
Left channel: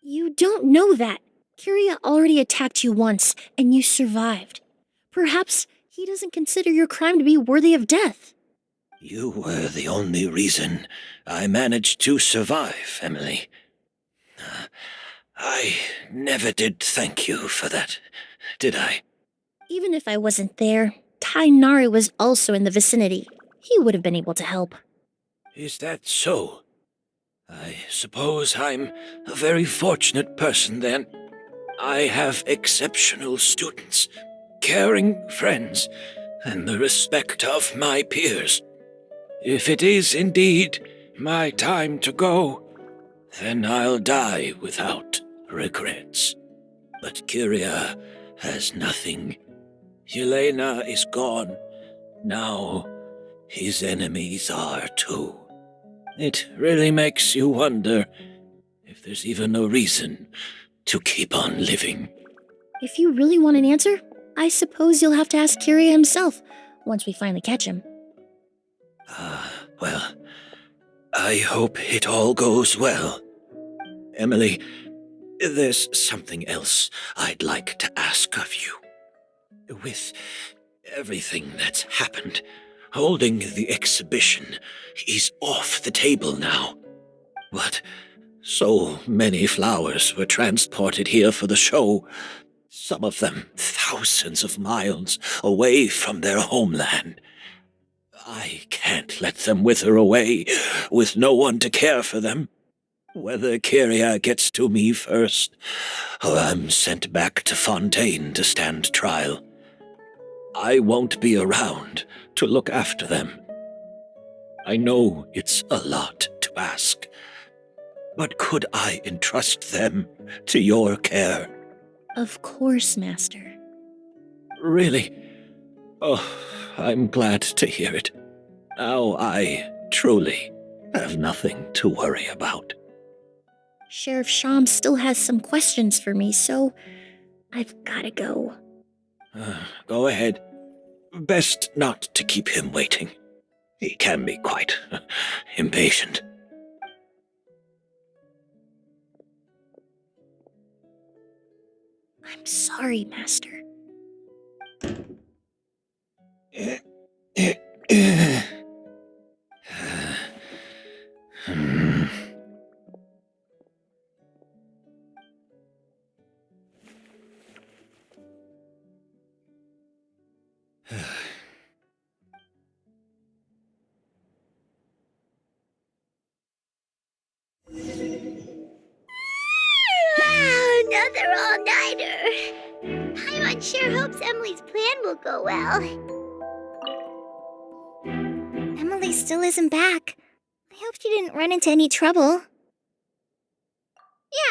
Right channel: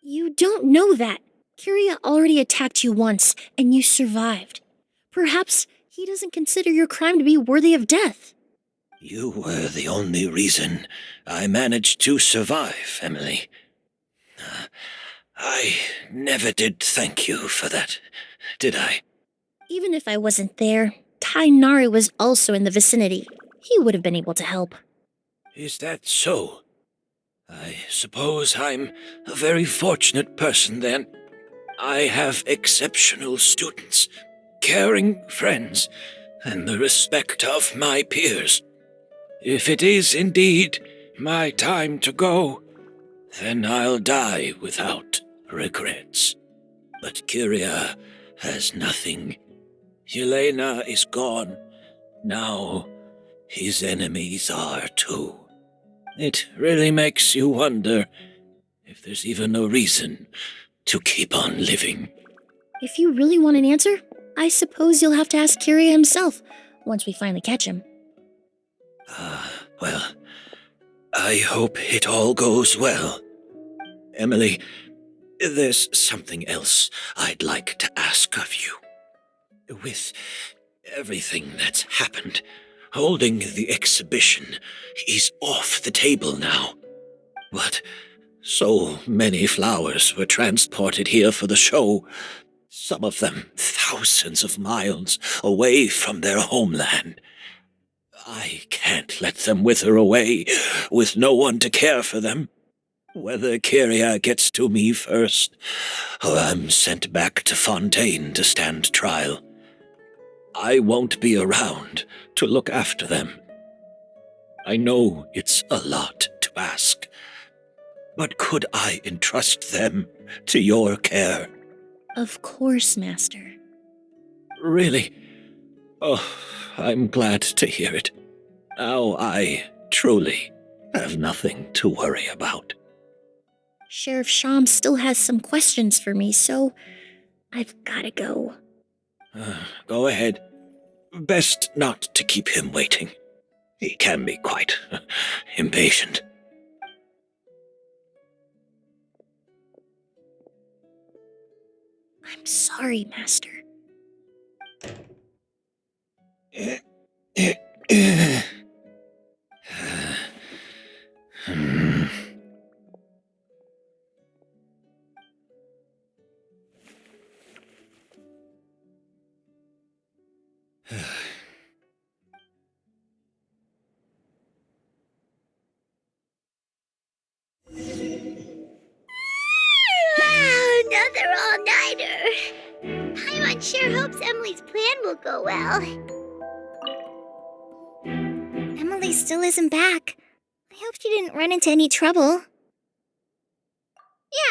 You don't know that. Kyria already attacked you once, and you survived. Perhaps he doesn't consider your crime to be worthy of death. You were the only reason I managed to survive, Emilie. I never did thank you for that, did I? Even if I wasn't there, Tainari was also in the vicinity. He would have been able to help. Is that so? I suppose I'm a very fortunate person then. I have exceptional students, caring friends, and the respect of my peers. If it is indeed my time to go, then I'll die without regrets. But Kyria has nothing. Yelena is gone. Now his enemies are too. It really makes you wonder if there's even a reason to keep on living. If you really want an answer, I suppose you'll have to ask Kyria himself, once we finally catch him. Well, I hope it all goes well. Emilie, there's something else I'd like to ask of you. With everything that's happened, holding the exhibition is off the table now. But so many flowers were transported here for the show, some of them thousands of miles away from their homeland. I can't let them wither away with no one to care for them. Whether Kyria gets to me first, or I'm sent back to Fontaine to stand trial, I won't be around to look after them. I know it's a lot to ask, but could I entrust them to your care? Of course, Master. Really? Oh, I'm glad to hear it. Now I truly have nothing to worry about. Sheriff Sham still has some questions for me, so I've gotta go. Go ahead. Best not to keep him waiting. He can be quite impatient. I'm sorry, Master. Another all-nighter. Paimon sure hopes Emilie's plan will go well. Emilie still isn't back. I hope she didn't run into any trouble.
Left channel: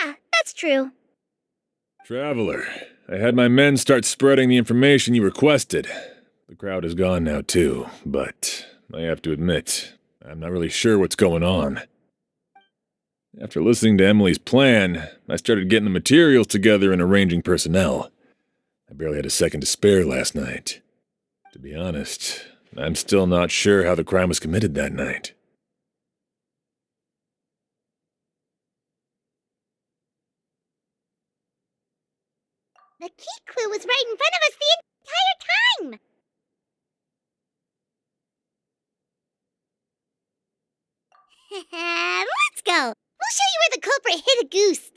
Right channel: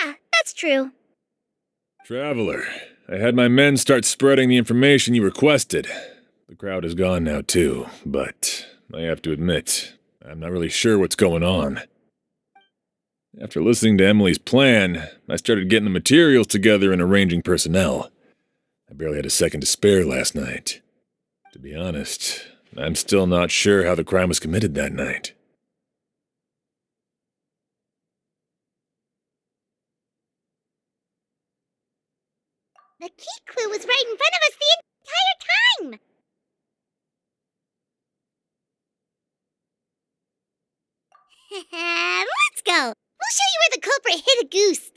Yeah, that's true. Traveler, I had my men start spreading the information you requested. The crowd is gone now, too, but I have to admit, I'm not really sure what's going on. After listening to Emilie's plan, I started getting the materials together and arranging personnel. I barely had a second to spare last night. To be honest, I'm still not sure how the crime was committed that night. The key clue was right in front of us the entire time! Let's go! We'll show you where the culprit hid a goose!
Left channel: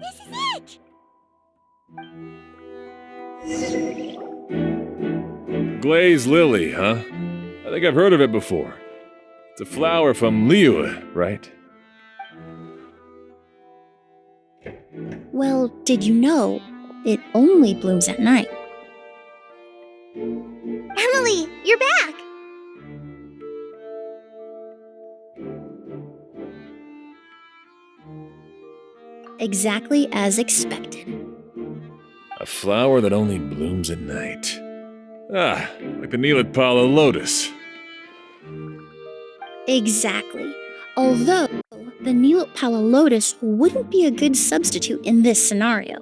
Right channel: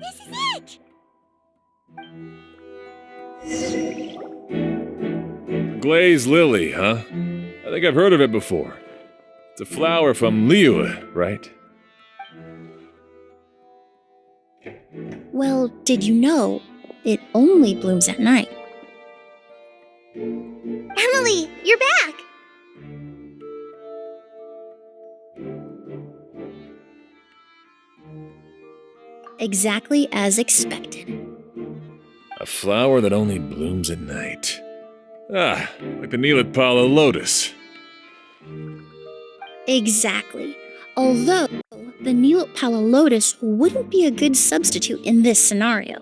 This is it! Glazed lily, huh? I think I've heard of it before. It's a flower from Liyue, right? Well, did you know it only blooms at night? Emilie, you're back! Exactly as expected. A flower that only blooms at night. Ah, like the Neelatpala lotus. Exactly. Although, the Neelatpala lotus wouldn't be a good substitute in this scenario.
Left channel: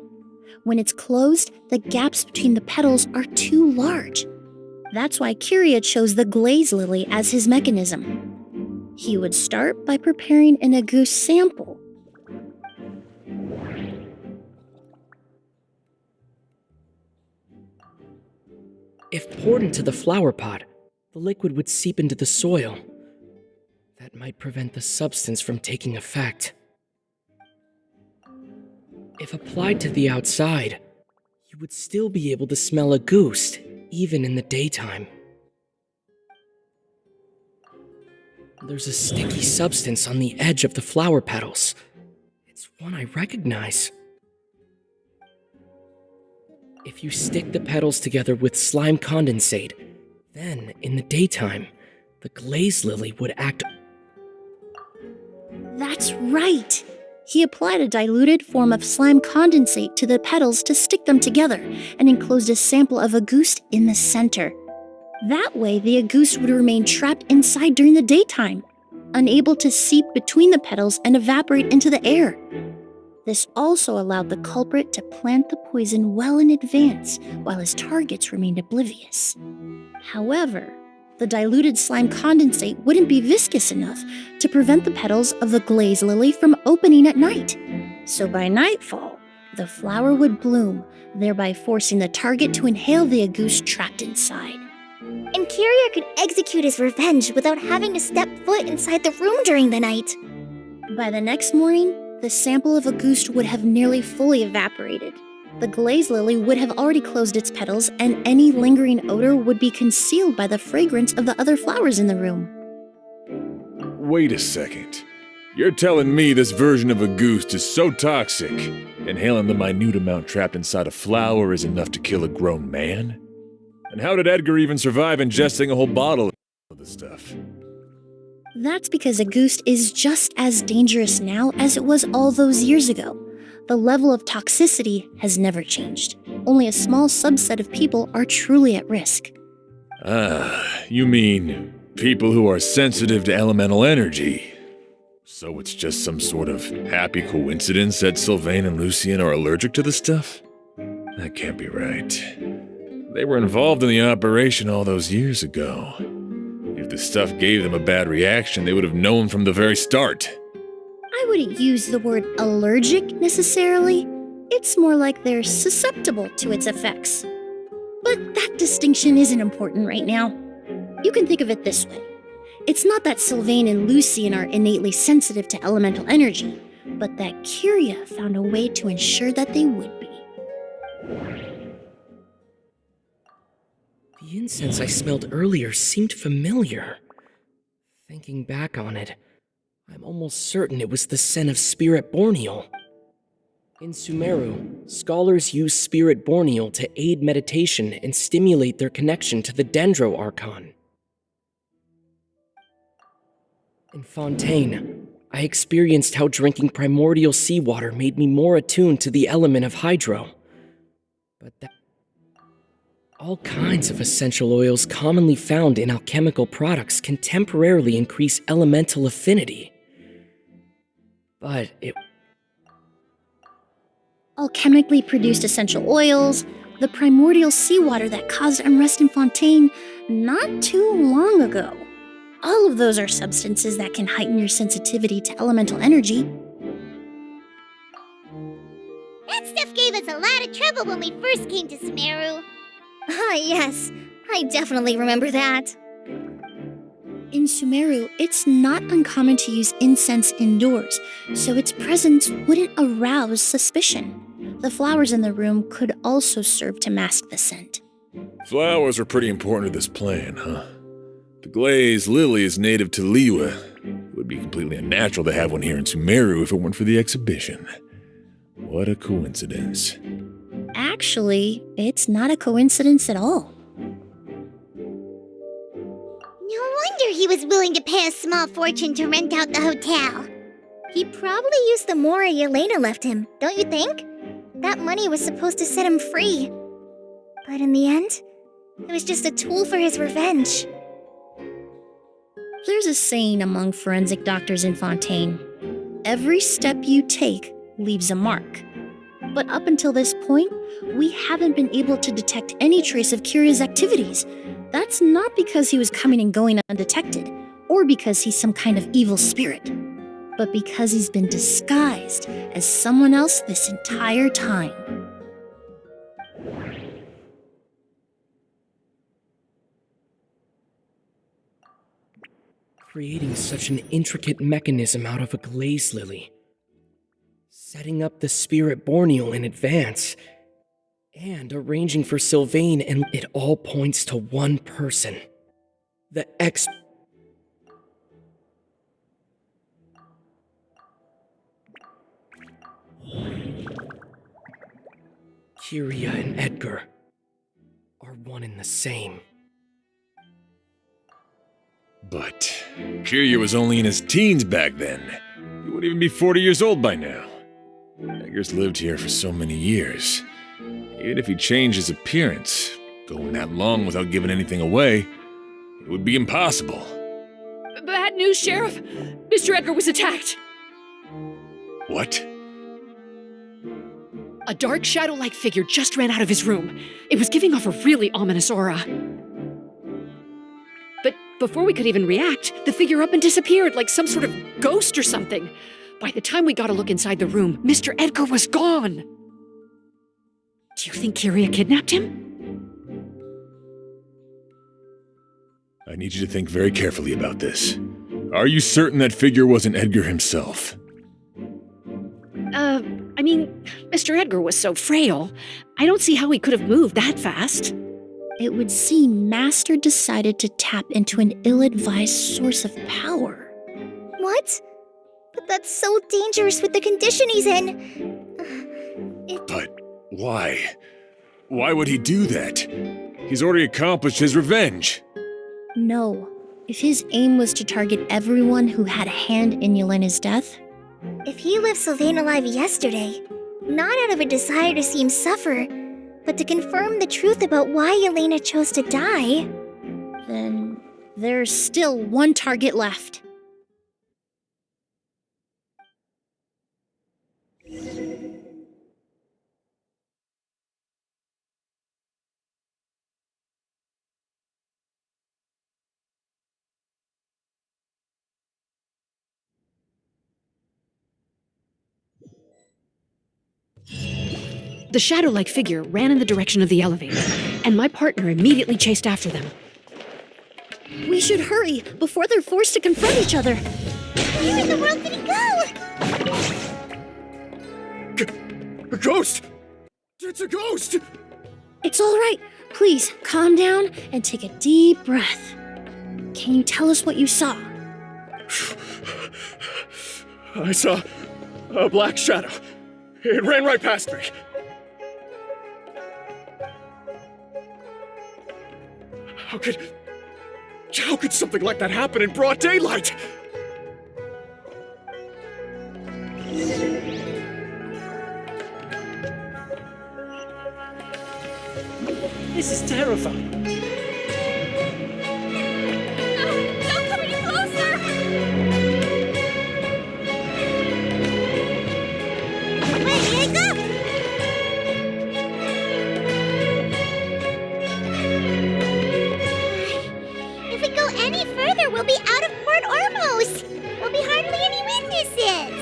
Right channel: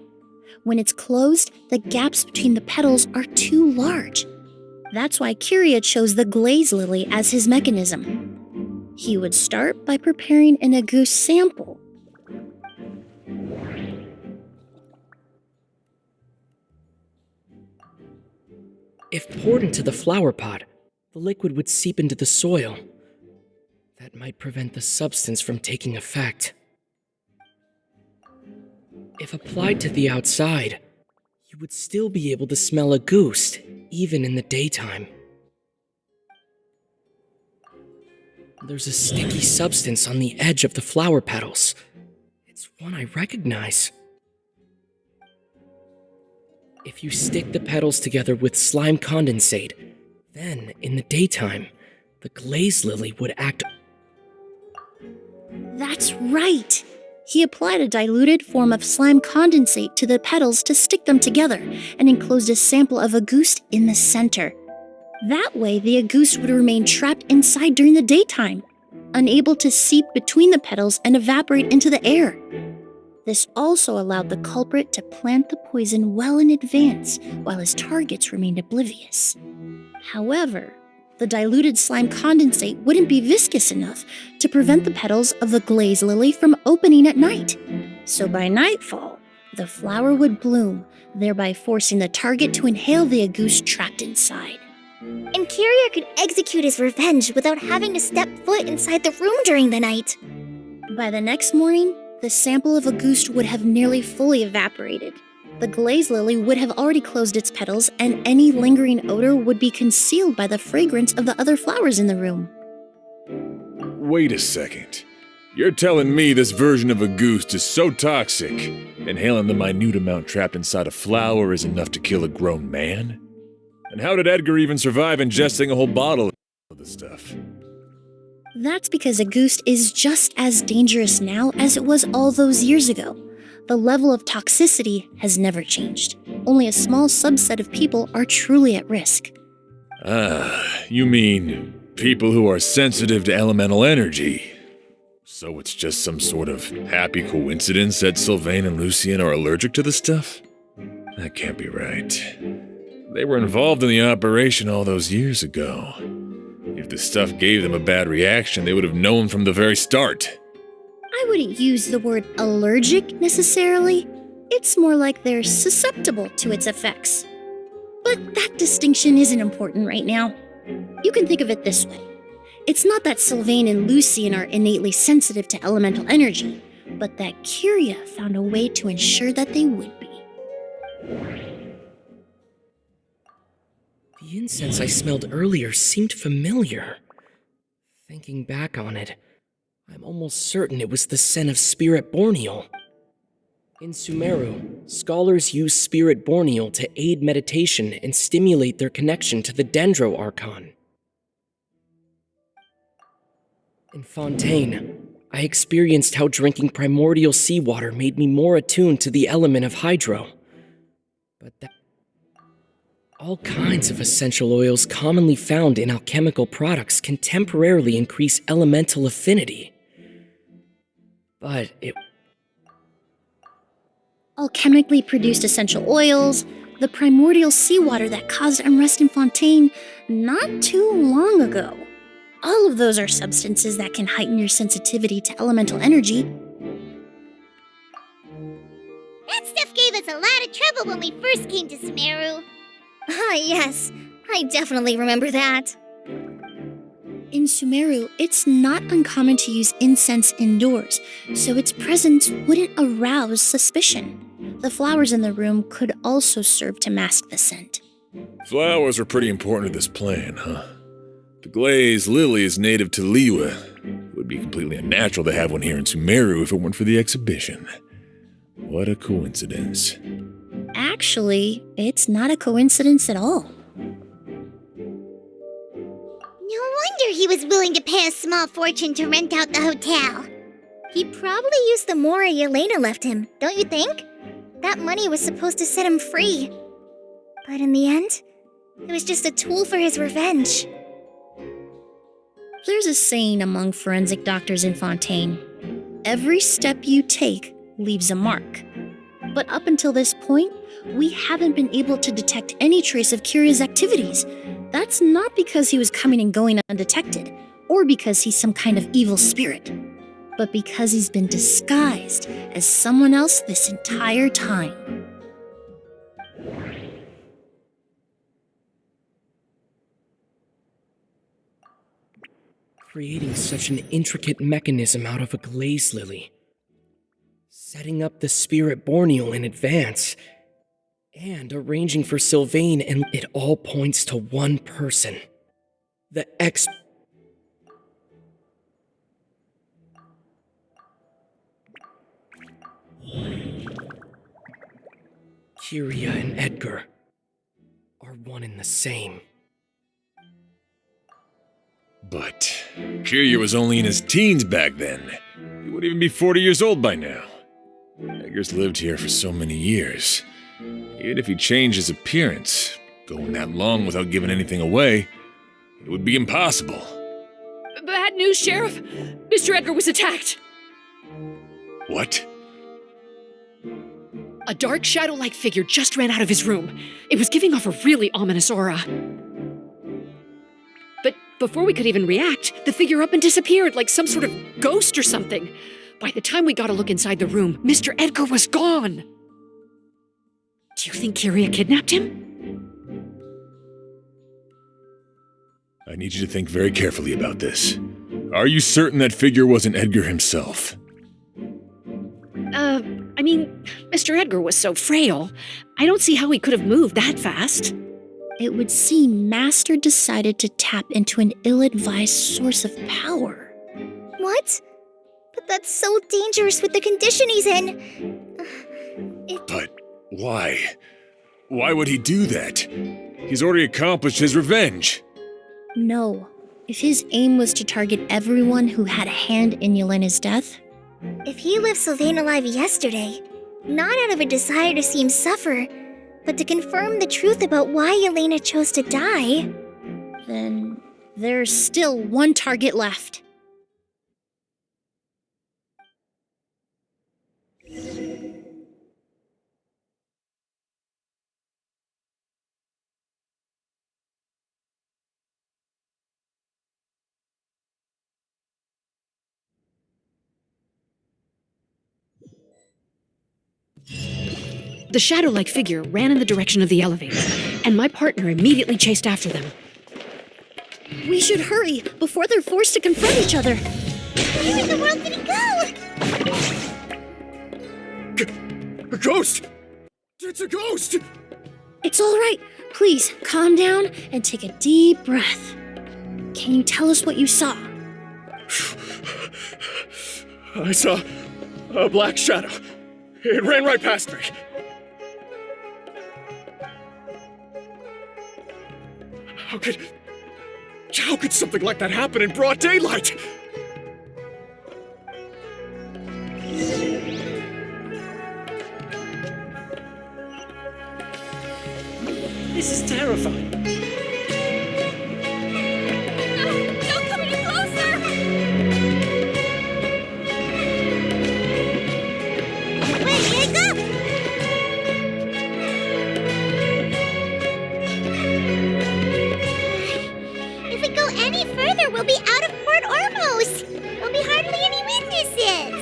When it's closed, the gaps between the petals are too large. That's why Kyria chose the glaze lily as his mechanism. He would start by preparing an agouti sample. If poured into the flower pot, the liquid would seep into the soil. That might prevent the substance from taking effect. If applied to the outside, you would still be able to smell a goose, even in the daytime. There's a sticky substance on the edge of the flower petals. It's one I recognize. If you stick the petals together with slime condensate, then, in the daytime, the glaze lily would act. That's right! He applied a diluted form of slime condensate to the petals to stick them together and enclosed a sample of agouti in the center. That way, the agouti would remain trapped inside during the daytime, unable to seep between the petals and evaporate into the air. This also allowed the culprit to plant the poison well in advance while his targets remained oblivious. However, the diluted slime condensate wouldn't be viscous enough to prevent the petals of the glaze lily from opening at night. So by nightfall, the flower would bloom, thereby forcing the target to inhale the agouti trapped inside. And Kyria could execute his revenge without having to step foot inside the room during the night. By the next morning, the sample of agouti would have nearly fully evaporated. The glaze lily would have already closed its petals, and any lingering odor would be concealed by the fragrance of the other flowers in the room. Wait a second. You're telling me this version of a goose is so toxic, inhaling the minute amount trapped inside a flower is enough to kill a grown man? And how did Edgar even survive ingesting a whole bottle of the stuff? That's because a goose is just as dangerous now as it was all those years ago. The level of toxicity has never changed. Only a small subset of people are truly at risk. Ah, you mean people who are sensitive to elemental energy. So it's just some sort of happy coincidence that Sylvain and Lucien are allergic to the stuff? That can't be right. They were involved in the operation all those years ago. If the stuff gave them a bad reaction, they would have known from the very start. I wouldn't use the word allergic necessarily. It's more like they're susceptible to its effects. But that distinction isn't important right now. You can think of it this way. It's not that Sylvain and Lucien are innately sensitive to elemental energy, but that Kyria found a way to ensure that they would be. The incense I smelled earlier seemed familiar. Thinking back on it, I'm almost certain it was the scent of spirit borneal. In Sumeru, scholars use spirit borneal to aid meditation and stimulate their connection to the Dendro Archon. In Fontaine, I experienced how drinking primordial seawater made me more attuned to the element of hydro. But all kinds of essential oils commonly found in alchemical products can temporarily increase elemental affinity. But Alchemically produced essential oils, the primordial seawater that caused unrest in Fontaine not too long ago. All of those are substances that can heighten your sensitivity to elemental energy. That stuff gave us a lot of trouble when we first came to Sumeru. Ah, yes. I definitely remember that. In Sumeru, it's not uncommon to use incense indoors, so its presence wouldn't arouse suspicion. The flowers in the room could also serve to mask the scent. Flowers are pretty important to this plan, huh? The glaze lily is native to Liwa. It would be completely unnatural to have one here in Sumeru if it weren't for the exhibition. What a coincidence. Actually, it's not a coincidence at all. No wonder he was willing to pay a small fortune to rent out the hotel. He probably used the mora Yelena left him, don't you think? That money was supposed to set him free. But in the end, it was just a tool for his revenge. There's a saying among forensic doctors in Fontaine. Every step you take leaves a mark. But up until this point, we haven't been able to detect any trace of Kyria's activities. That's not because he was coming and going undetected, or because he's some kind of evil spirit, but because he's been disguised as someone else this entire time. creating such an intricate mechanism out of a glaze lily, setting up the spirit borneal in advance, and arranging for Sylvain, and it all points to one person. The Kyria and Edgar are one and the same. But Kyria was only in his teens back then. He wouldn't even be 40 years old by now. Edgar's lived here for so many years. Even if he changed his appearance, going that long without giving anything away, it would be impossible. Bad news, Sheriff! Mr. Edgar was attacked! What? A dark shadow-like figure just ran out of his room. It was giving off a really ominous aura. But before we could even react, the figure up and disappeared like some sort of ghost or something. By the time we got a look inside the room, Mr. Edgar was gone. Do you think Kyria kidnapped him? I need you to think very carefully about this. Are you certain that figure wasn't Edgar himself? I mean, Mr. Edgar was so frail. I don't see how he could have moved that fast. It would seem Master decided to tap into an ill-advised source of power. What? But that's so dangerous with the condition he's in. But why? Why would he do that? He's already accomplished his revenge. No. If his aim was to target everyone who had a hand in Yelena's death, If he left Sylvain alive yesterday, not out of a desire to see him suffer, but to confirm the truth about why Yelena chose to die, then there's still one target left. The shadow-like figure ran in the direction of the elevator, and my partner immediately chased after them. We should hurry before they're forced to confront each other. where in the world did he go? A ghost! It's a ghost! It's all right. Please, calm down and take a deep breath. Can you tell us what you saw? I saw a black shadow. It ran right past me. How could something like that happen in broad daylight? This is terrifying. No, don't come any closer! Where did I go? If we go any further, we'll be out of Port Ormos. There'll be hardly any witnesses.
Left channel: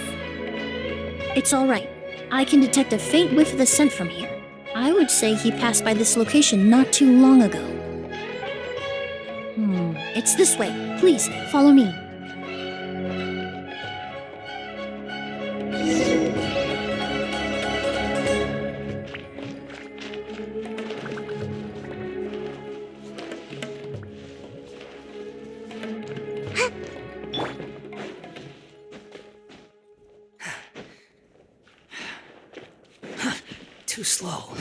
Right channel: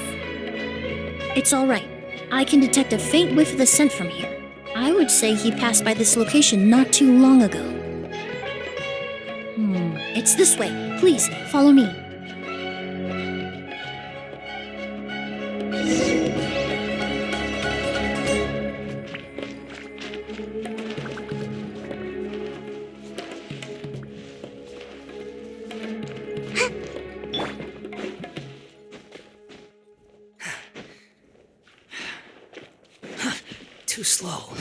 It's all right. I can detect a faint whiff of the scent from here. I would say he passed by this location not too long ago. It's this way. Please, follow me. Too slow.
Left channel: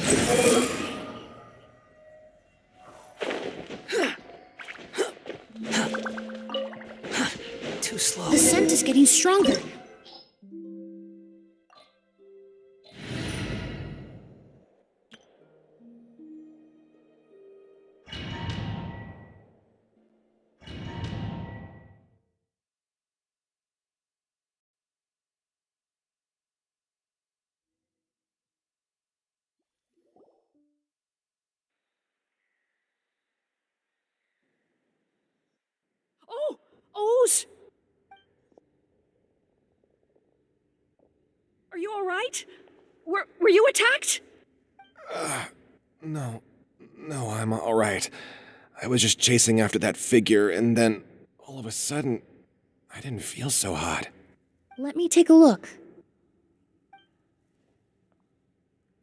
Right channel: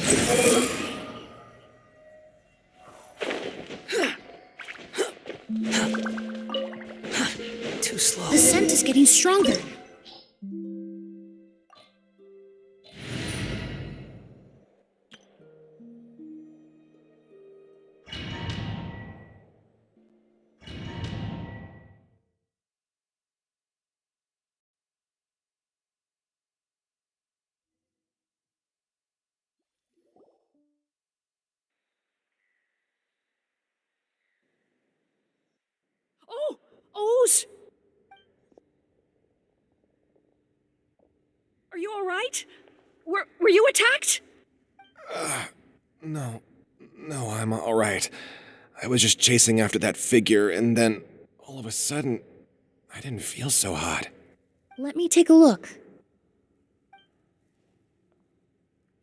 Too slow. The scent is getting stronger. Oh! Oz! Are you all right? Were you attacked? No, I'm all right. I was just chasing after that figure, and then all of a sudden, I didn't feel so hot. Let me take a look.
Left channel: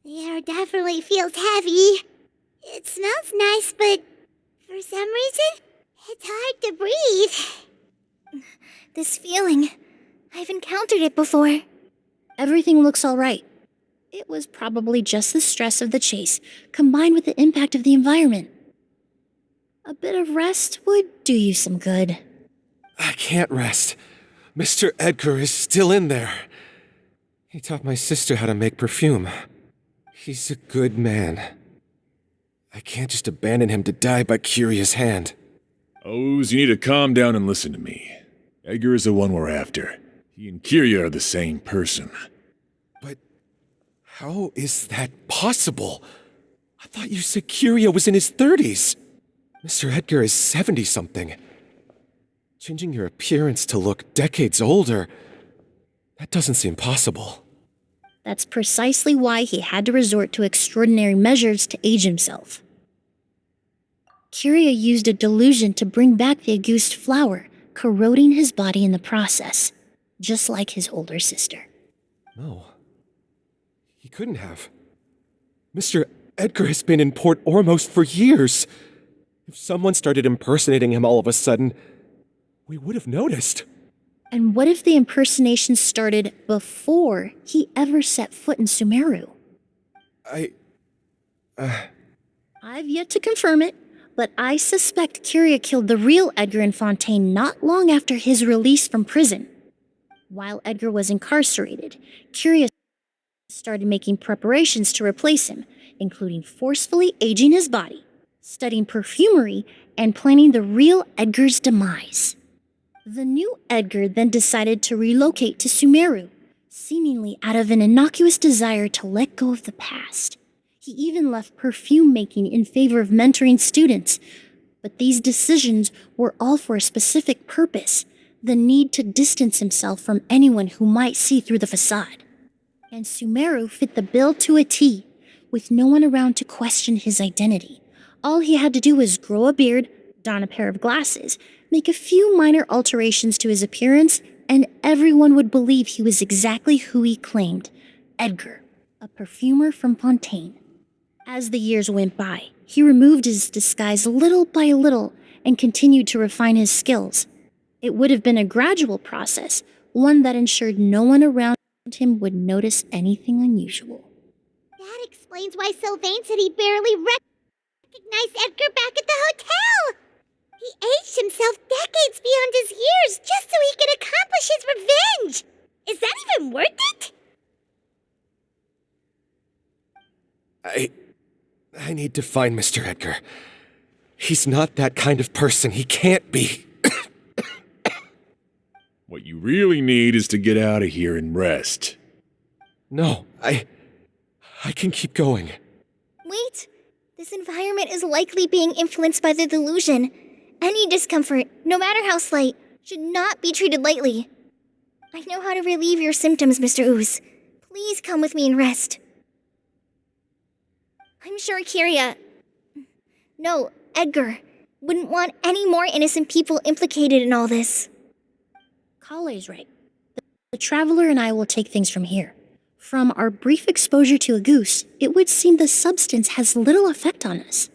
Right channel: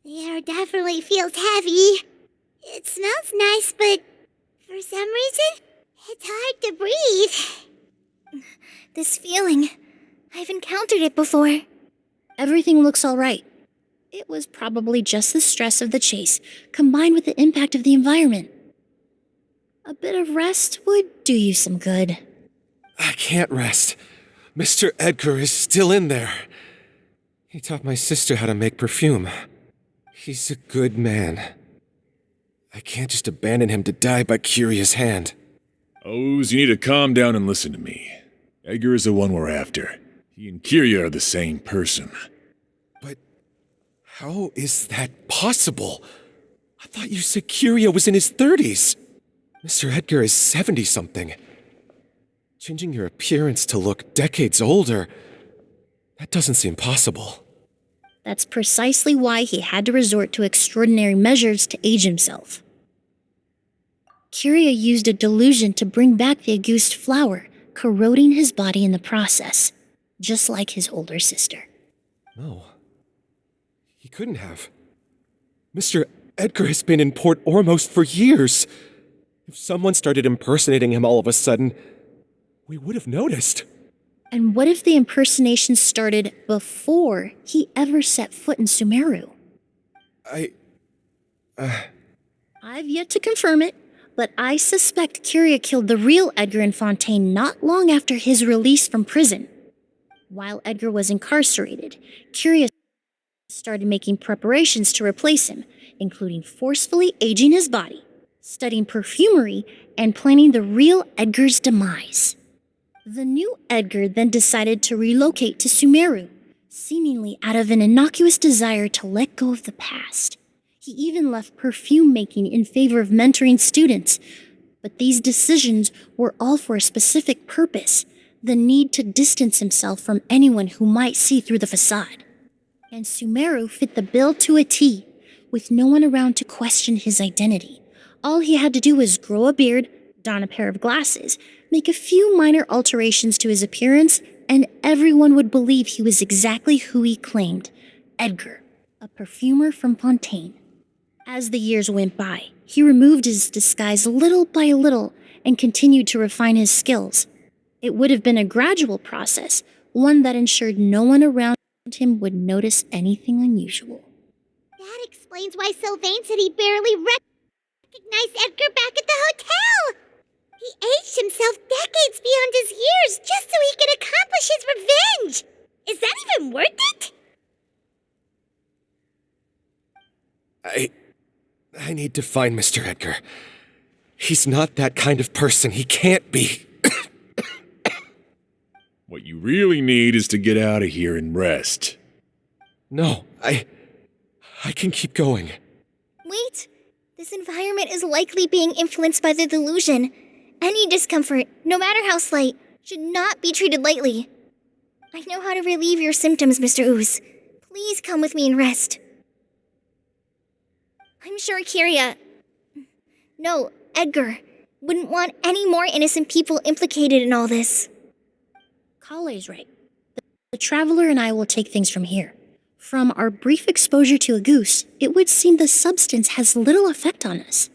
The air definitely feels heavy. It smells nice, but for some reason, it's hard to breathe. This feeling, I've encountered it before. Everything looks all right. It was probably just the stress of the chase, combined with the impact of the environment. A bit of rest would do you some good. I can't rest. Mr. Edgar is still in there. He taught my sister how to make perfume. He's a good man. I can't just abandon him to die by Curia's hand. Oz, you need to calm down and listen to me. Edgar is the one we're after. He and Kyria are the same person. But how is that possible? I thought you said Kyria was in his 30s. Mr. Edgar is 70-something. Changing your appearance to look decades older, that doesn't seem possible. That's precisely why he had to resort to extraordinary measures to age himself. Kyria used a delusion to bring back the Auguste flower, corroding his body in the process, just like his older sister. No. He couldn't have. Mr. Edgar has been in Port Ormos for years. If someone started impersonating him all of a sudden, we would have noticed. And what if the impersonation started before he ever set foot in Sumeru? I've yet to confirm it, but I suspect Curia killed the real Edgar in Fontaine not long after his release from prison. While Edgar was incarcerated, Curia started making preparations to replace him, including forcefully aging his body, studying perfumery, and planning the real Edgar's demise. The new Edgar then decided to relocate to Sumeru, seemingly out of an innocuous desire to let go of the past. He even left perfume making in favor of mentoring students. But these decisions were all for a specific purpose: the need to distance himself from anyone who might see through the facade. And Sumeru fit the bill to a T, with no one around to question his identity. All he had to do was grow a beard, don a pair of glasses, make a few minor alterations to his appearance, and everyone would believe he was exactly who he claimed: Edgar, a perfumer from Fontaine. As the years went by, he removed his disguise little by little and continued to refine his skills. It would have been a gradual process, one that ensured no one around him would notice anything unusual. That explains why Sylvain said he barely recognized Edgar back at the hotel. He aged himself decades beyond his years just so he could accomplish his revenge. Is that even worth it? I need to find Mr. Edgar. He's not that kind of person. He can't be. What you really need is to get out of here and rest. No, I can keep going. Wait, this environment is likely being influenced by the delusion. Any discomfort, no matter how slight, should not be treated lightly. I know how to relieve your symptoms, Mr. Ooze. Please come with me and rest. I'm sure Edgar wouldn't want any more innocent people implicated in all this. Kale's right. The Traveler and I will take things from here. From our brief exposure to a goose, it would seem the substance has little effect on us.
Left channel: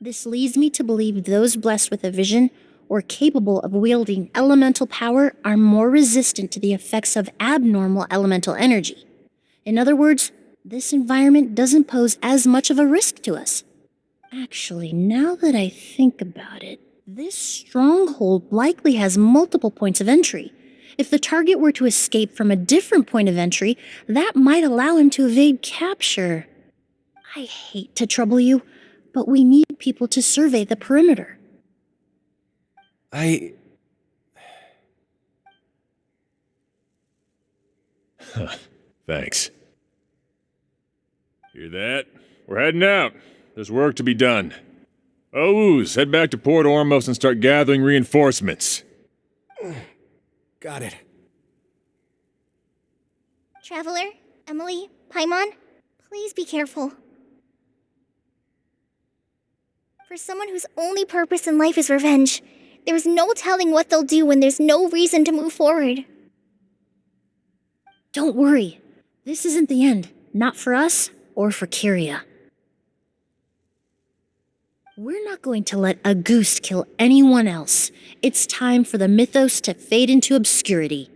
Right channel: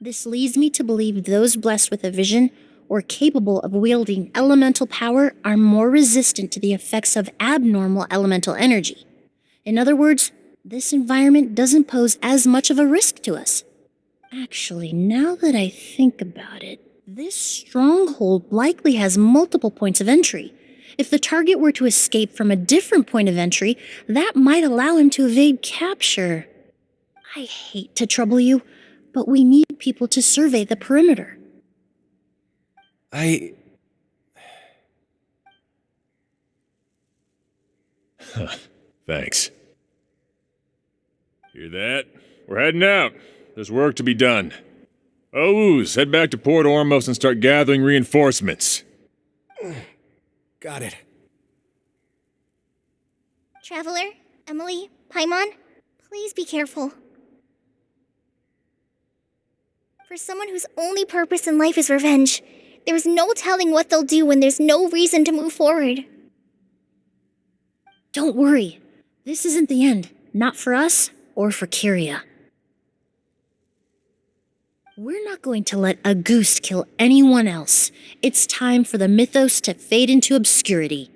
This leads me to believe those blessed with a vision or capable of wielding elemental power are more resistant to the effects of abnormal elemental energy. In other words, this environment doesn't pose as much of a risk to us. Actually, now that I think about it, this stronghold likely has multiple points of entry. If the target were to escape from a different point of entry, that might allow him to evade capture. I hate to trouble you, but we need people to survey the perimeter. Thanks. Hear that? We're heading out. There's work to be done. Ooze, head back to Port Ormos and start gathering reinforcements. Got it. Traveler, Emilie, Paimon, please be careful. For someone whose only purpose in life is revenge, there is no telling what they'll do when there's no reason to move forward. Don't worry. This isn't the end. Not for us or for Kyria. We're not going to let a goose kill anyone else. It's time for the mythos to fade into obscurity.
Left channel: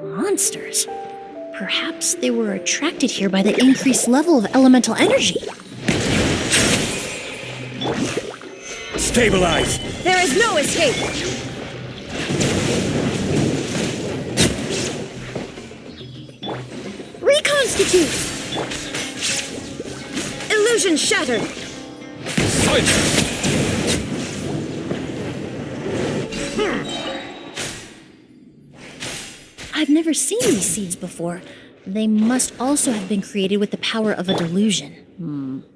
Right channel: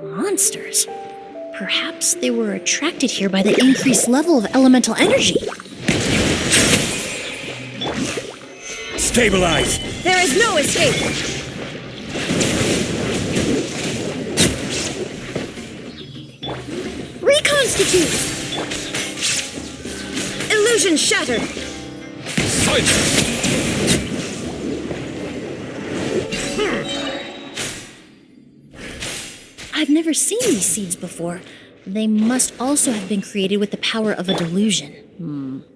Monsters. Perhaps they were attracted here by the increased level of elemental energy. Stabilize! There is no escape! Reconstitute! Illusion shattered! Silence! I've never seen these seeds before. They must also have been created with the power of a delusion.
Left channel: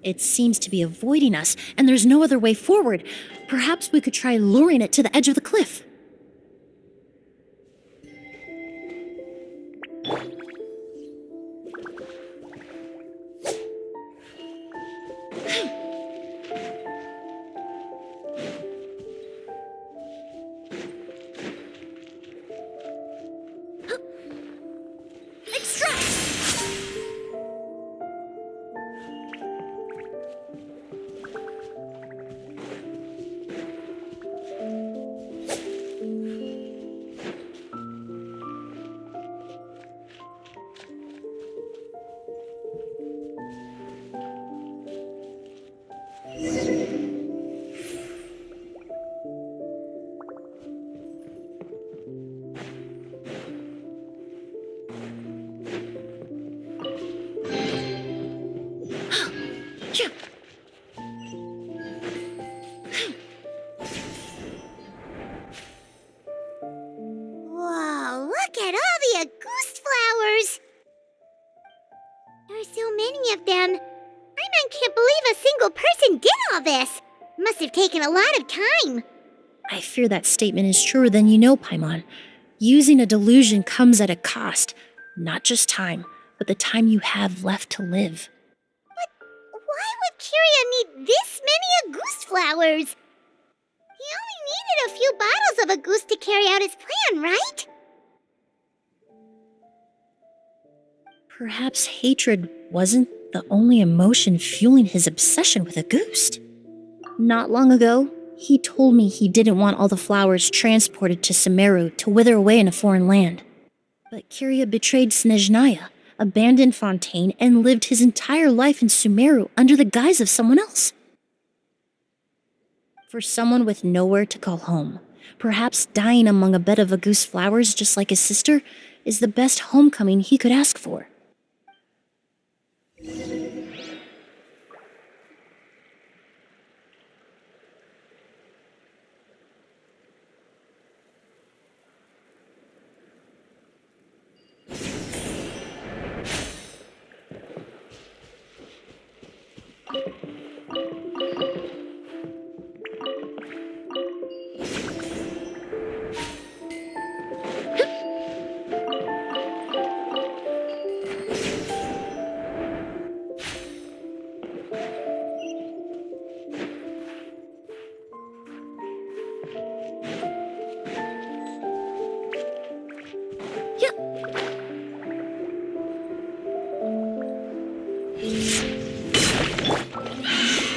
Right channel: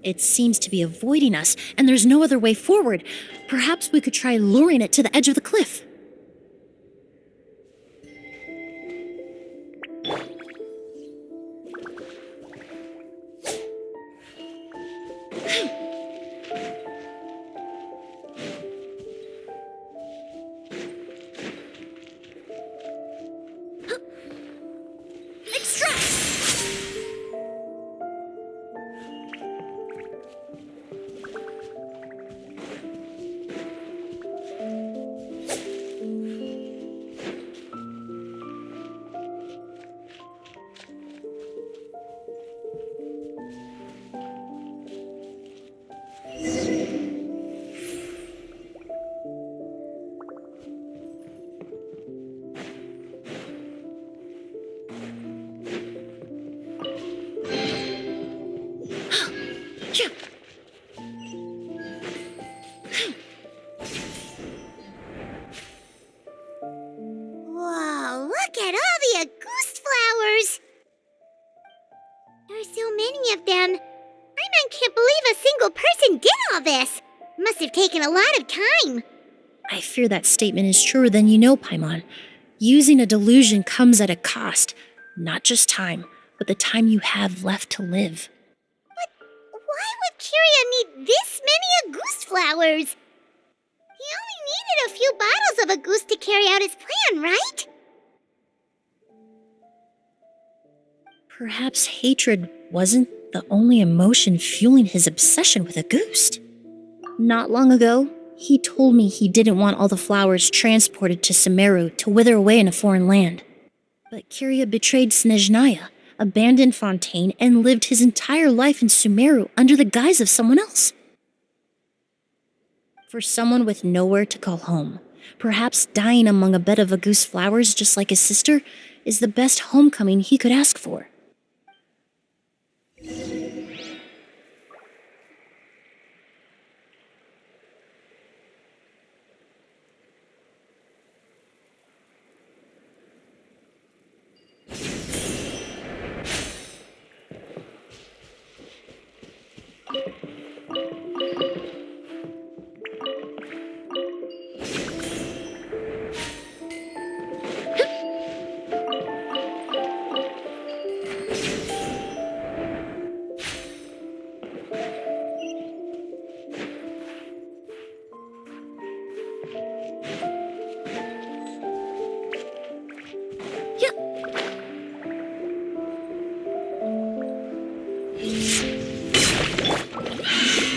It seems to be avoiding us, and there's no other way forward. Perhaps we could try luring it to the edge of the cliff. all this? Must have taken a lot of time. I fear that statement is truer than you know, Paimon. Using a delusion comes at a cost. Not just time, but the time you have left to live. Why would Kiria need this many Auguste flowers? He only needed a few bottles of Auguste to carry out his plan, right? Perhaps hatred wasn't the only emotion fueling his obsession with Auguste. Not long ago, he told me he didn't want all the flowers transported to Sumeru to wither away in a foreign land. But Kiria betrayed Snezhnaya, abandoned Fontaine, and lived his entire life in Sumeru under the guise of someone else. For someone with nowhere to call home, perhaps dying among a bed of Auguste flowers just like his sister is the best homecoming he could ask for.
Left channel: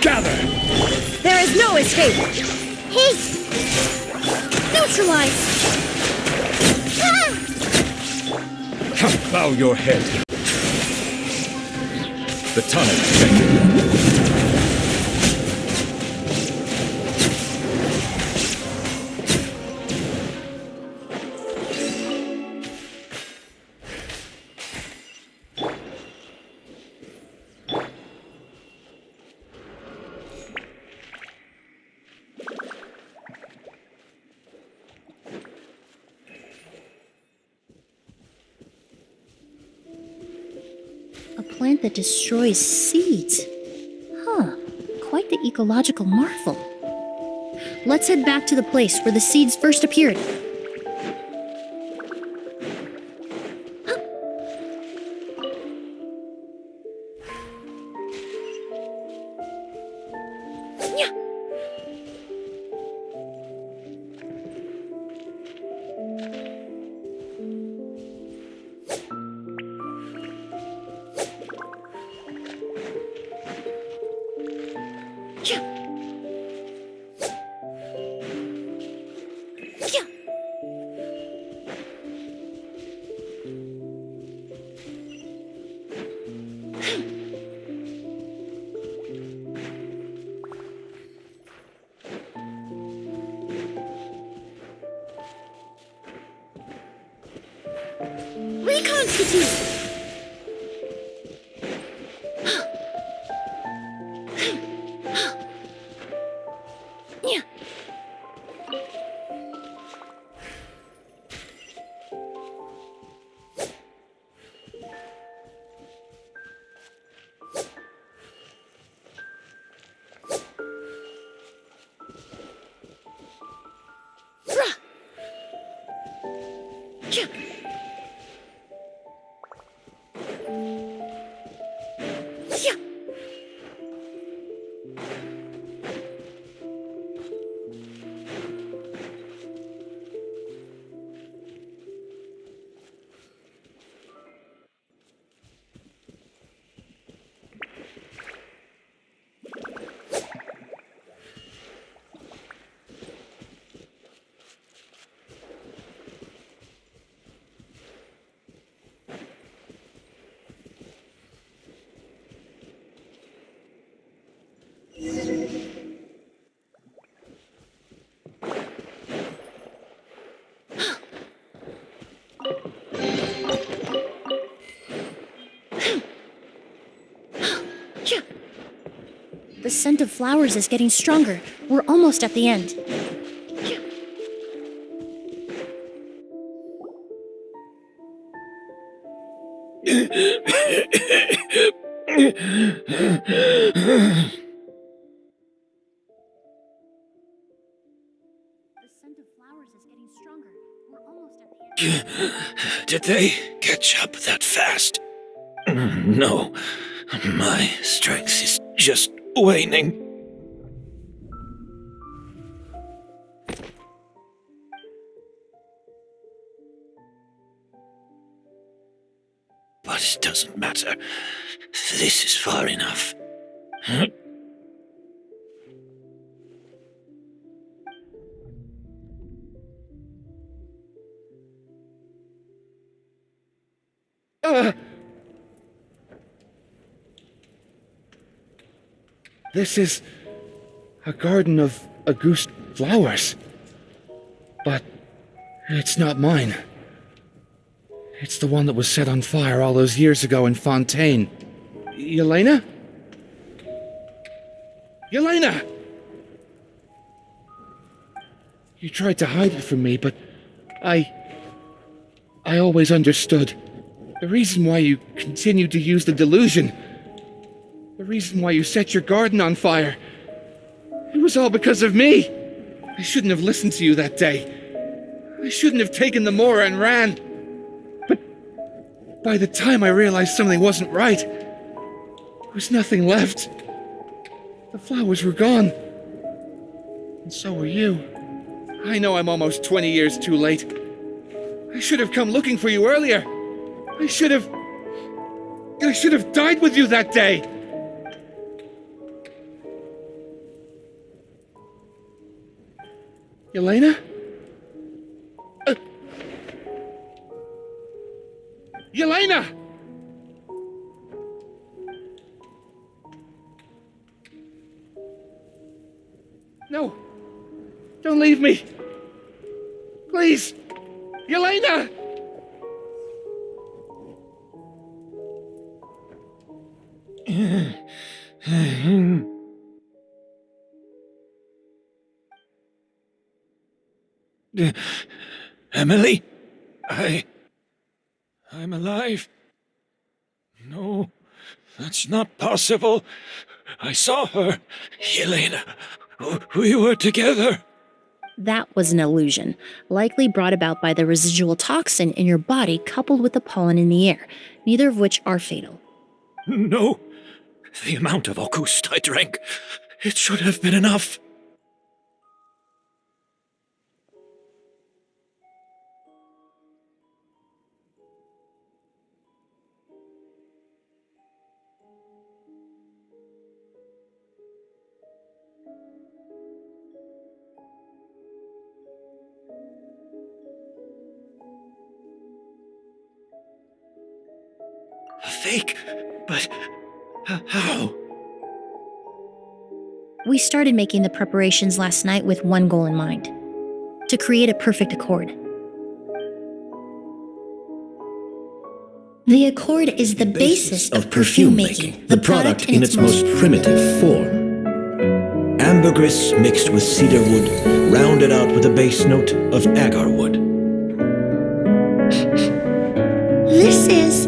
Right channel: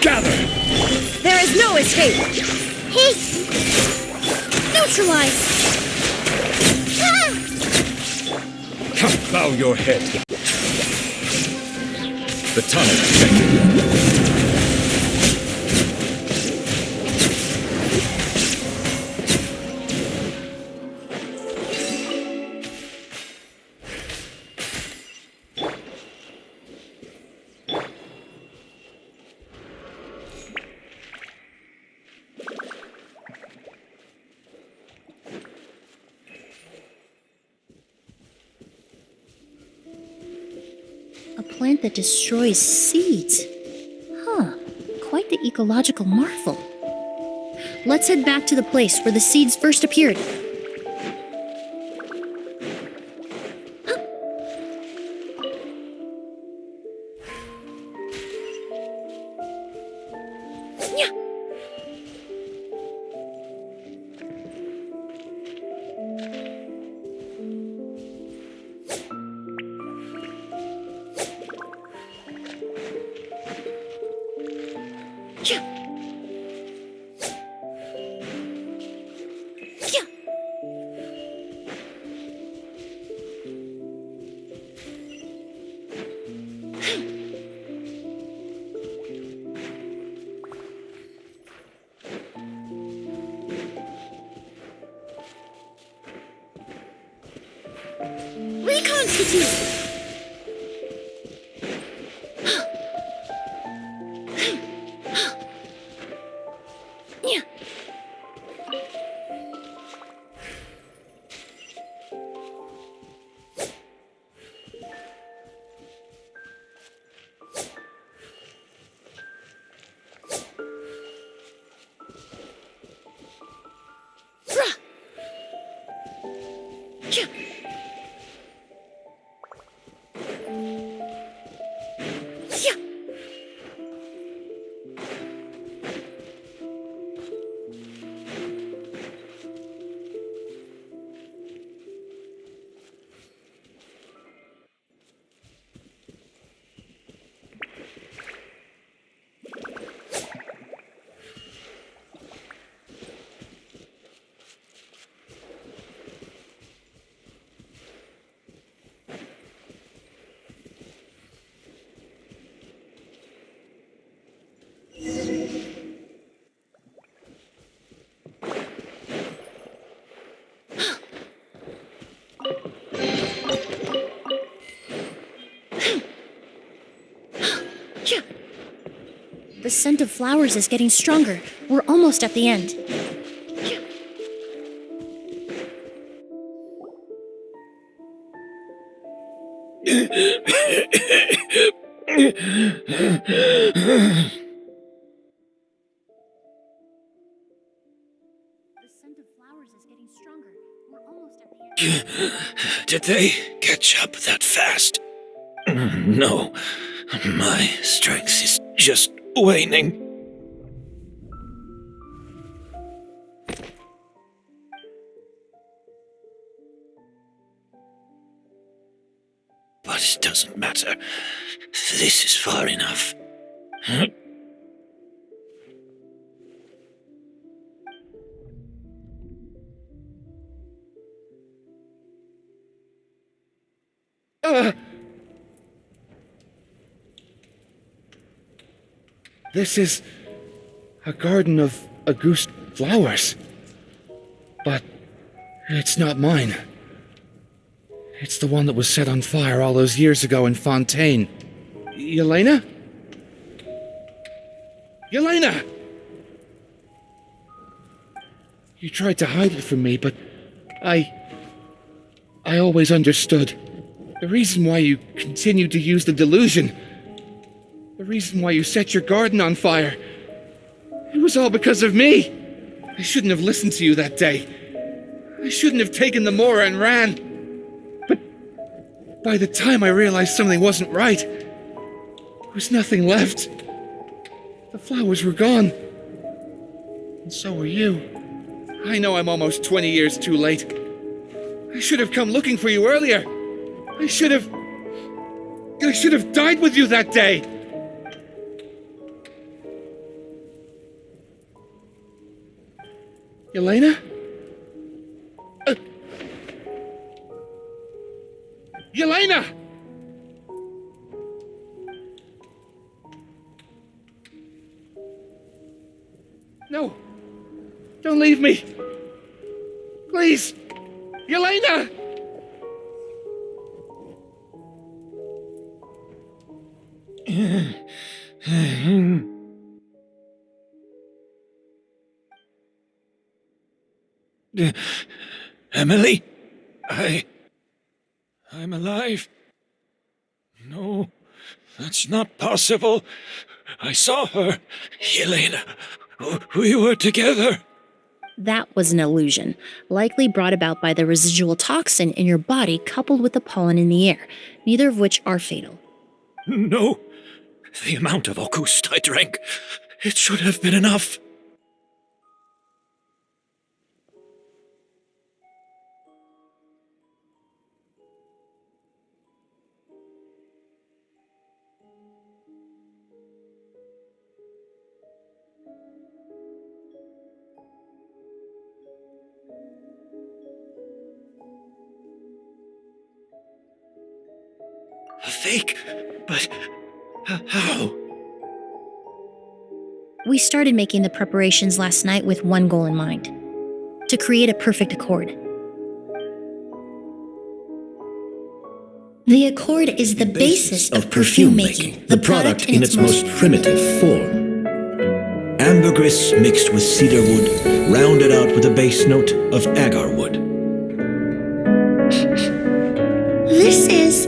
Gather! There is no escape! Hey! Neutralize! Bow your head. The tunnel detected. A plant that destroys seeds. Huh, quite the ecological marvel. Let's head back to the place where the seeds first appeared. Reconstitute! The scent of flowers is getting stronger. We're almost at the end. Did they catch up that fast? No, my strength is just waning. But it doesn't matter. This is far enough. This is a garden of Auguste flowers. But it's not mine. It's the one that was set on fire all those years ago in Fontaine. Yelena? Yelena! You tried to hide it from me, but I always understood. The reason why you continued to use the delusion, the reason why you set your garden on fire, it was all because of me. I shouldn't have listened to you that day. I shouldn't have taken the Mora and ran. But by the time I realized something wasn't right, there was nothing left. The flowers were gone. And so were you. I know I'm almost 20 years too late. I should have come looking for you earlier. I should have died with you that day. Yelena? Yelena! No. Don't leave me. Please. Yelena! Emilie? I'm alive. No, that's not possible. I saw her. Yelena, we were together. That was an illusion, likely brought about by the residual toxin in your body coupled with the pollen in the air, neither of which are fatal. No, the amount of Auguste I drank, it should have been enough. A fake? But how? We started making the preparations last night with one goal in mind: to create a perfect accord. The accord is the basis of perfume making, the product in its most primitive form. Ambergris mixed with cedarwood, rounded out with a base note of agarwood. This is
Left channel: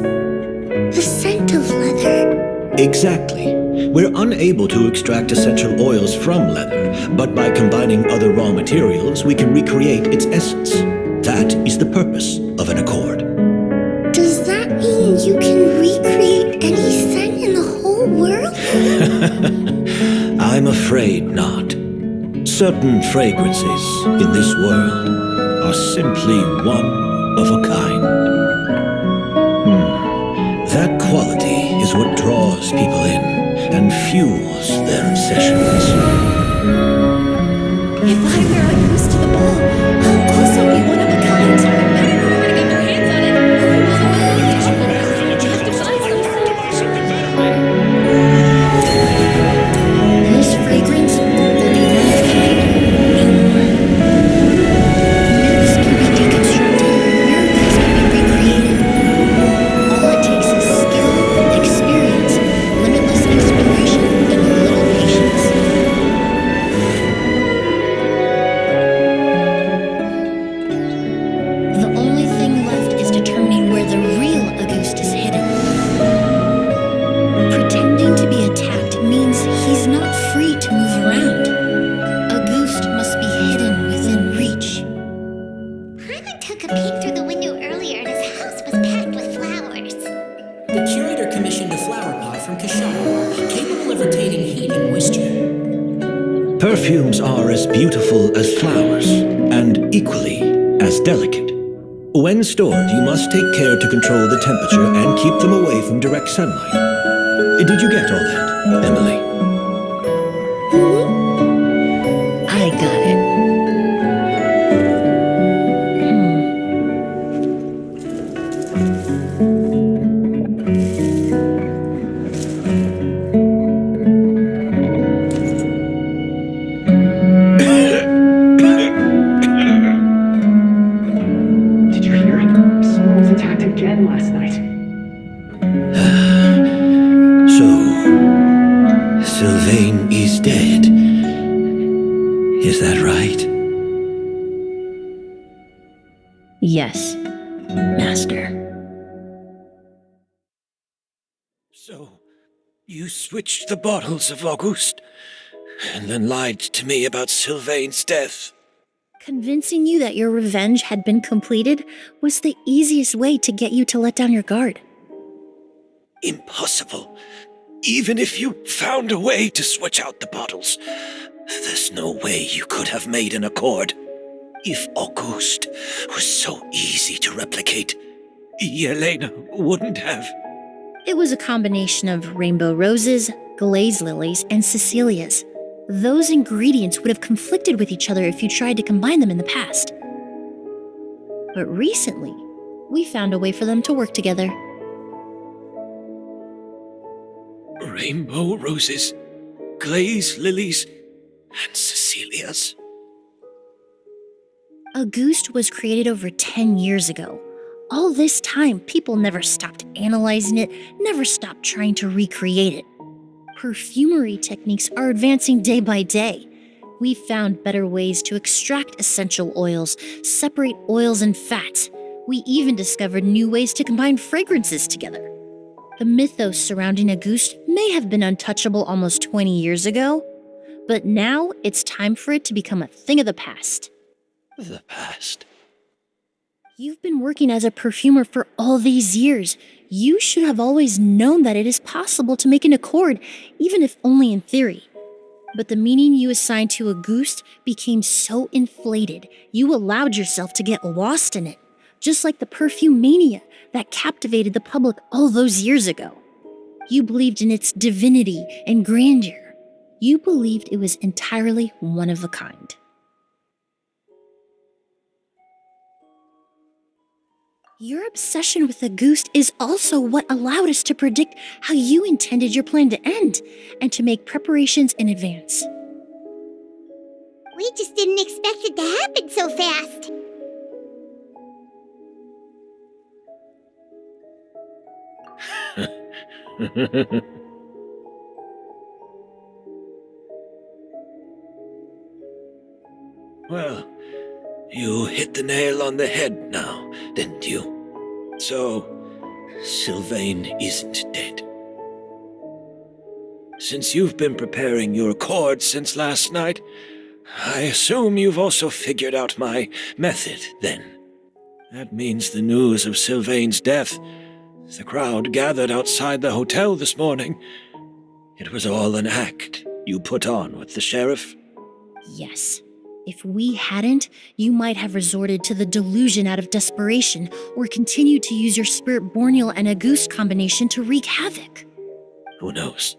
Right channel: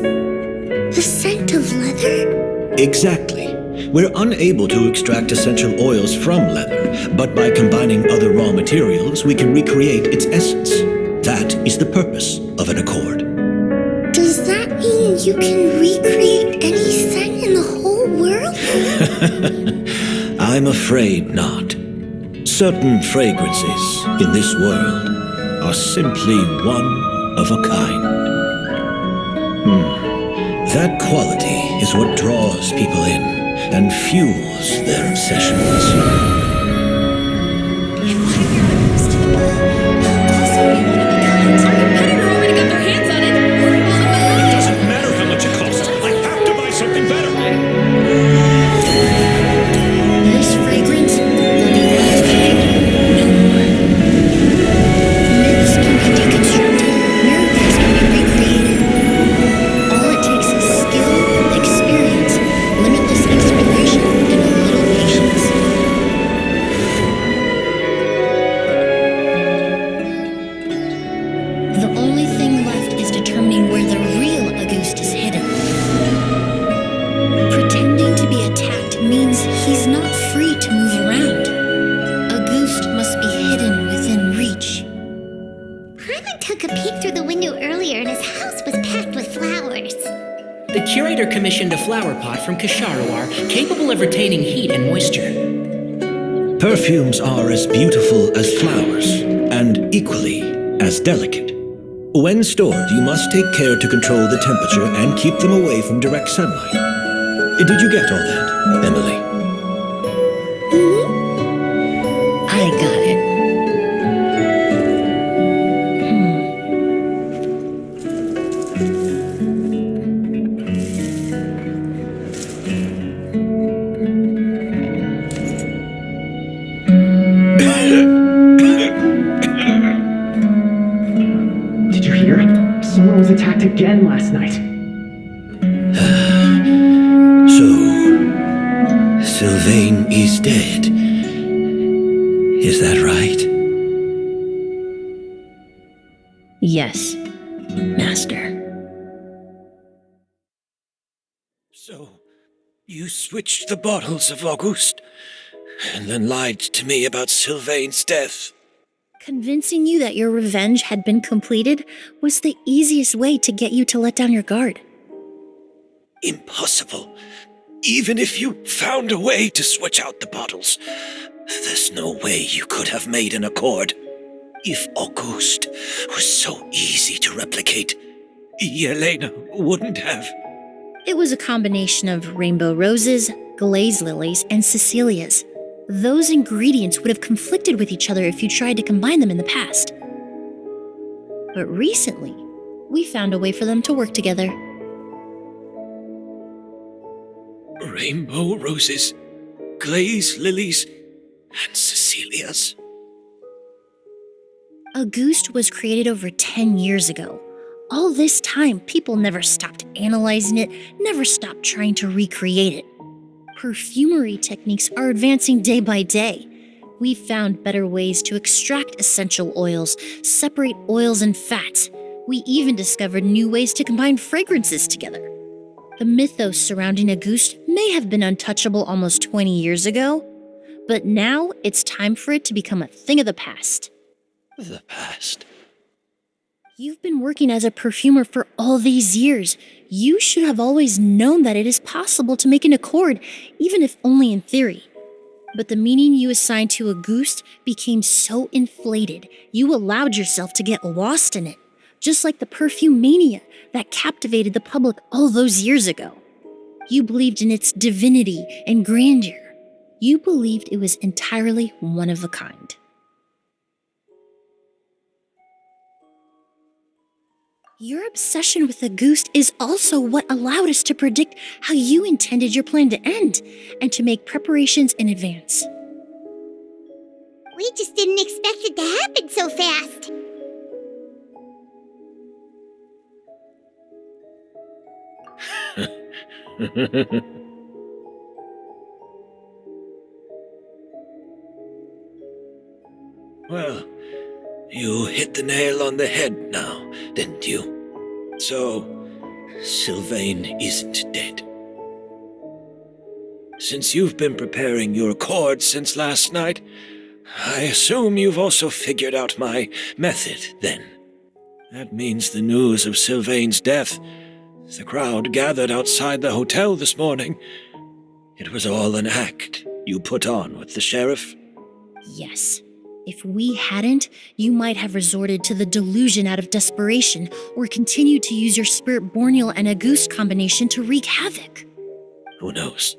the scent of leather? Exactly. We're unable to extract essential oils from leather, but by combining other raw materials, we can recreate its essence. That is the purpose of an accord. Does that mean you can recreate any scent in the whole world? I'm afraid not. Certain fragrances in this world are simply one of a kind. That quality is what draws people in and fuels their obsessions. If I wear a goose to the ball, I'll also be one of a kind. Our competitor already got their hands on it. It doesn't matter how much it costs. I have to buy something better. This fragrance will be one of a kind, no more. Myths can be deconstructed, miracles can be recreated. All it takes is skill, experience, limitless exploration, and a little patience. The only thing left is determining where the real Auguste is hidden. Pretending to be attacked means he's not free to move around. Auguste must be hidden within reach. Paimon took a peek through the window earlier and his house was packed with flowers. The curator commissioned a flower pot from Kasharuar capable of retaining heat and moisture. Perfumes are as beautiful as flowers, and equally as delicate. When stored, you must take care to control the temperature and keep them away from direct sunlight. Did you get all that, Emilie? I got it. Did you hear? Someone was attacked again last night. So, Sylvain is dead. Is that right? Yes, Master. So, you switched the bottles of Auguste, and then lied to me about Sylvain's death. Convincing you that your revenge had been completed was the easiest way to get you to let down your guard. Impossible. Even if you found a way to switch out the bottles, there's no way you could have made an accord. If Auguste was so easy to replicate, Yelena wouldn't have. It was a combination of rainbow roses, glaze lilies, and Cecilias. Those ingredients would have conflicted with each other if you tried to combine them in the past. But recently, we found a way for them to work together. Rainbow roses, glaze lilies, and Cecilias. Auguste was created over 10 years ago. All this time, people never stopped analyzing it, never stopped trying to recreate it. Perfumery techniques are advancing day by day. We've found better ways to extract essential oils, separate oils and fats. We even discovered new ways to combine fragrances together. The mythos surrounding Auguste may have been untouchable almost 20 years ago, but now it's time for it to become a thing of the past. The past? You've been working as a perfumer for all these years. You should have always known that it is possible to make an accord, even if only in theory. But the meaning you assigned to Auguste became so inflated, you allowed yourself to get lost in it, just like the perfume mania that captivated the public all those years ago. You believed in its divinity and grandeur. You believed it was entirely one of a kind. Your obsession with Auguste is also what allowed us to predict how you intended your plan to end, and to make preparations in advance. We just didn't expect it to happen so fast. Well, you hit the nail on the head now, didn't you? So, Sylvain isn't dead. Since you've been preparing your accord since last night, I assume you've also figured out my method, then. That means the news of Sylvain's death, the crowd gathered outside the hotel this morning, it was all an act you put on with the sheriff? Yes. If we hadn't, you might have resorted to the delusion out of desperation, or continued to use your Spirit Borneal and Auguste combination to wreak havoc. Who knows?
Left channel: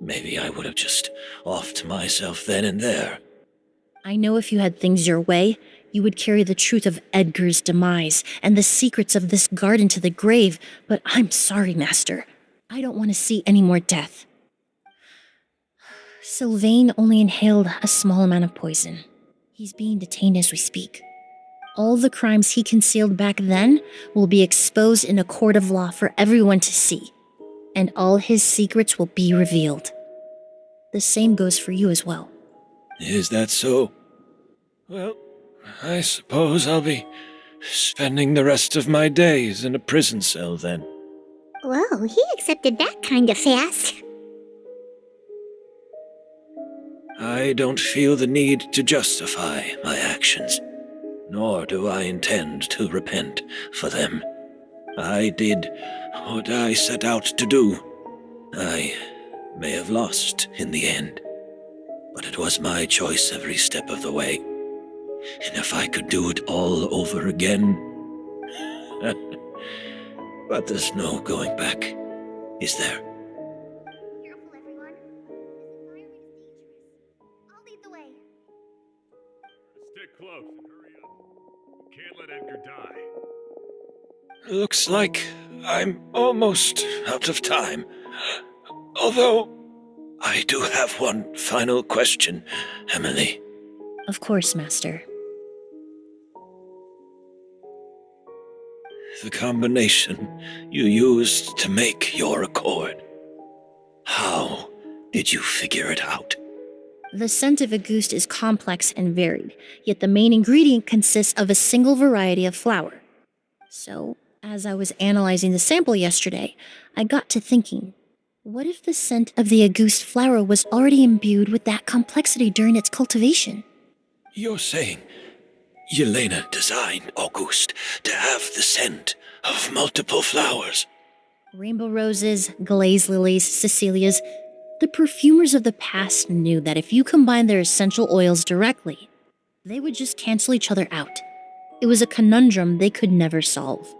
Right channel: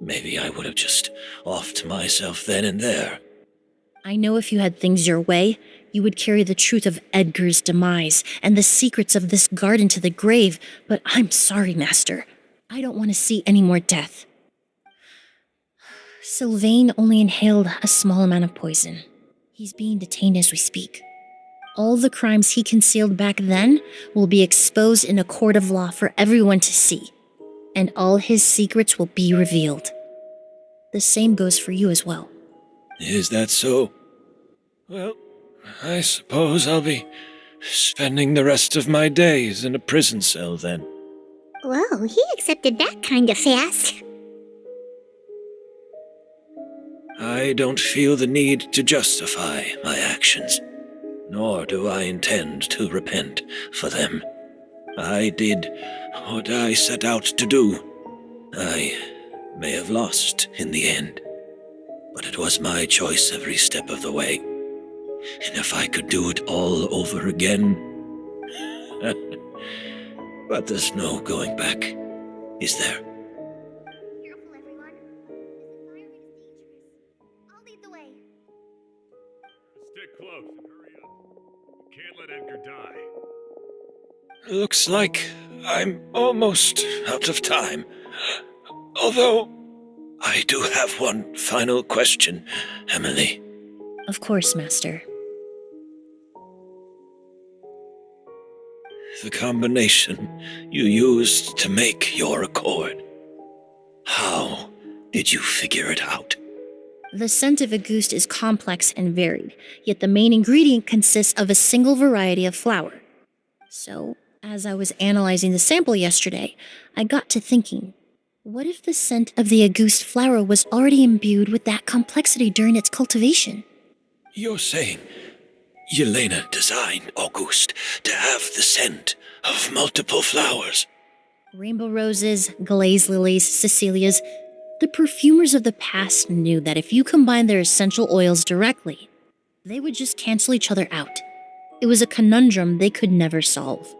Maybe I would have just offed myself then and there. I know if you had things your way, you would carry the truth of Edgar's demise and the secrets of this garden to the grave, but I'm sorry, Master. I don't want to see any more death. Sylvain only inhaled a small amount of poison. He's being detained as we speak. All the crimes he concealed back then will be exposed in a court of law for everyone to see, and all his secrets will be revealed. The same goes for you as well. Is that so? Well, I suppose I'll be spending the rest of my days in a prison cell then. Whoa, he accepted that kind of fast. I don't feel the need to justify my actions. nor do I intend to repent for them. I did what I set out to do. I may have lost in the end, but it was my choice every step of the way. And if I could do it all over again... But there's no going back, is there? Careful, everyone. This environment is dangerous. I'll lead the way. Stick close and hurry up. We can't let Edgar die. Looks like I'm almost out of time. Although, I do have one final question, Emilie. Of course, Master. The combination you used to make your accord. How did you figure it out? The scent of Auguste is complex and varied, yet the main ingredient consists of a single variety of flower. So, as I was analyzing the sample yesterday, I got to thinking, what if the scent of the Auguste flower was already imbued with that complexity during its cultivation? You're saying Yelena designed Auguste to have the scent of multiple flowers. Rainbow roses, glaze lilies, Cecilias. The perfumers of the past knew that if you combined their essential oils directly, they would just cancel each other out. It was a conundrum they could never solve.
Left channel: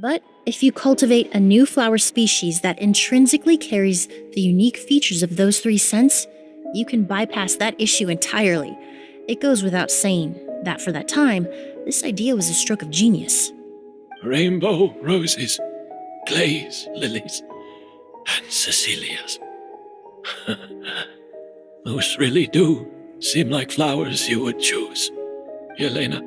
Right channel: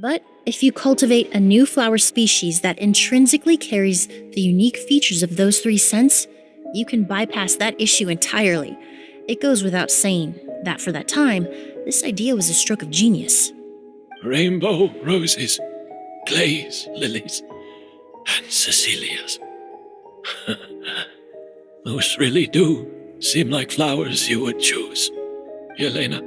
But if you cultivate a new flower species that intrinsically carries the unique features of those three scents, you can bypass that issue entirely. It goes without saying that for that time, this idea was a stroke of genius. Rainbow roses, glaze lilies, and Cecilias. Those really do seem like flowers you would choose, Yelena.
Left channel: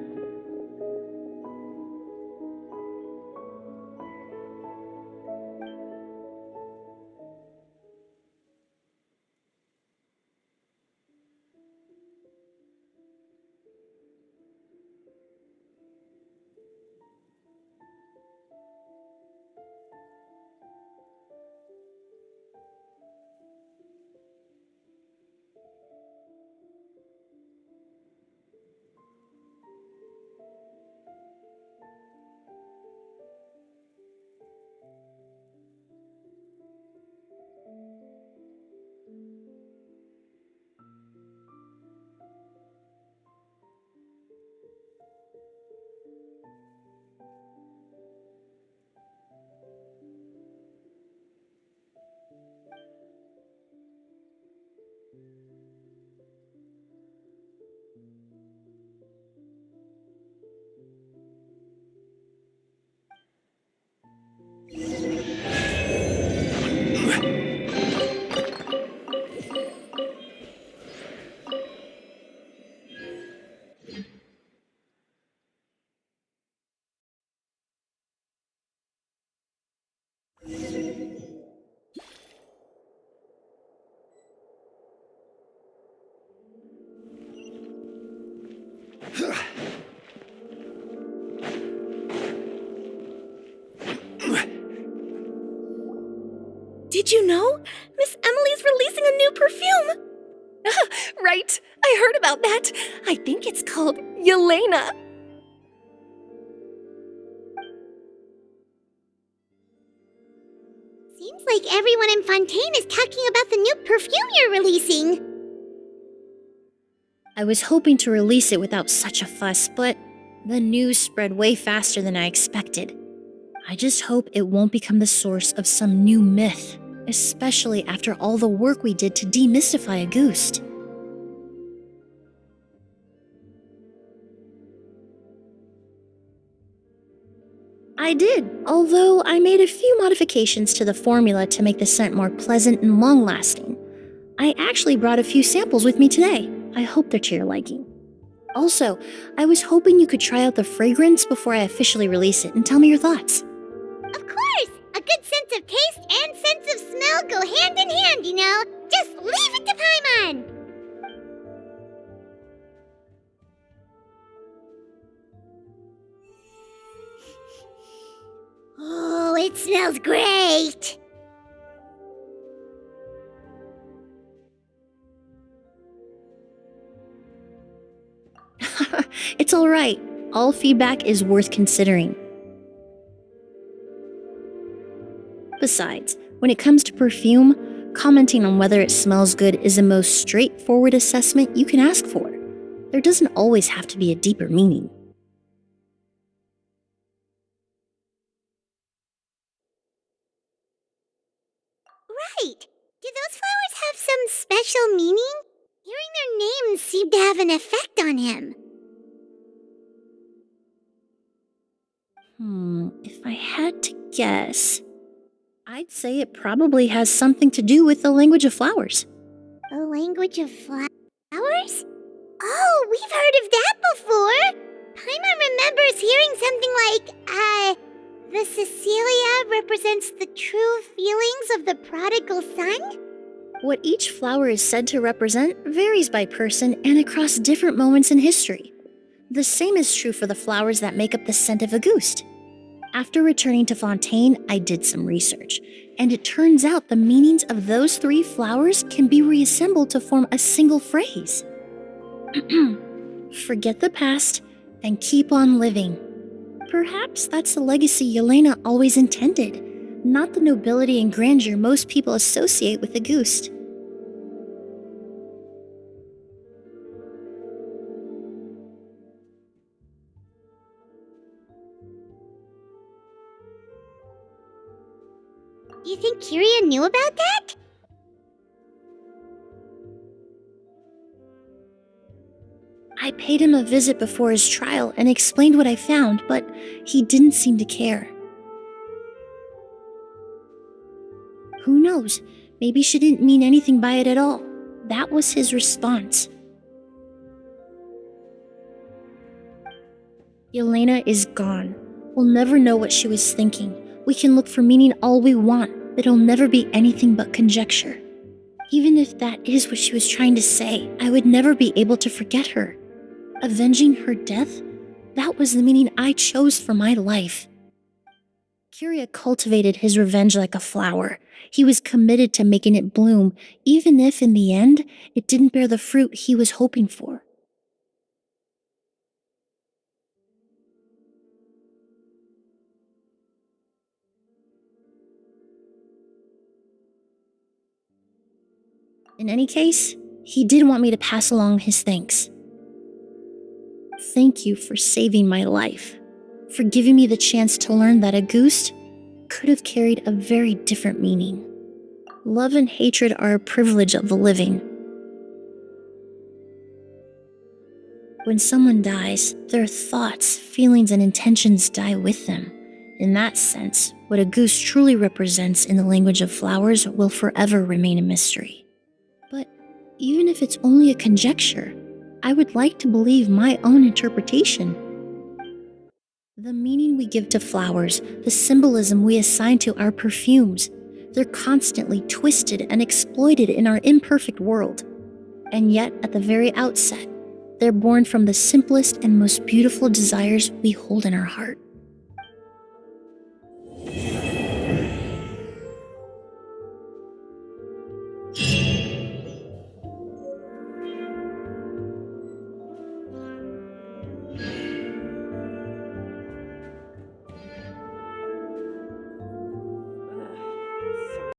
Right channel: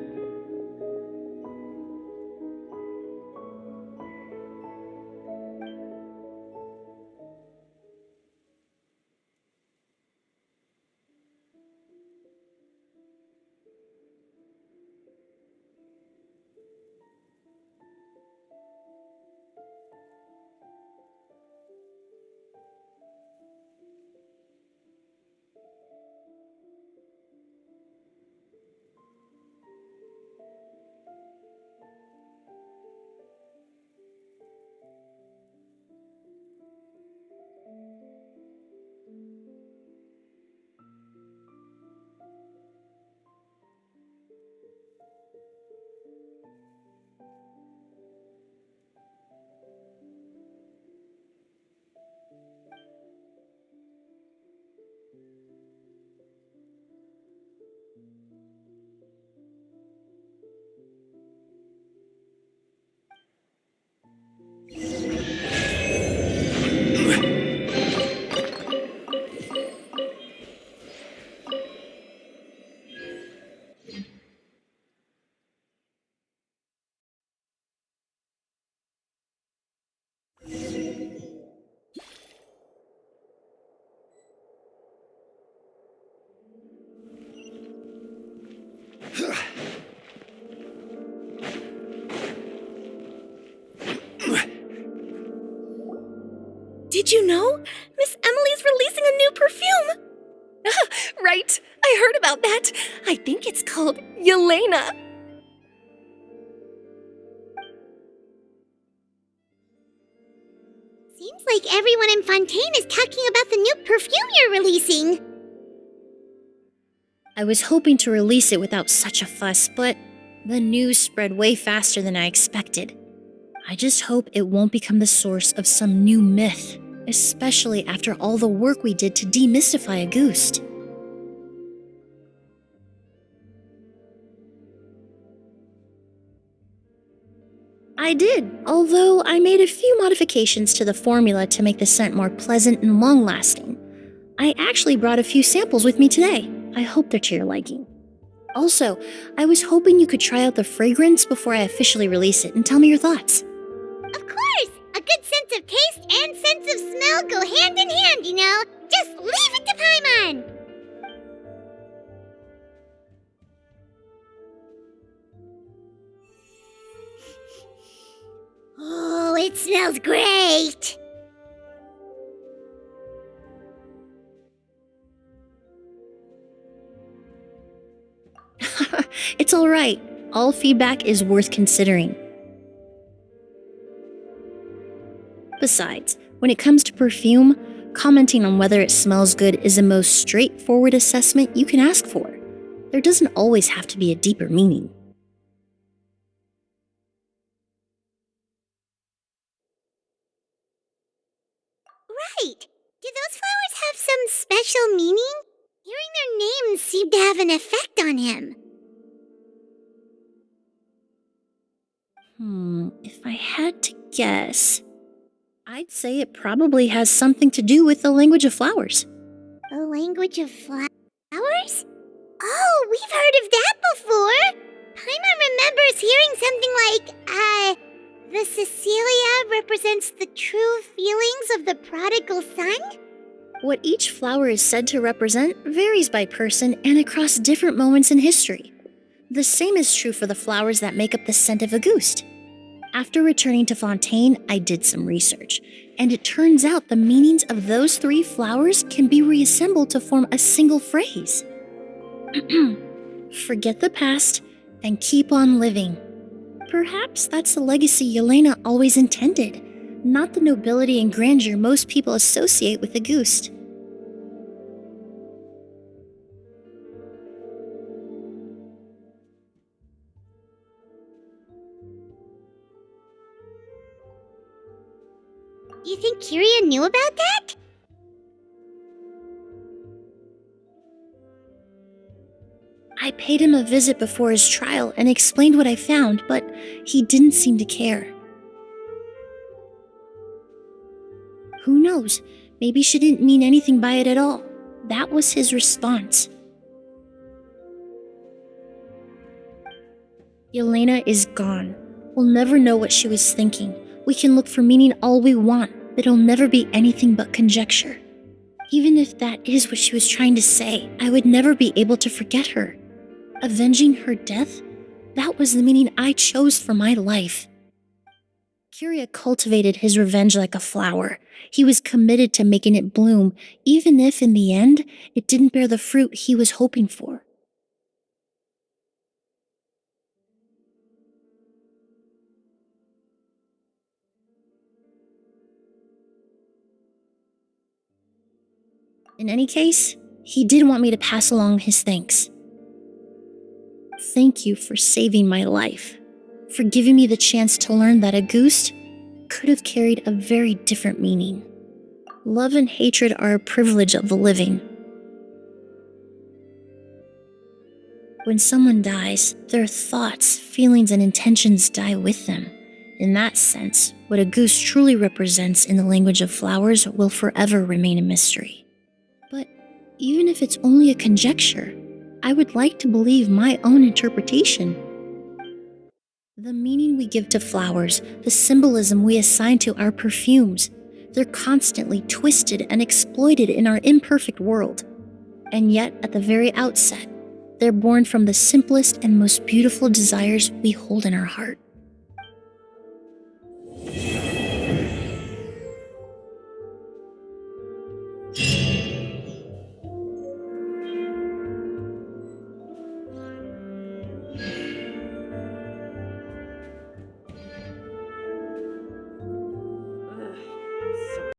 Did you know? Miss Emily's releasing a new perfume! Right, I heard about that. I think it's called Yelena. Seems like everyone in Fontaine is talking about the new perfume you're releasing. I was hoping to release it without such a fuss, but the news spread way faster than I expected. I just hope it won't become the source of some new myth, especially after all the work we did to demystify Auguste. I did, although I made a few modifications to the formula to make the scent more pleasant and long-lasting. I actually brought a few samples with me today. I hope they're to your liking. Also, I was hoping you could try out the fragrance before I officially release it and tell me your thoughts. Of course! A good sense of taste and sense of smell go hand in hand, you know. Just leave it to Paimon! Oh, it smells great! It's all right. all feedback is worth considering. Besides, when it comes to perfume, commenting on whether it smells good is the most straightforward assessment you can ask for. There doesn't always have to be a deeper meaning. Right. Do those flowers have some special meaning? Hearing their names seemed to have an effect on him. If I had to guess, I'd say it probably has something to do with the language of flowers. The language of flowers? Oh, we've heard of that before. Paimon remembers hearing something like, the Cecilia represents the true feelings of the prodigal son? What each flower is said to represent varies by person and across different moments in history. The same is true for the flowers that make up the scent of Auguste. After returning to Fontaine, I did some research, and it turns out the meanings of those 3 flowers can be reassembled to form a single phrase. Forget the past and keep on living. Perhaps that's the legacy Yelena always intended, not the nobility and grandeur most people associate with Auguste. Do you think Kyria knew about that? I paid him a visit before his trial and explained what I found, but he didn't seem to care. Who knows? Maybe she didn't mean anything by it at all. That was his response. Yelena is gone. We'll never know what she was thinking. We can look for meaning all we want, but it'll never be anything but conjecture. Even if that is what she was trying to say, I would never be able to forget her. Avenging her death? That was the meaning I chose for my life. Kyria cultivated his revenge like a flower. He was committed to making it bloom, even if in the end, it didn't bear the fruit he was hoping for. In any case, he did want me to pass along his thanks. Thank you for saving my life, for giving me the chance to learn that Auguste could have carried a very different meaning. Love and hatred are a privilege of the living. When someone dies, their thoughts, feelings, and intentions die with them. In that sense, what Auguste truly represents in the language of flowers will forever remain a mystery. But even if it's only a conjecture, I would like to believe my own interpretation. The meaning we give to flowers, the symbolism we assign to our perfumes, they're constantly twisted and exploited in our imperfect world. And yet, at the very outset, they're born from the simplest and most beautiful desires we hold in our heart.